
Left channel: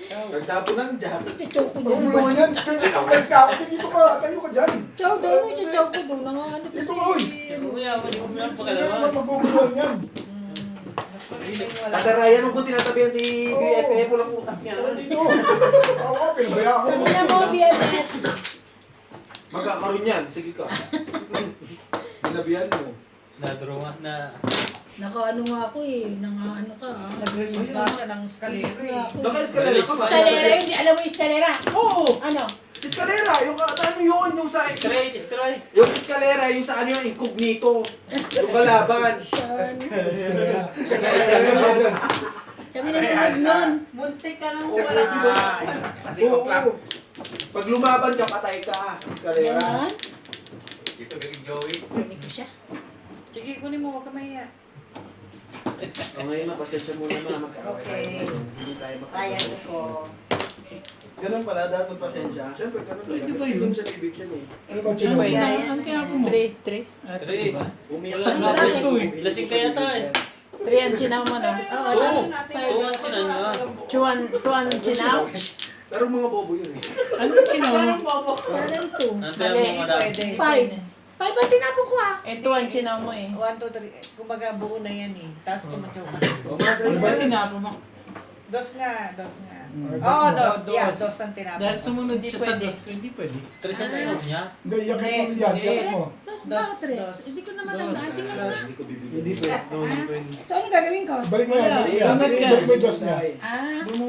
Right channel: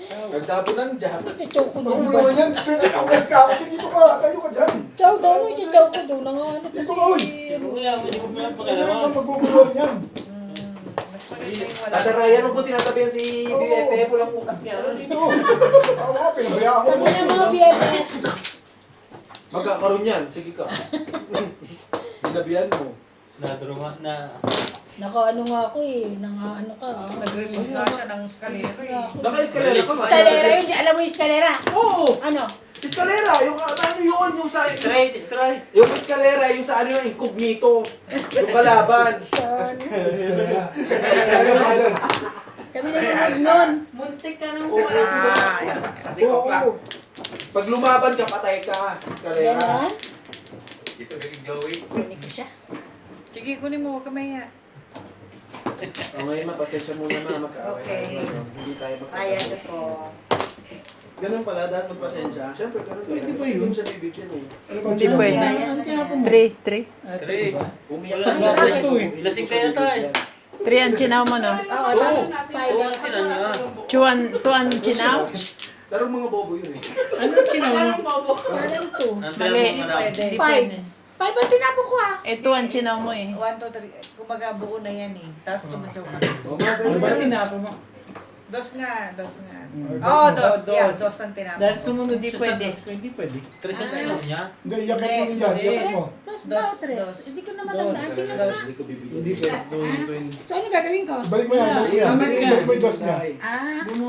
Pagtapo ng jab. Chow ko Huwag mo doon. naman yan, ganyan ang kas ka ako, dito ka, tayo ka dyan. Chow doon, chow ko doon. Ang ano Dito kasi, ka, uy. ano. Kuya, hindi ko meron Ganyan pagkalaman. ang maguguluhan yan. Tatarayan mo po tinatabihan si BFF, walang utak niya. Dito. Ako nga, pinabayaan ko. Sabi na mo, BFF. Magkakaroon yan, sige ka. Tinabihan mo. Nadruhan na. Naka ano nga ako eh. Ano ka ah. Nag-release nga siya ng Release scaleri. nga ako. Naka-eskalera ka ba? Escalera yun. Alam mo yung escalera? Oo! Ano? Eskalera! Yung ano yun, yung sa... Straight. Yung eskalera, yung sa ano yung incognito. Yung kalaban. Siyan. Kaya Kami nanonood nun. Muntik ka lang Oo, sa diba? Sa sikop lang. Oo. Pag lumaban ka, patay ka ha. Eskalera. Ganon. Dito kay Joey. Rinig ko siya. Sige, kunin mo. Huwag ka maya. O ngayon, mapasensya muna na mag-aaway. Okay. Hindi tayo Ayan ko po. Ganun pala, dapat magpasensya. Siyempre, ganun pala. Pwede ba Kasi yun? hindi mo siya bibigyan eh. Ano ba Hindi sinabi? pwede. Ayan. Ang tinapon mo. 3. Three. Umiyak Ay, na bakit? ako. Lasing kaya tayo. 3 ang chinaw mo, no? Oo, tapos Two ang sinanyo. 2 ang chinaw? Pero mga bobo yun eh. Ano sinawin mo? parang two. Ang tayo mo madami. Pwede. Five. Five ang tinapon ko ah. Eh, 2 ang chinaw mo eh. 1, 2, 3. Kumbaga buo na yan eh. Tapos tumatyaw ka. Huwag nga sa Ano ba iba. tinapon mo? Dos nga. Mm. Oo, dos. Dos. Yeah, dos ang tinapon. Dahil sumunod Hindi siya pwede. sa dos, hindi pwede. Tres ang tinom niya. Hindi, yakit mo niyan, yakit mo. Tres. Dos Dos. ba o tres? Dos. Hindi ko na matandaan. Hindi na Dos. nga. Hindi ko bibigyan. Hindi pwede. So ano gagawin ko? Balik mo yan, balik mo yan. Balik ka. Balik mo yung dos niya. Ah.